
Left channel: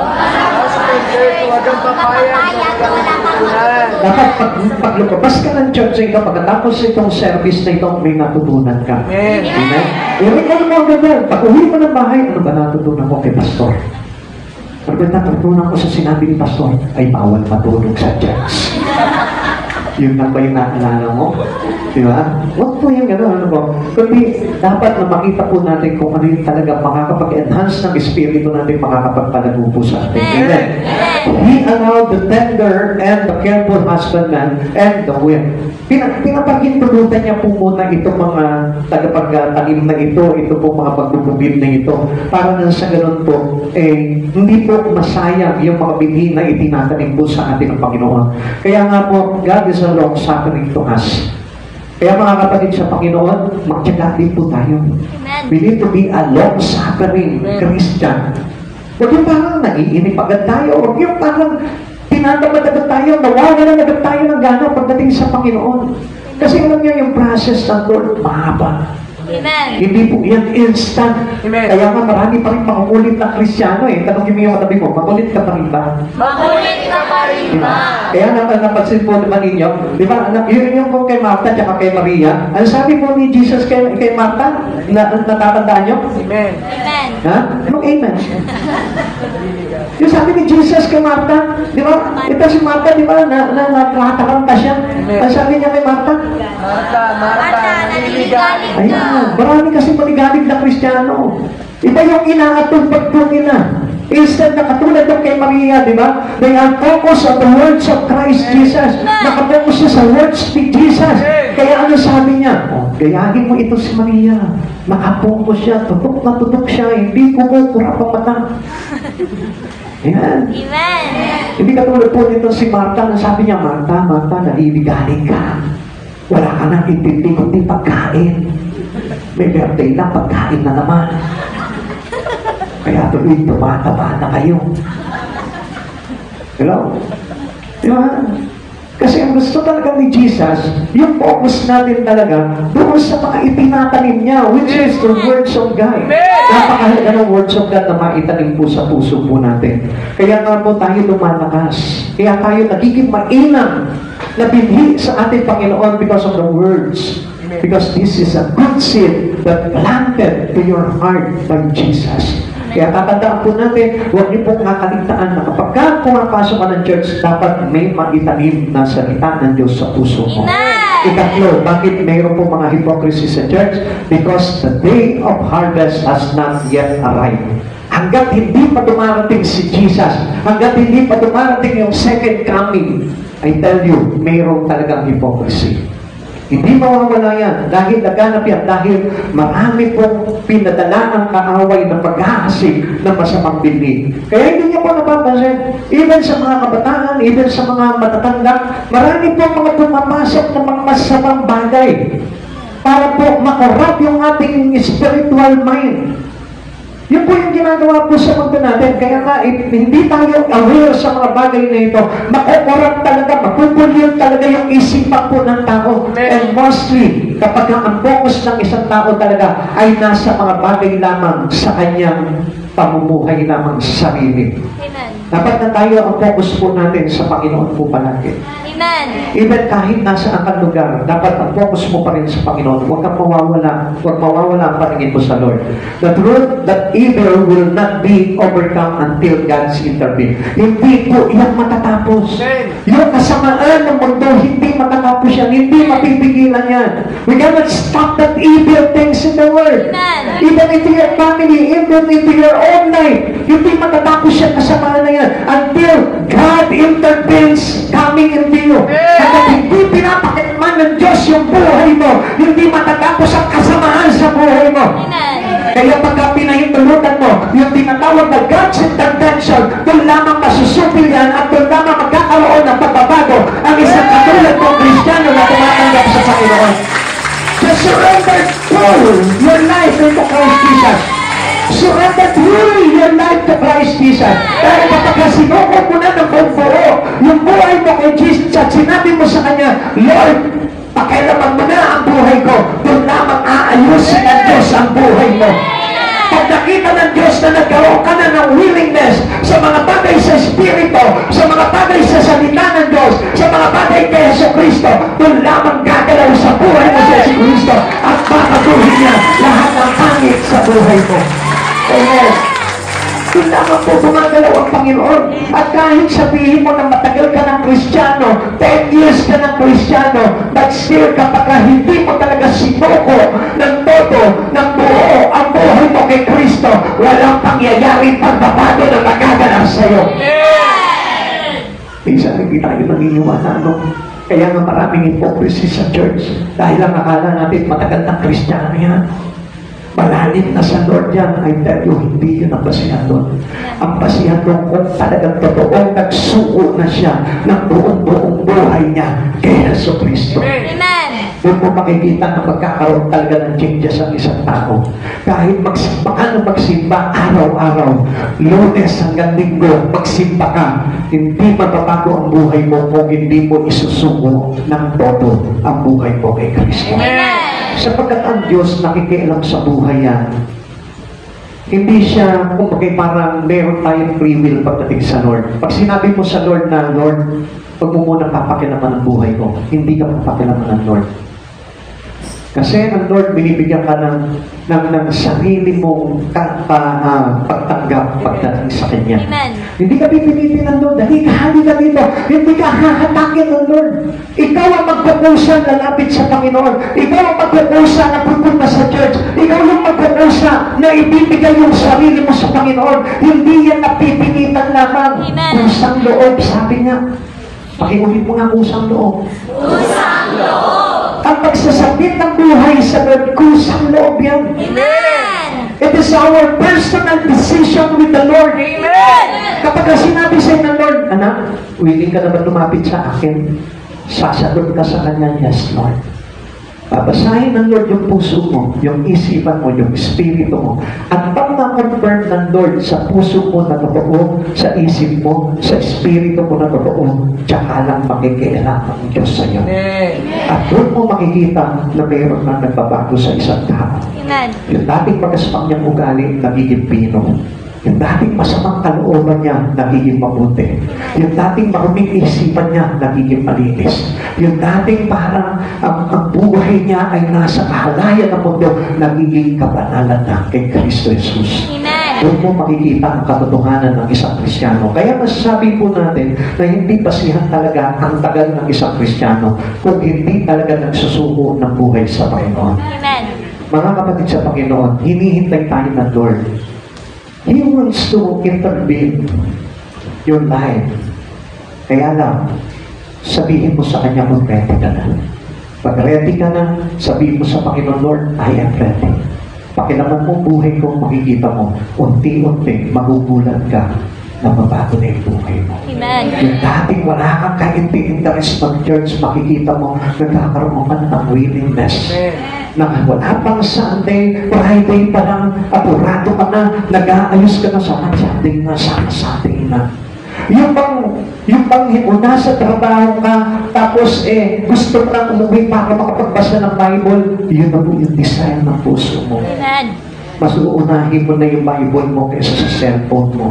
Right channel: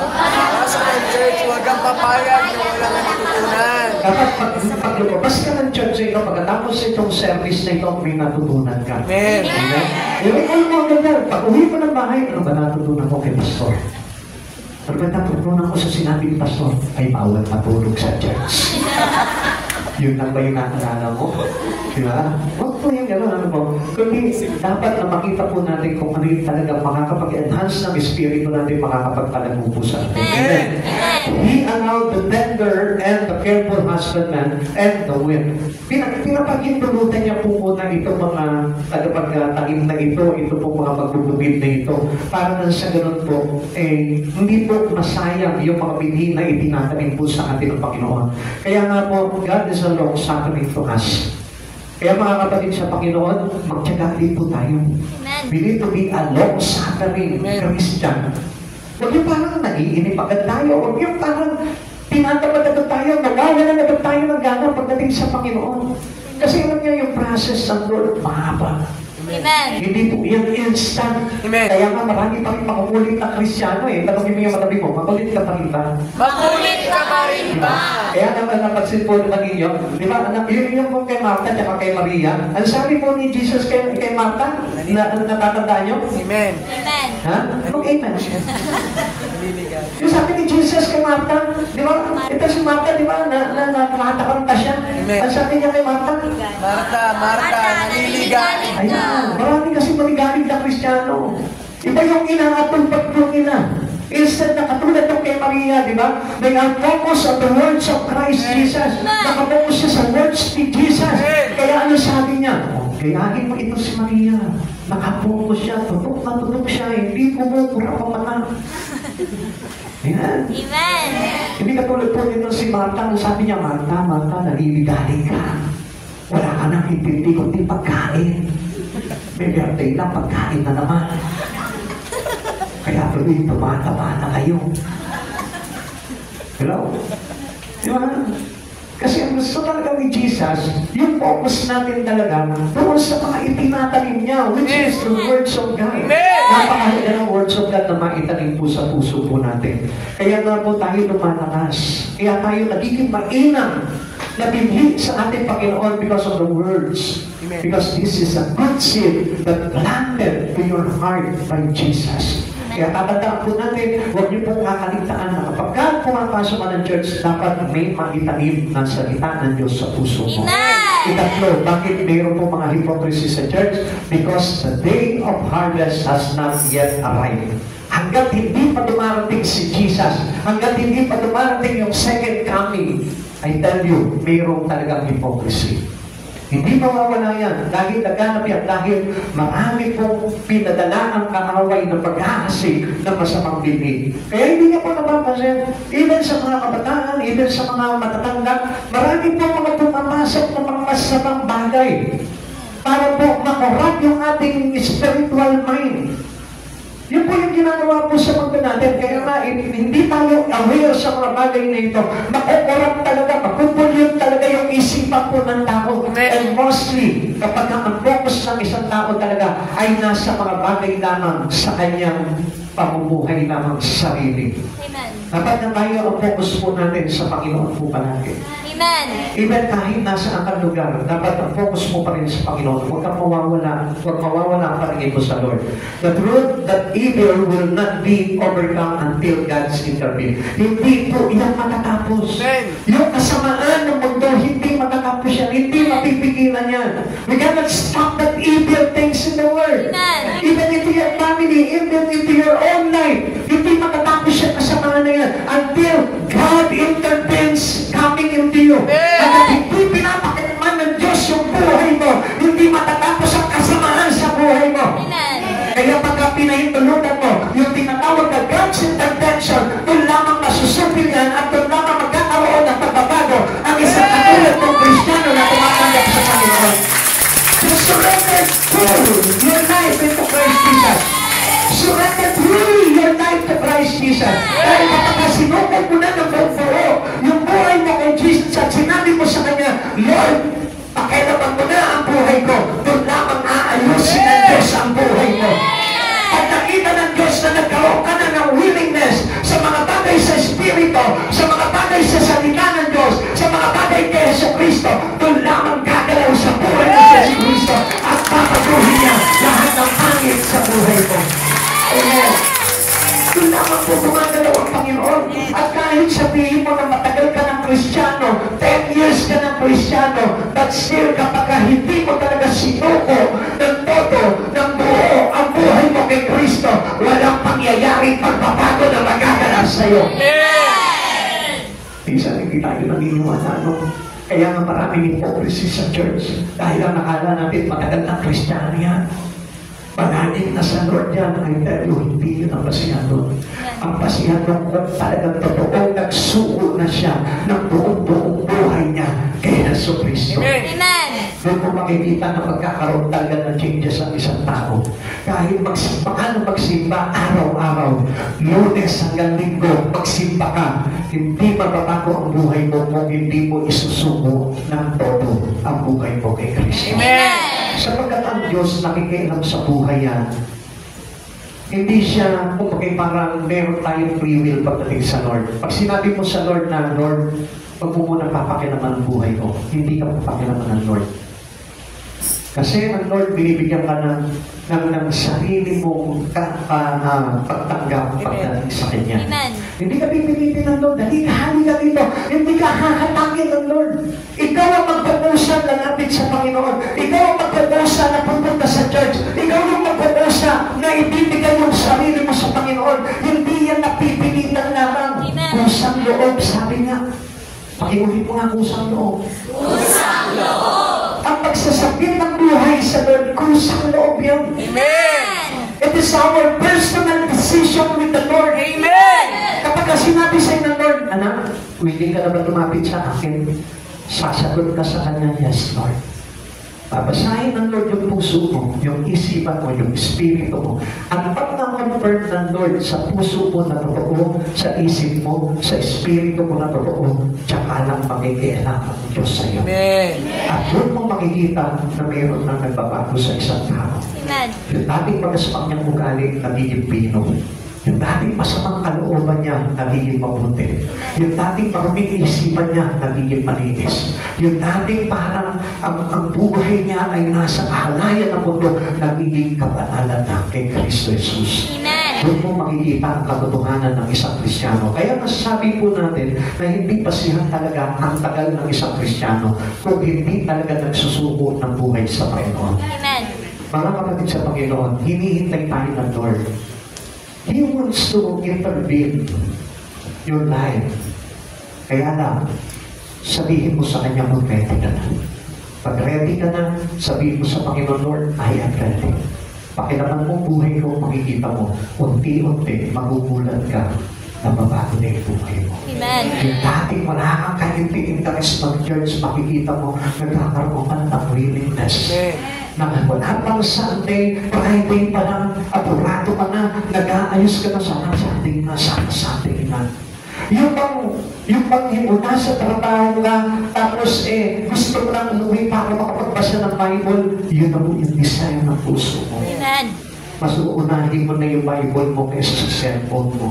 Pasok ng church, huwag kang papayag na wala kang matutunan. Dapat pag lumabas ka ng church ito, pagkatapos itong service na ito, may natutunan ka. Amen. Amen? I-record mo ang ganyan. Pag uwi mo ng bahay, ano ba natutunan ko kay Pastor? Pag natutunan ko sa sinabi ni Pastor, ay bawal matulog sa church. Yun lang ba yung naalala mo? Di ba? Huwag po yung gano'n, ano po? Kundi dapat na makita po natin kung ano yung talaga makakapag-enhance ng espiritu natin, makakapagpalago po sa atin. Amen. He allowed the tender and the careful husbandman and the wind. Pinapagintulutan niya po muna itong mga tagapagtanim na ito po mga pagbububid na ito, para na sa ganun po, hindi po masayang yung mga binhi na itinatanim po sa atin ng Panginoon. Kaya nga po, God is a long-suffering to us. Kaya mga kapatid sa Panginoon, magtiyaga din po tayo. We need to be a long-suffering Christian. Huwag yung parang naiinip agad tayo. Huwag yung parang tinatamad agad tayo, nawawalan agad tayo ng gana pagdating sa Panginoon. Kasi alam niya yung process ng Lord, mahaba. Amen. Hindi po yan instant. Amen. Kaya nga marami pa rin makukulit na Kristyano eh. Tanongin mo yung matabi mo, makulit ka pa rin ba? Makulit ka pa rin ba? Kaya naman napansin po naman ninyo, di ba, yun yung po kay Martha at kay Maria. Ano sabi po ni Jesus kay Martha? Natatandaan nyo? Amen. Amen. Ha? Anong amen? Yung sabi ni Jesus kay Martha, di ba? Ito si Martha, di ba? Nakataranta siya. Ano sabi niya kay Martha? Marta, naniligalig ka. Ayan, marami kasi maligalig na Kristiyano. Iba yung inaatupag po nila. Instead na katulad ng kay Maria, di ba? They are focused on the words of Christ Jesus. Nakapokus siya sa words ni Jesus. Kaya ano sabi niya? Oh, gayahin mo ito si Maria. Nakapokus siya, tutok na tutok siya, hindi kumukura pa mata. Ayan. Amen. Hindi katulad po nito si Martha, na sabi niya, Martha, naliligaling ka. Wala ka nang intindi kundi pagkain. May birthday na, pagkain na naman. Kaya tuloy tumataba na kayo. Hello? Di ba? Kasi ang gusto talaga ni Jesus, yung focus natin talaga doon sa mga itinatanim niya, which is the words of God. Napakahalaga ng words of God na maitanim po sa puso po natin. Kaya nga po tayo lumalakas. Kaya tayo nagiging mainam na binhi sa ating Panginoon because of the words. Because this is a good seed that planted to your heart by Jesus. Kaya tatandaan po natin, huwag niyo pong kakaligtaan na kapag ka pumapasok ka ng church, dapat may maitanim na salita ng Diyos sa puso mo. Ikatlo, bakit mayroon po mga hypocrisy sa church? Because the day of harvest has not yet arrived. Hanggat hindi pa dumarating si Jesus, hanggat hindi pa dumarating yung second coming, I tell you, mayroon talagang hypocrisy. Hindi mawawala yan dahil naganap yan, dahil marami pong pinadala ang kaaway ng pag-aasig ng masamang bibig. Kaya hindi niyo po napapansin, even sa mga kabataan, even sa mga matatanda, marami pong mga pumapasok ng mga masamang bagay para po makorap yung ating spiritual mind. Yun po yung ginagawa po sa mundo natin. Kaya nga, hindi tayo aware sa mga bagay na ito. Makukurap talaga, mapupulyon talaga yung isipan po ng tao. And mostly, kapag ang focus ng isang tao talaga ay nasa mga bagay lamang sa kanyang pamumuhay lamang sa sarili. Amen. Dapat na tayo ang focus po natin sa Panginoon po palagi. Amen. Even kahit nasa ang lugar, dapat ang focus mo pa rin sa Panginoon. Huwag kang mawawala. Huwag mawawala ang paningin mo sa Lord. The truth that evil will not be overcome until God's intervene. Hindi po yan matatapos. Yung kasamaan ng mundo, hindi matatapos yan. Hindi mapipigilan yan. We cannot stop that evil things in the world. Amen. Even into your family, even into your own life, hindi matatapos yan kasamaan na yan until God intervenes coming into you. At hindi pinapakitman ng Diyos yung buhay mo, hindi matatapos ang kasamaan sa buhay mo. Amen. Kaya pagka pinahintulutan mo, yung tinatawag na God's intervention, doon lamang masusupil yan at doon lamang magkakaroon ng pagbabago ang isang katulad ng Kristiyano na tumatanggap sa Panginoon. So surrender your life into Christ Jesus. Surrender truly your life to Christ Jesus. Dahil kapag sinuko mo na ng buong buo, yung buhay mo kay Jesus at sinabi mo sa Kanya, Lord, pakialaman mo na ang buhay ko, doon lamang aayusin ng Diyos ang buhay mo. Pag nakita ng Diyos na nagkaroon ka na ng willingness sa mga bagay sa Espiritu, sa mga bagay sa salita ng Diyos, sa mga bagay kay Jesucristo, doon lamang gagalaw sa buhay ng Jesucristo at babaguhin niya lahat ng pangit sa buhay mo. Amen. Doon lamang po gumagalaw ang Panginoon. At kahit sabihin mo na matagal ka ng Kristiyano, 10 years ka ng Kristiyano, but still kapag hindi mo talaga sinuko ng todo, ng buo, ang buhay mo kay Kristo, walang pangyayaring pagbabago na magaganap sa'yo. Minsan hindi tayo naniniwala, no? Kaya nga maraming hypocrisy sa church dahil ang akala natin matagal ng Kristiyano yan. Malalim na sa Lord yan, I tell you, hindi yun ang basihan doon. Ang basihan doon kung talagang totoong nagsuko na siya ng buong buhay niya kay Jesucristo. Amen. Doon mo makikita na magkakaroon talaga ng changes ang isang tao. Kahit magsimba ka na magsimba araw-araw, Lunes hanggang Linggo, magsimba ka, hindi mababago ang buhay mo kung hindi mo isusuko ng todo ang buhay mo kay Kristo. Sapagkat ang Diyos nakikialam sa buhay yan. Hindi siya, kumbaga parang meron tayong free will pagdating sa Lord. Pag sinabi mo sa Lord na, Lord, pag mo muna papakilaman ang buhay ko, hindi ka papakilaman ng Lord. Kasi ang Lord, binibigyan ka ng sarili mong pagtanggap pagdating sa Kanya. Amen. Hindi ka pipilitin ng Lord, hali ka dito. Hindi ka hahatakin ng Lord. Ikaw ang magkukusa lalapit sa Panginoon. Ikaw ang magkukusa na pupunta sa church. Ikaw yung magkukusa na ibibigay yung sarili mo sa Panginoon. Hindi yan napipilitan lamang. Amen. Kusang loob, sabi niya. Pakiulit mo nga kusang loob. Kusang loob. Ang pagsasabit ng buhay sa Lord, kusang loob yan. Amen. It is our personal decision with the Lord. Amen. Kapag sinabi sa inyo ng Lord, anak, willing ka na ba lumapit sa akin? Sasagot ka sa Kanya, yes, Lord. Babasahin ng Lord yung puso mo, yung isipan mo, yung espiritu mo. At pag na-confirm ng Lord sa puso mo na totoo, sa isip mo, sa espiritu mo na totoo, tsaka lang makikialam ang Diyos sa iyo. At doon mo makikita na mayroon na nagbabago sa isang tao. Amen. Yung dating magaspang niyang ugali, nagiging pino. Yung dating masamang kalooban niya, nagiging mabuti. Yung dating maruming isipan niya, nagiging malinis. Yung dating parang ang buhay niya ay nasa kahalayan ng mundo, nagiging kabanalan na kay Kristo Jesus. Amen. Doon mo makikita ang katotohanan ng isang Kristiyano. Kaya masasabi po natin na hindi basihan talaga ang tagal ng isang Kristiyano kung hindi talaga nagsusuko ng buhay sa Panginoon. Amen. Mga kapatid sa Panginoon, hinihintay tayo ng Lord. He wants to intervene your life. Kaya lang, sabihin mo sa Kanya kung ready ka na. Pag ready ka na, sabihin mo sa Panginoon, Lord, I am ready. Pakilaman mo buhay ko, makikita mo, unti-unti, magugulat ka na mabago na yung buhay mo. Amen. Yung dating wala kang ka-interest mag-church, makikita mo, nagkakaroon ka ng willingness. Na wala pang Sunday, Friday pa lang, apurado ka na, nag-aayos ka na, sana Sunday na, sana Sunday na. Yung bang nasa trabaho ka, tapos gusto mo lang umuwi para makapagbasa ng Bible, yun na po yung design ng puso mo. Amen. Mas uunahin mo na yung Bible mo kaysa sa cellphone mo.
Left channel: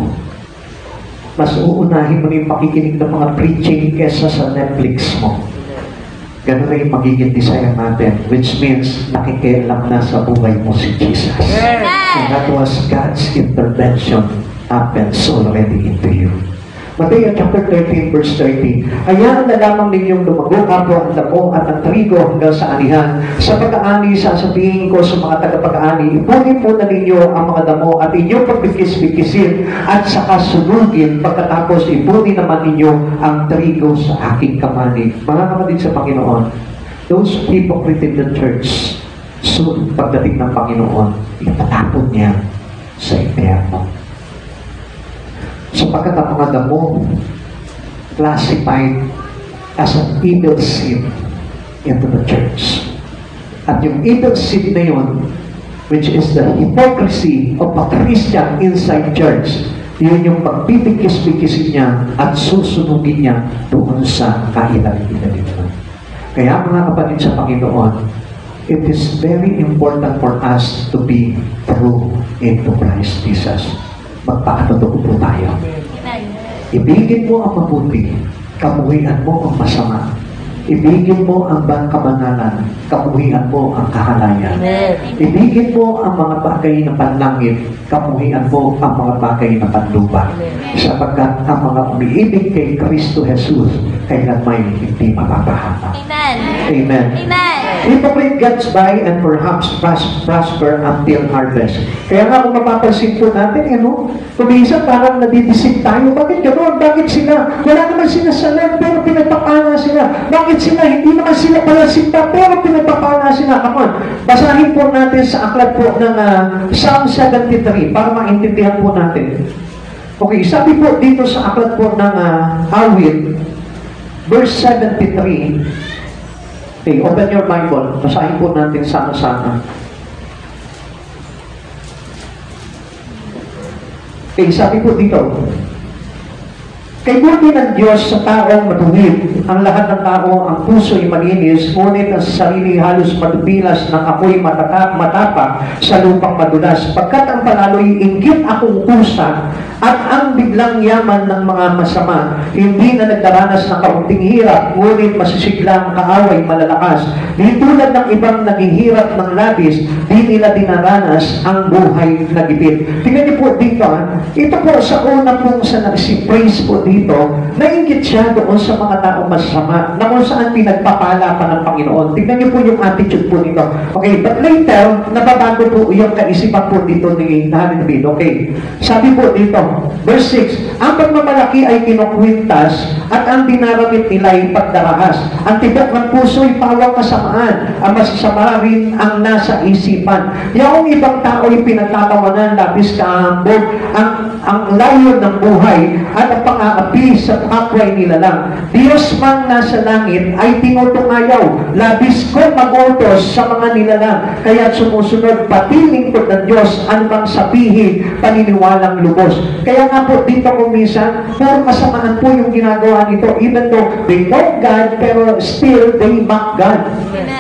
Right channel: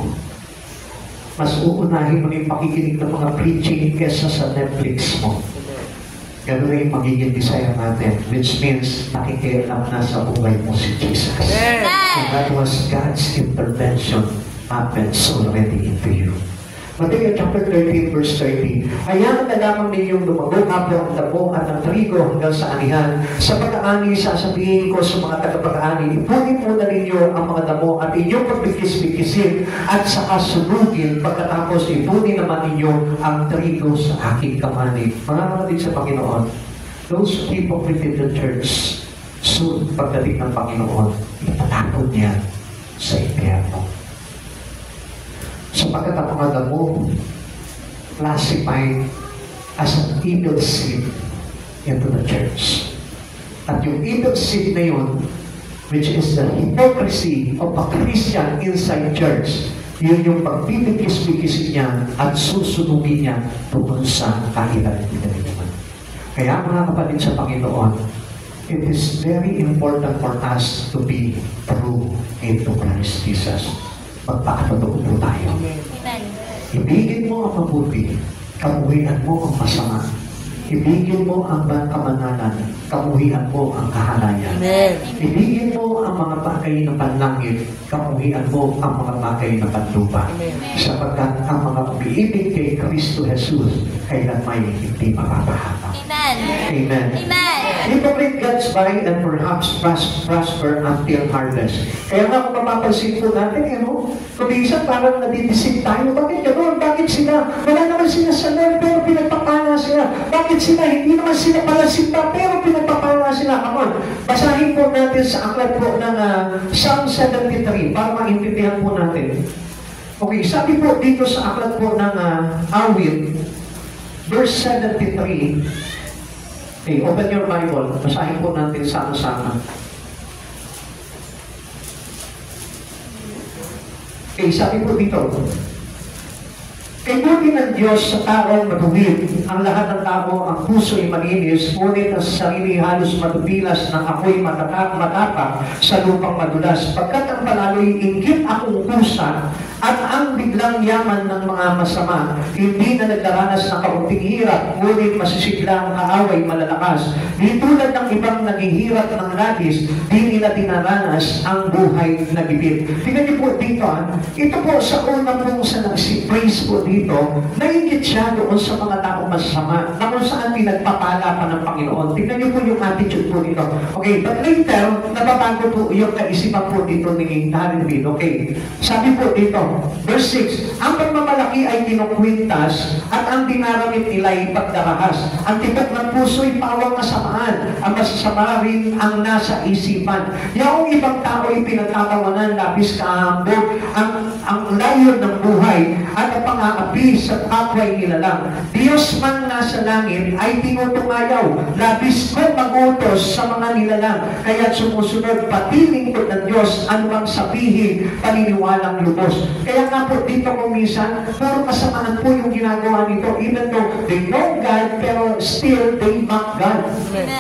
Mas uunahin mo na yung pakikinig ng mga preaching kaysa sa Netflix mo. Ganun na yung magiging desire natin, which means nakikialam na sa buhay mo si Jesus. And that was God's intervention happens already into you. Mateo chapter 13 verse 30. Hayaan na lamang ninyong lumago kapwa ang damo at ang trigo hanggang sa anihan. Sa pag-aani, sasabihin ko sa mga tagapag-aani, ipunin po na ninyo ang mga damo at inyong pagbikis-bikisin at saka sunugin, pagkatapos ipunin naman ninyo ang trigo sa aking kamani. Mga kapatid sa Panginoon, those hypocrites in the church, soon pagdating ng Panginoon, itatapon niya sa impyerno. Sapagkat ang mga damo classified as an evil seed into the church. At yung evil seed na yun, which is the hypocrisy of a Christian inside church, yun yung pagpipikis-pikisin niya at susunugin niya doon sa kahilalig-hilalig. Kaya mga kapatid sa Panginoon, it is very important for us to be true into Christ Jesus. Magpakatotoo po tayo. Ibigin mo ang mabuti, kabuhian mo ang masama. Ibigin mo ang kabanalan, kabuhian mo ang kahalayan. Ibigin mo ang mga bagay na panlangit, kabuhian mo ang mga bagay na panlupa. Sapagkat ang mga umiibig kay Kristo Jesus, kailan may hindi mapapahata. Amen. Amen. Amen. Hypocrite gets by and perhaps prosper until harvest. Kaya nga kung mapapansin po natin, kuminsan parang nadidisip tayo. Bakit gano'n? Bakit sila? Wala naman sila sa land, pero pinagpapala sila. Bakit sila? Hindi naman sila pala sinta, pero pinagpapala sila. Come on, basahin po natin sa aklat po ng Psalm 73 para maintindihan po natin. Okay, sabi po dito sa aklat po ng Awit, verse 73, okay, open your Bible. Basahin po natin sama-sama. Okay, sabi po dito, kay buti ng Diyos sa taong matuwid, ang lahat ng tao, ang puso'y malinis, ngunit ang sarili halos madubilas ng ako'y matapak sa lupang madulas. Pagkat ang palalo'y inggit akong kusa, at ang biglang yaman ng mga masama, hindi na nagdaranas ng kaunting hirap, ngunit masisiglang kaaway malalakas. Di tulad ng ibang naghihirap ng labis, di nila dinaranas ang buhay na gipit. Tingnan niyo po dito, ito po sa una pong si praise po dito, nainggit siya doon sa mga tao masama, na kung saan pinagpapala pa ng Panginoon. Tingnan niyo po yung attitude po nito. Okay, but later, nababago po yung kaisipan po dito ni David. Okay, sabi po dito, verse 6, ang pagmamalaki ay kinukwintas at ang dinaramit nila ay pagdarahas. Ang tibok ng puso ay pawang kasamaan. Ang masasama rin ang nasa isipan. Yung ibang tao ay pinagtatawanan, labis kaambog, ang layo ng buhay at ang pang-aapi sa kapway nila lang. Diyos man nasa langit ay tinutungayaw, labis kong mag-utos sa mga nilalang. Kaya sumusunod pati lingkod ng Diyos, ano bang sabihin, paniniwalang lubos. Kaya nga po dito kung minsan, puro kasamaan po yung ginagawa ginagawa nito, even though they know God, pero still they mock God.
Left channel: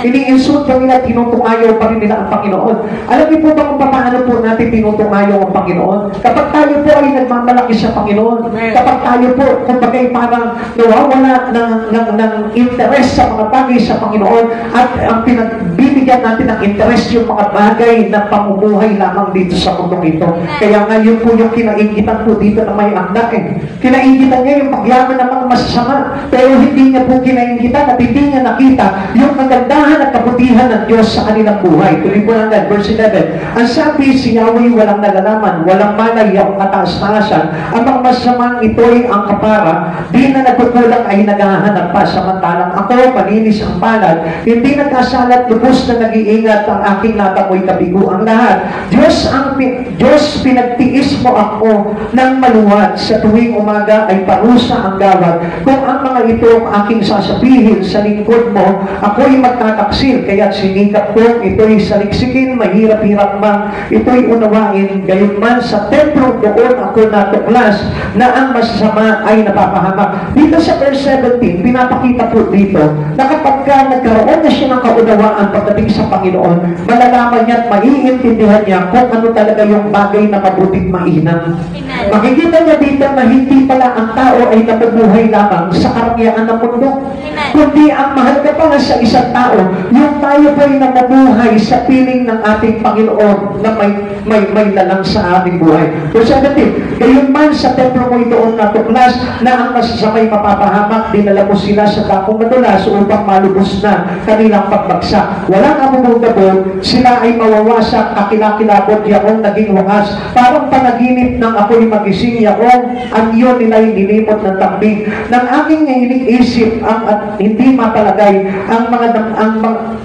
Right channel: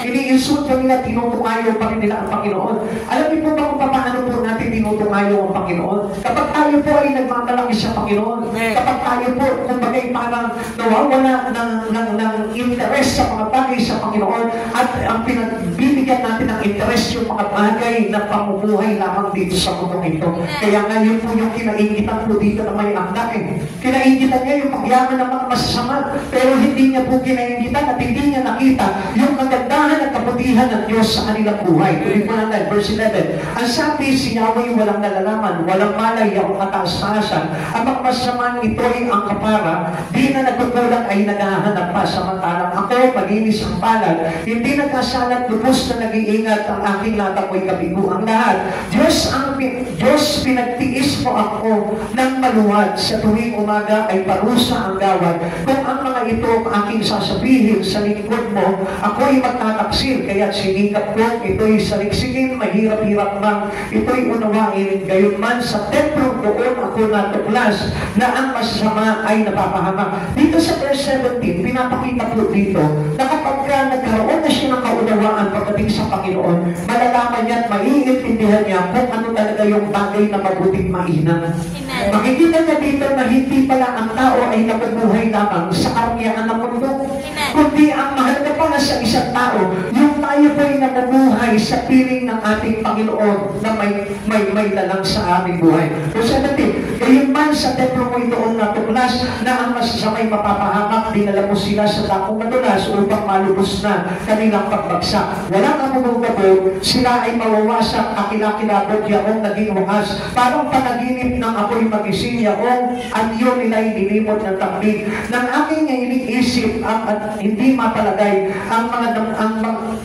Ini-insult nila, tinutungayaw pa rin nila ang Panginoon. Alam niyo po ba kung paano po natin tinutungayaw ang Panginoon? Kapag tayo po ay nagmamalaki sa Panginoon, kapag tayo po, kung bagay parang nawawala ng interest sa mga bagay sa Panginoon, at ang pinagbibigyan natin ng interest yung mga bagay na pamumuhay lamang dito sa mundong ito. Kaya nga yun po yung kinaingitan po dito na may akda Kinaingitan niya yung pagyaman ng mga masasama, pero hindi niya po kinaingitan at hindi niya nakita yung kagandahan at kabutihan ng Diyos sa kanilang buhay. Tuloy po natin, verse 11. Ang sabi, si Yahweh walang nalalaman, walang malay ang kataas-taasan. Ang mga masasamang ito'y ang kapara, di na nagkukulang ay naghahanap pa. Samantalang ako, malinis ang palad, hindi nagkasalat, lubos na nag-iingat ang aking natamoy kabigo ang lahat. Diyos, pinagtiis mo ako ng maluwat. Sa tuwing umaga ay parusa ang gawad. Kung ang mga ito ang aking sasabihin sa lingkod mo, ako'y magtataksil. Kaya sinikap ko, ito'y saliksikin, mahirap-hirap man, ito'y unawain. Gayunman sa templo doon ako natuklas na ang masama ay napapahamak. Dito sa verse 17, pinapakita po dito na kapag nagkaroon na siya ng kaunawaan pagdating sa Panginoon, malalaman niya at maiintindihan niya kung ano talaga yung bagay na mabuting mainam. Makikita niya dito na hindi pala ang tao ay nabubuhay lamang sa karangyaan ng mundo, kundi ang mahalaga pa nga sa isang tao, yung tayo po ay nabubuhay sa piling ng ating Panginoon na may lalang sa aming buhay. Verse 17, gayon man sa templo mo itoong natuklas na ang masasamay mapapahamak, dinala mo sila sa dakong madulas upang malubos na kanilang pagbagsak. Walang amumugabog, sila ay mawawasak, kakilakilabot yaong naging wakas. Parang panaginip ng ako'y magising yaong ang iyon nila'y nilimot ng takbig. Nang aking iniisip at hindi mapalagay ang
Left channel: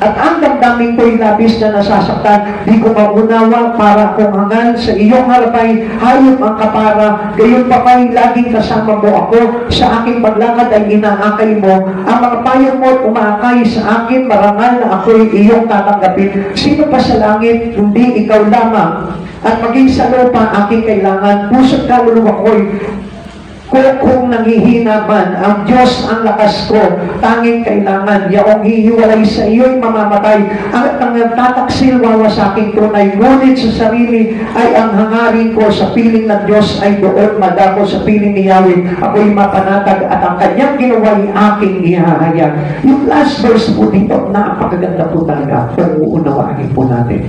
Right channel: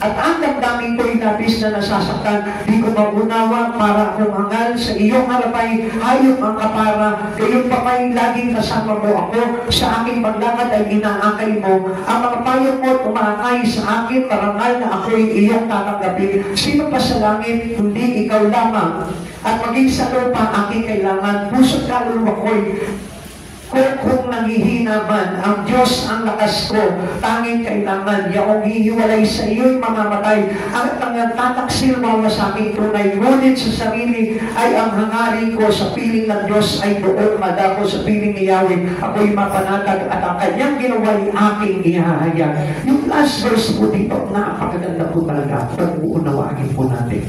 ang damdamin ko'y labis na nasasaktan. Di ko maunawa para akong hangal sa iyong harapay, hayop ang kapara. Gayon pa kay laging kasama mo ako. Sa aking paglakad ay inaakay mo. Ang mga payo mo umaakay sa akin, marangal na ako'y iyong tatanggapin. Sino pa sa langit, kundi ikaw lamang. At maging sa lupa aking kailangan. Puso't kaluluwa ko'y kung nanghihina man, ang Diyos ang lakas ko, tanging kailangan, yaong hihiwalay sa iyo'y mamamatay, at ang tataksil wawasaking tunay, ngunit sa sarili ay ang hangarin ko sa piling ng Diyos ay doon madako sa piling ni Yahweh, ako'y mapanatag at ang kanyang ginawa'y aking ihahayag. Yung last verse po dito, napakaganda po talaga, kung uunawain po natin.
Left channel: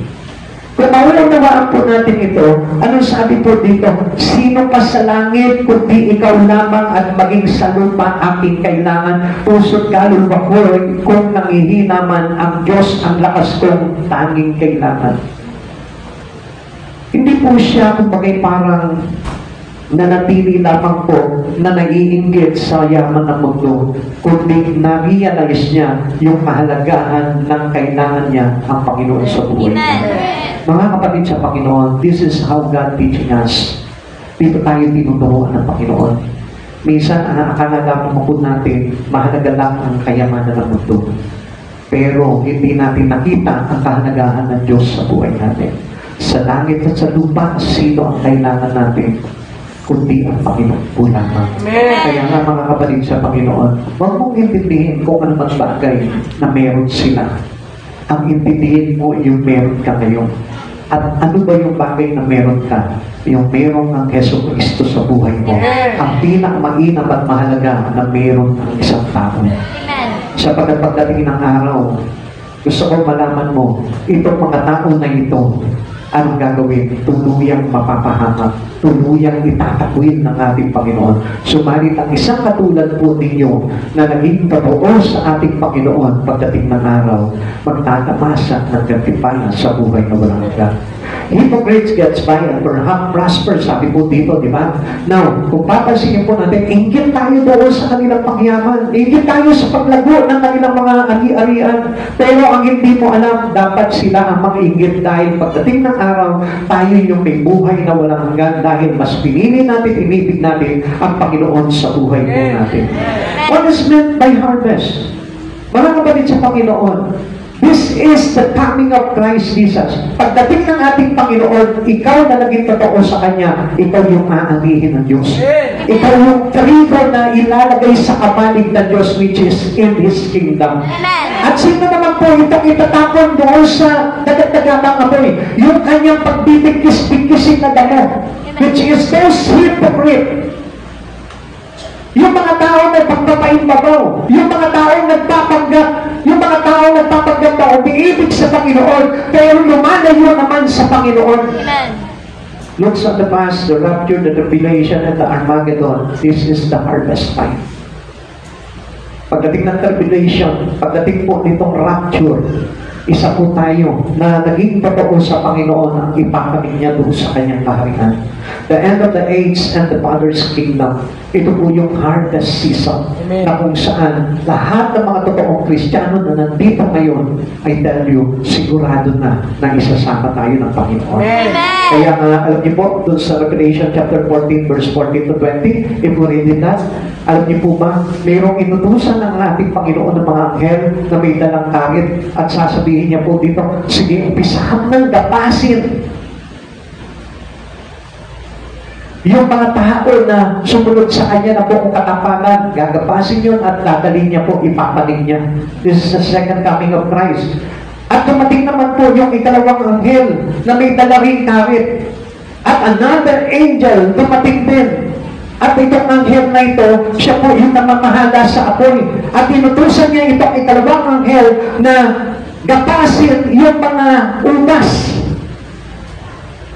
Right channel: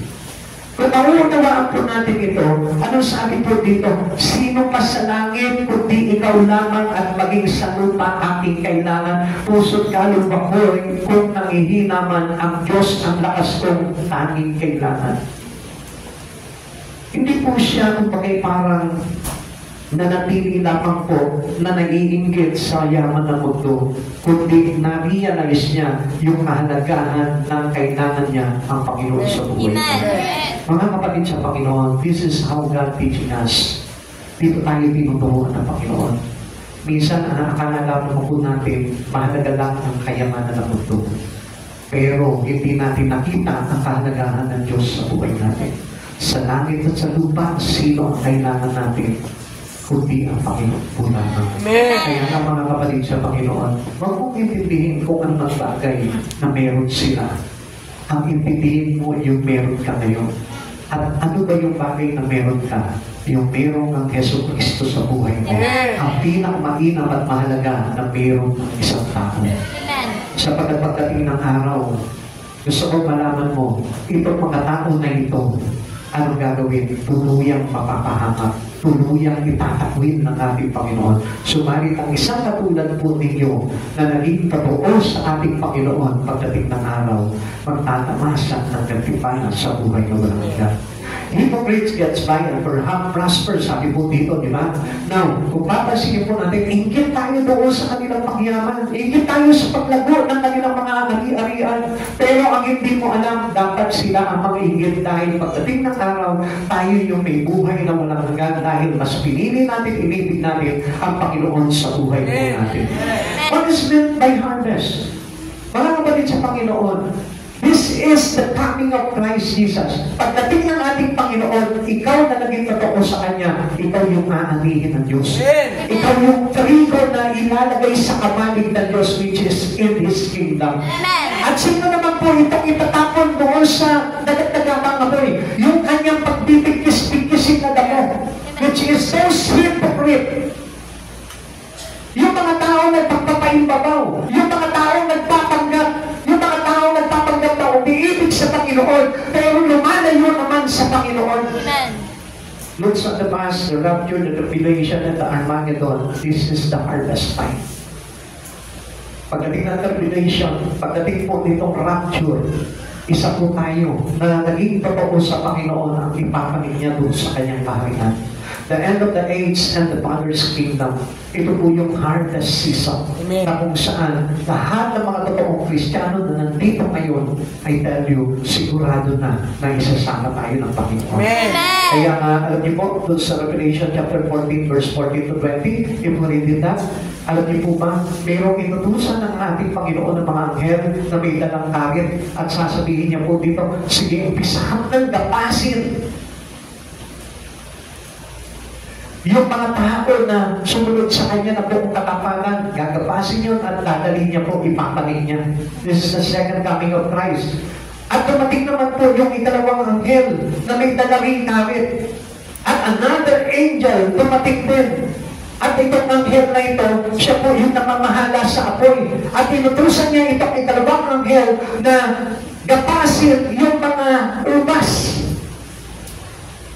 Kung mauunawaan po natin ito, anong sabi po dito? Sino pa sa langit, kundi ikaw lamang at maging sa lupa aking kailangan. Puso't kaluluwa ko, kung nangihina man ang Diyos ang lakas kong tanging kailangan. Hindi po siya, kumbaga parang nanatili lamang po na nag-iinggit sa yaman ng mundo, kundi na-realize niya yung kahalagahan ng kailangan niya ang Panginoon sa buhay niya. Mga kapatid sa Panginoon, this is how God teaching us. Dito tayo tinuturuan ng Panginoon. Minsan, ang akalagaan mo po natin, mahalaga lang ang kayamanan ng mundo. Pero hindi natin nakita ang kahalagahan ng Diyos sa buhay natin. Sa langit at sa lupa, sino ang kailangan natin? Kundi ang Panginoon po lamang. Kaya nga mga kapatid sa Panginoon, huwag mong intindihin kung ano mang bagay na meron sila. Ang intindihin mo yung meron ka ngayon. At ano ba yung bagay na meron ka? Yung meron ng Hesus Kristo sa buhay mo. Ang pinakamainam at mahalaga na meron ng isang tao. Sa pagdating ng araw, gusto kong malaman mo, itong mga tao na ito, anong gagawin? Tuluyang mapapahamak, tuluyang itatakwil ng ating Panginoon. Sumalit ang isang katulad po ninyo na naging totoo sa ating Panginoon pagdating ng araw, magtatamasa ng gantimpala sa buhay na walang hanggan. Hypocrites gets by and perhaps prosper, sabi po dito, di ba? Now, kung papansinin po natin, inggit tayo doon sa kanilang pagyaman. Inggit tayo sa paglago ng kanilang mga ari-arian. Pero ang hindi mo alam, dapat sila ang mga inggit dahil pagdating ng araw, tayo yung may buhay na walang hanggan dahil mas pinili natin, inibig natin ang Panginoon sa buhay po natin. What is meant by harvest? Mga kapatid sa Panginoon, this is the coming of Christ Jesus. Pagdating ng ating Panginoon, ikaw na naging totoo sa Kanya, ikaw yung aanihin ng Diyos. Ikaw yung trigo na ilalagay sa kamalig ng Diyos, which is in His kingdom. Amen. At sino naman po itong itatapon doon sa dagat-dagatang apoy? Yung kanyang pagbibigkis-bigkisin na dagat, which is those hypocrite. Yung mga tao na pagpapaimbabaw, yung mga tao nagpapanggap, yung mga tao nagpapanggap na umiibig sa Panginoon, pero lumalayo naman sa Panginoon. Amen. Looks at the past, the rapture, the tribulation, and the Armageddon. This is the harvest time. Pagdating ng tribulation, pagdating po nitong rapture, isa po tayo na naging totoo sa Panginoon ang ipakamit niya doon sa kanyang kaharian. The end of the age and the Father's kingdom. Ito po yung harvest season. Amen. Na kung saan lahat ng mga totoong Kristiyano na nandito ngayon, I tell you, sigurado na isasama tayo ng Panginoon. Amen. Kaya nga, alam niyo po, doon sa Revelation chapter 14, verse 14 to 20, if we read that, alam niyo po ba, mayroong inutusan ng ating Panginoon ng mga anghel na may dalang karit at sasabihin niya po dito, sige, umpisahan ng gapasin yung mga tao na sumunod sa kanya na buong katapangan, gagapasin yun at dadalhin niya po, ipapaling niya. This is the second coming of Christ. At dumating naman po yung ikalawang anghel na may dala ring karit. At another angel dumating din. At itong anghel na ito, siya po yung namamahala sa apoy. At inutusan niya itong ikalawang anghel na gapasin yung mga umas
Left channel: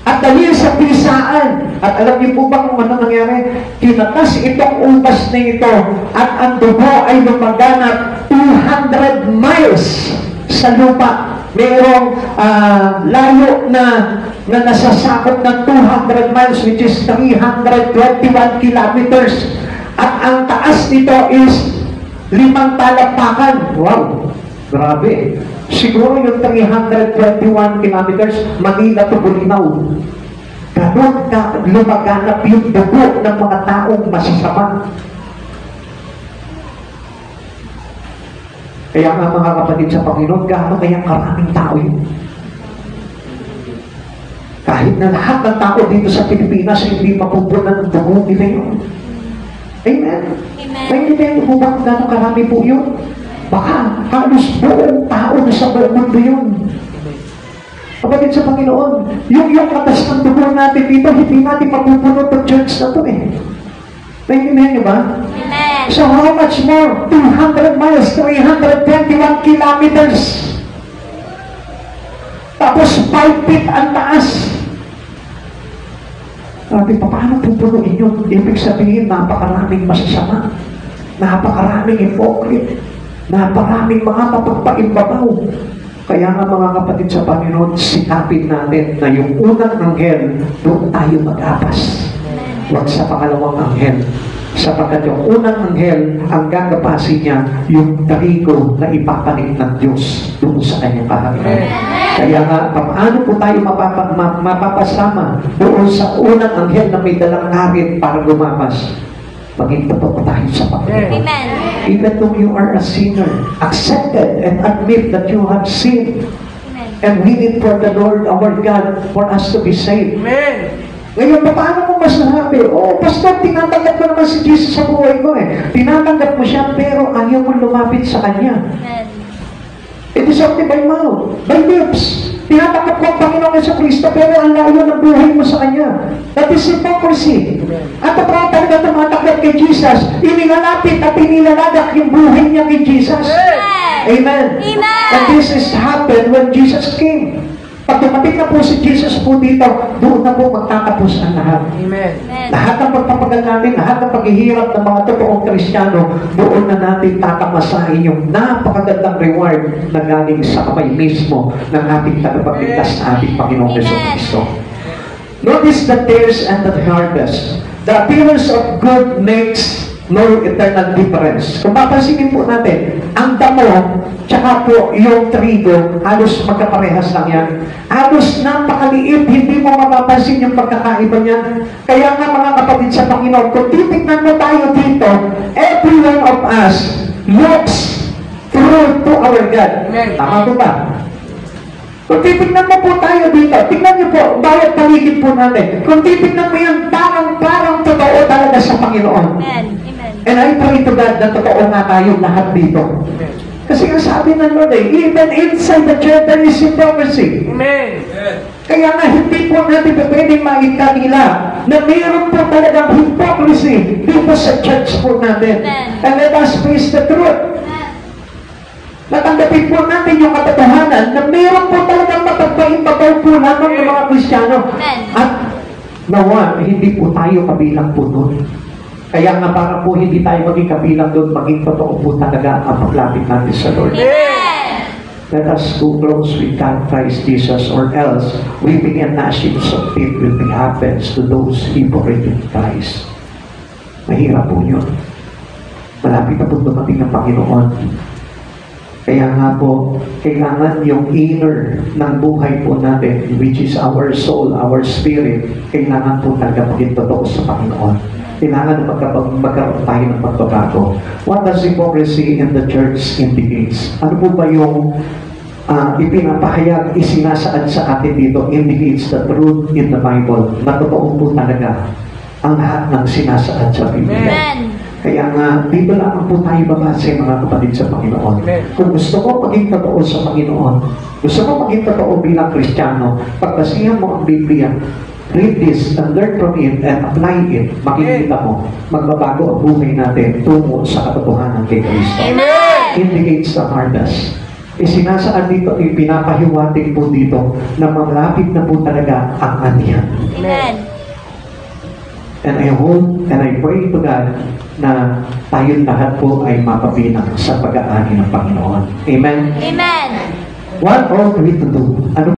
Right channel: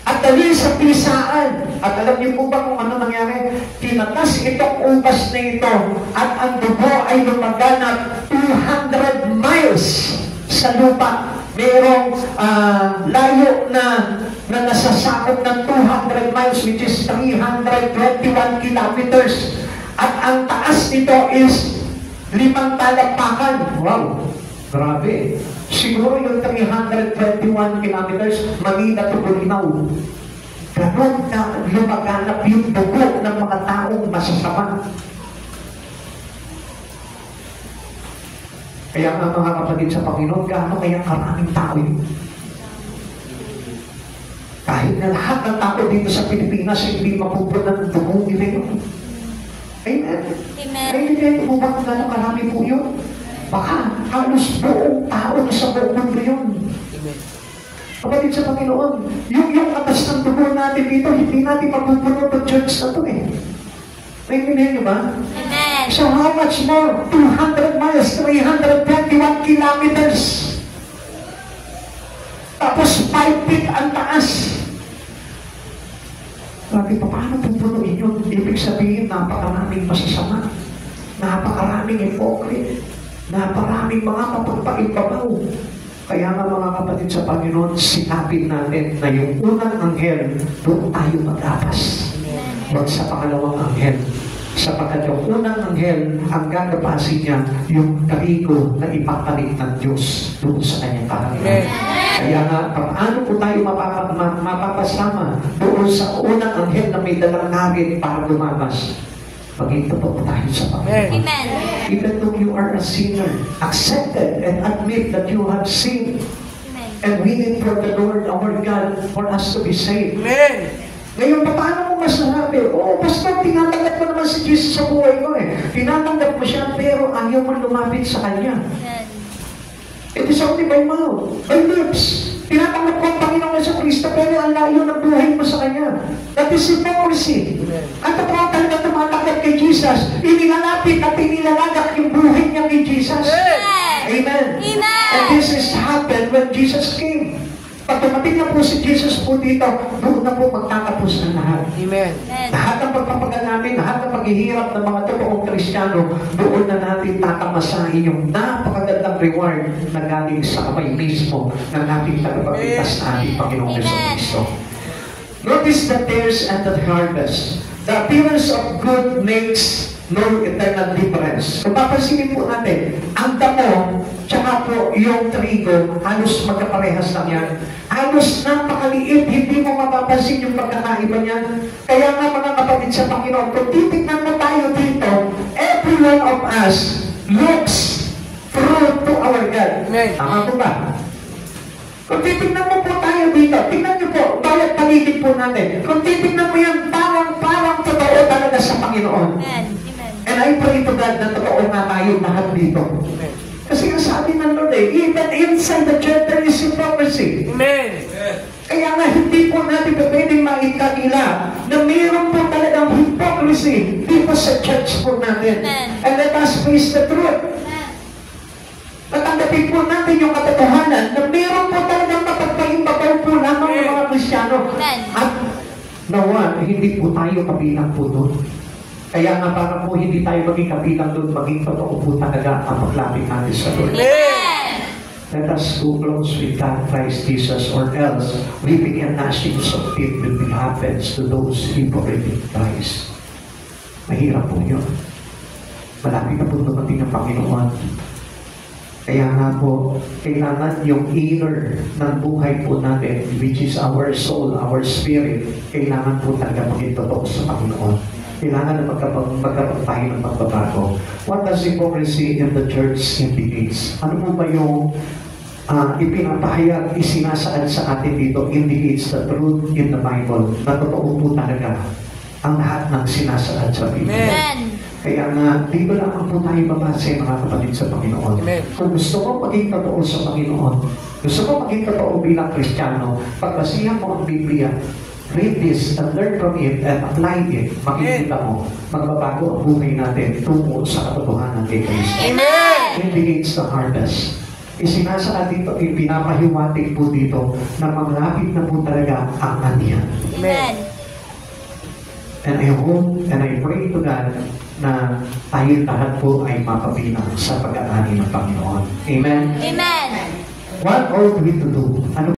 at dalhin sa pisaan. At alam niyo po ba kung ano nangyari? Kinatas itong umas na ito at ang dugo ay lumaganap 200 miles sa lupa. Mayroong layo na nasasakop ng 200 miles, which is 321 kilometers. At ang taas nito is 5 talakpakan. Wow! Grabe. Siguro yung 321 kilometers, Manila to Bulinaw. Ganon ka lumaganap yung dugo ng mga taong masasama. Kaya nga mga kapatid sa Panginoon, gaano kaya karaming tao yun? Kahit na lahat ng tao dito sa Pilipinas hindi mapupunan ng dugo nila yun. Amen? Naintindihan niyo po ba kung gaano karami po yun? Baka halos buong tao na sa buong mundo yun. Kapatid sa Panginoon, yung katas ng dugo natin dito, hindi natin mapupunod ng church na ito eh. Naintindihan niyo ba? Amen. So how much more? 200 miles, 321 kilometers. Tapos 5 feet ang taas. Sabi, paano pupunuin yun? Ibig sabihin, napakaraming masasama. Napakaraming hypocrite. Napakaraming mga mapagpaimbabaw. Kaya nga mga kapatid sa Panginoon, sikapin natin na yung unang anghel, doon tayo mag-apas. Huwag sa pangalawang anghel. Sapagkat yung unang anghel, ang gagapasin niya, yung trigo na ipapalit ng Diyos doon sa kanyang kaharian. Kaya nga, paano po tayo mapapasama doon sa unang anghel na may dalang karit para gumapas? Maging totoo tayo sa Panginoon. Amen. Even though you are a sinner, accepted and admit that you have sinned. And we need for the Lord our God for us to be saved. Amen. Ngayon, paano mo masasabi? Oh, Pastor, tinatanggap ko naman si Jesus sa buhay ko eh. Tinatanggap mo siya, pero ayaw mo lumapit sa Kanya. Amen. It is only by mouth, by lips. Tinatanggap mo ang Panginoon sa Kristo, pero ang layo ng buhay mo sa Kanya. That is hypocrisy. At kapag talaga tumatakot kay Jesus, inilalapit at inilalagak yung buhay niya kay Jesus. Amen. Amen. And this is happened when Jesus came. Pag dumating na po si Jesus po dito, doon na po magtatapos ang lahat. Amen. Lahat ng pagpapagal namin, lahat ng paghihirap ng mga totoong Kristiyano, doon na natin tatamasahin yung napakagandang reward na galing sa kamay mismo ng ating tagapagligtas na ating Panginoong Jesucristo. Notice the tares and the harvest. The appearance of good makes no eternal difference. Kung papansinin po natin, ang damo, tsaka po yung trigo, halos magkaparehas lang yan. Halos napakaliit, hindi mo mapapansin yung pagkakaiba niyan. Kaya nga mga kapatid sa Panginoon, kung titignan mo tayo dito, every one of us looks through to our God. Tama po ba? Kung titignan mo po tayo dito, tignan niyo po, bawat paligid po natin. Kung titignan mo yan, parang totoo talaga sa Panginoon. Panginoon. Amen. And I pray to God na totoo nga tayo lahat dito. Kasi ang sabi ng Lord even inside the church there is hypocrisy. Amen. Kaya nga hindi po natin pwedeng maikanila na mayroon po talagang hypocrisy dito sa church po natin. And let us face the truth. Natanggapin po natin yung katotohanan na mayroon po talagang mapagpaimbabaw po lamang ng mga Kristiyano. At nawa, hindi po tayo kabilang po doon. Kaya nga para po hindi tayo maging kabilang doon, maging totoo po talaga ang paglapit natin sa Lord. Let us go close with God, Christ Jesus, or else weeping and gnashing of teeth will be happens to those hypocrite in Christ. Mahirap po yun. Malapit na po dumating ng Panginoon. Kaya nga po, kailangan yung inner ng buhay po natin, which is our soul, our spirit, kailangan po talaga maging totoo sa Panginoon. Kailangan na magkaroon tayo ng pagbabago. What does hypocrisy in the church indicates? Ano po ba yung ipinapahayag, isinasaad sa atin dito, indicates the truth in the Bible, na totoo po talaga ang lahat ng sinasaad sa Biblia. Amen. Kaya nga, dito lang po tayo babase mga kapatid sa Panginoon. Kung gusto ko maging totoo sa Panginoon, gusto ko maging totoo bilang Kristiyano, pagbasihan mo ang Biblia, read this and learn from it and apply it, makikita mo, magbabago ang buhay natin tungo sa katotohanan kay Kristo. Indicates the hardest. Isinasaad dito, ipinapahiwatig po dito na malapit na po talaga ang anihan. Amen. And I hope and I pray to God na tayong lahat po ay mapabilang sa pag-aani ng Panginoon. Amen? Amen. What ought we to do? Ano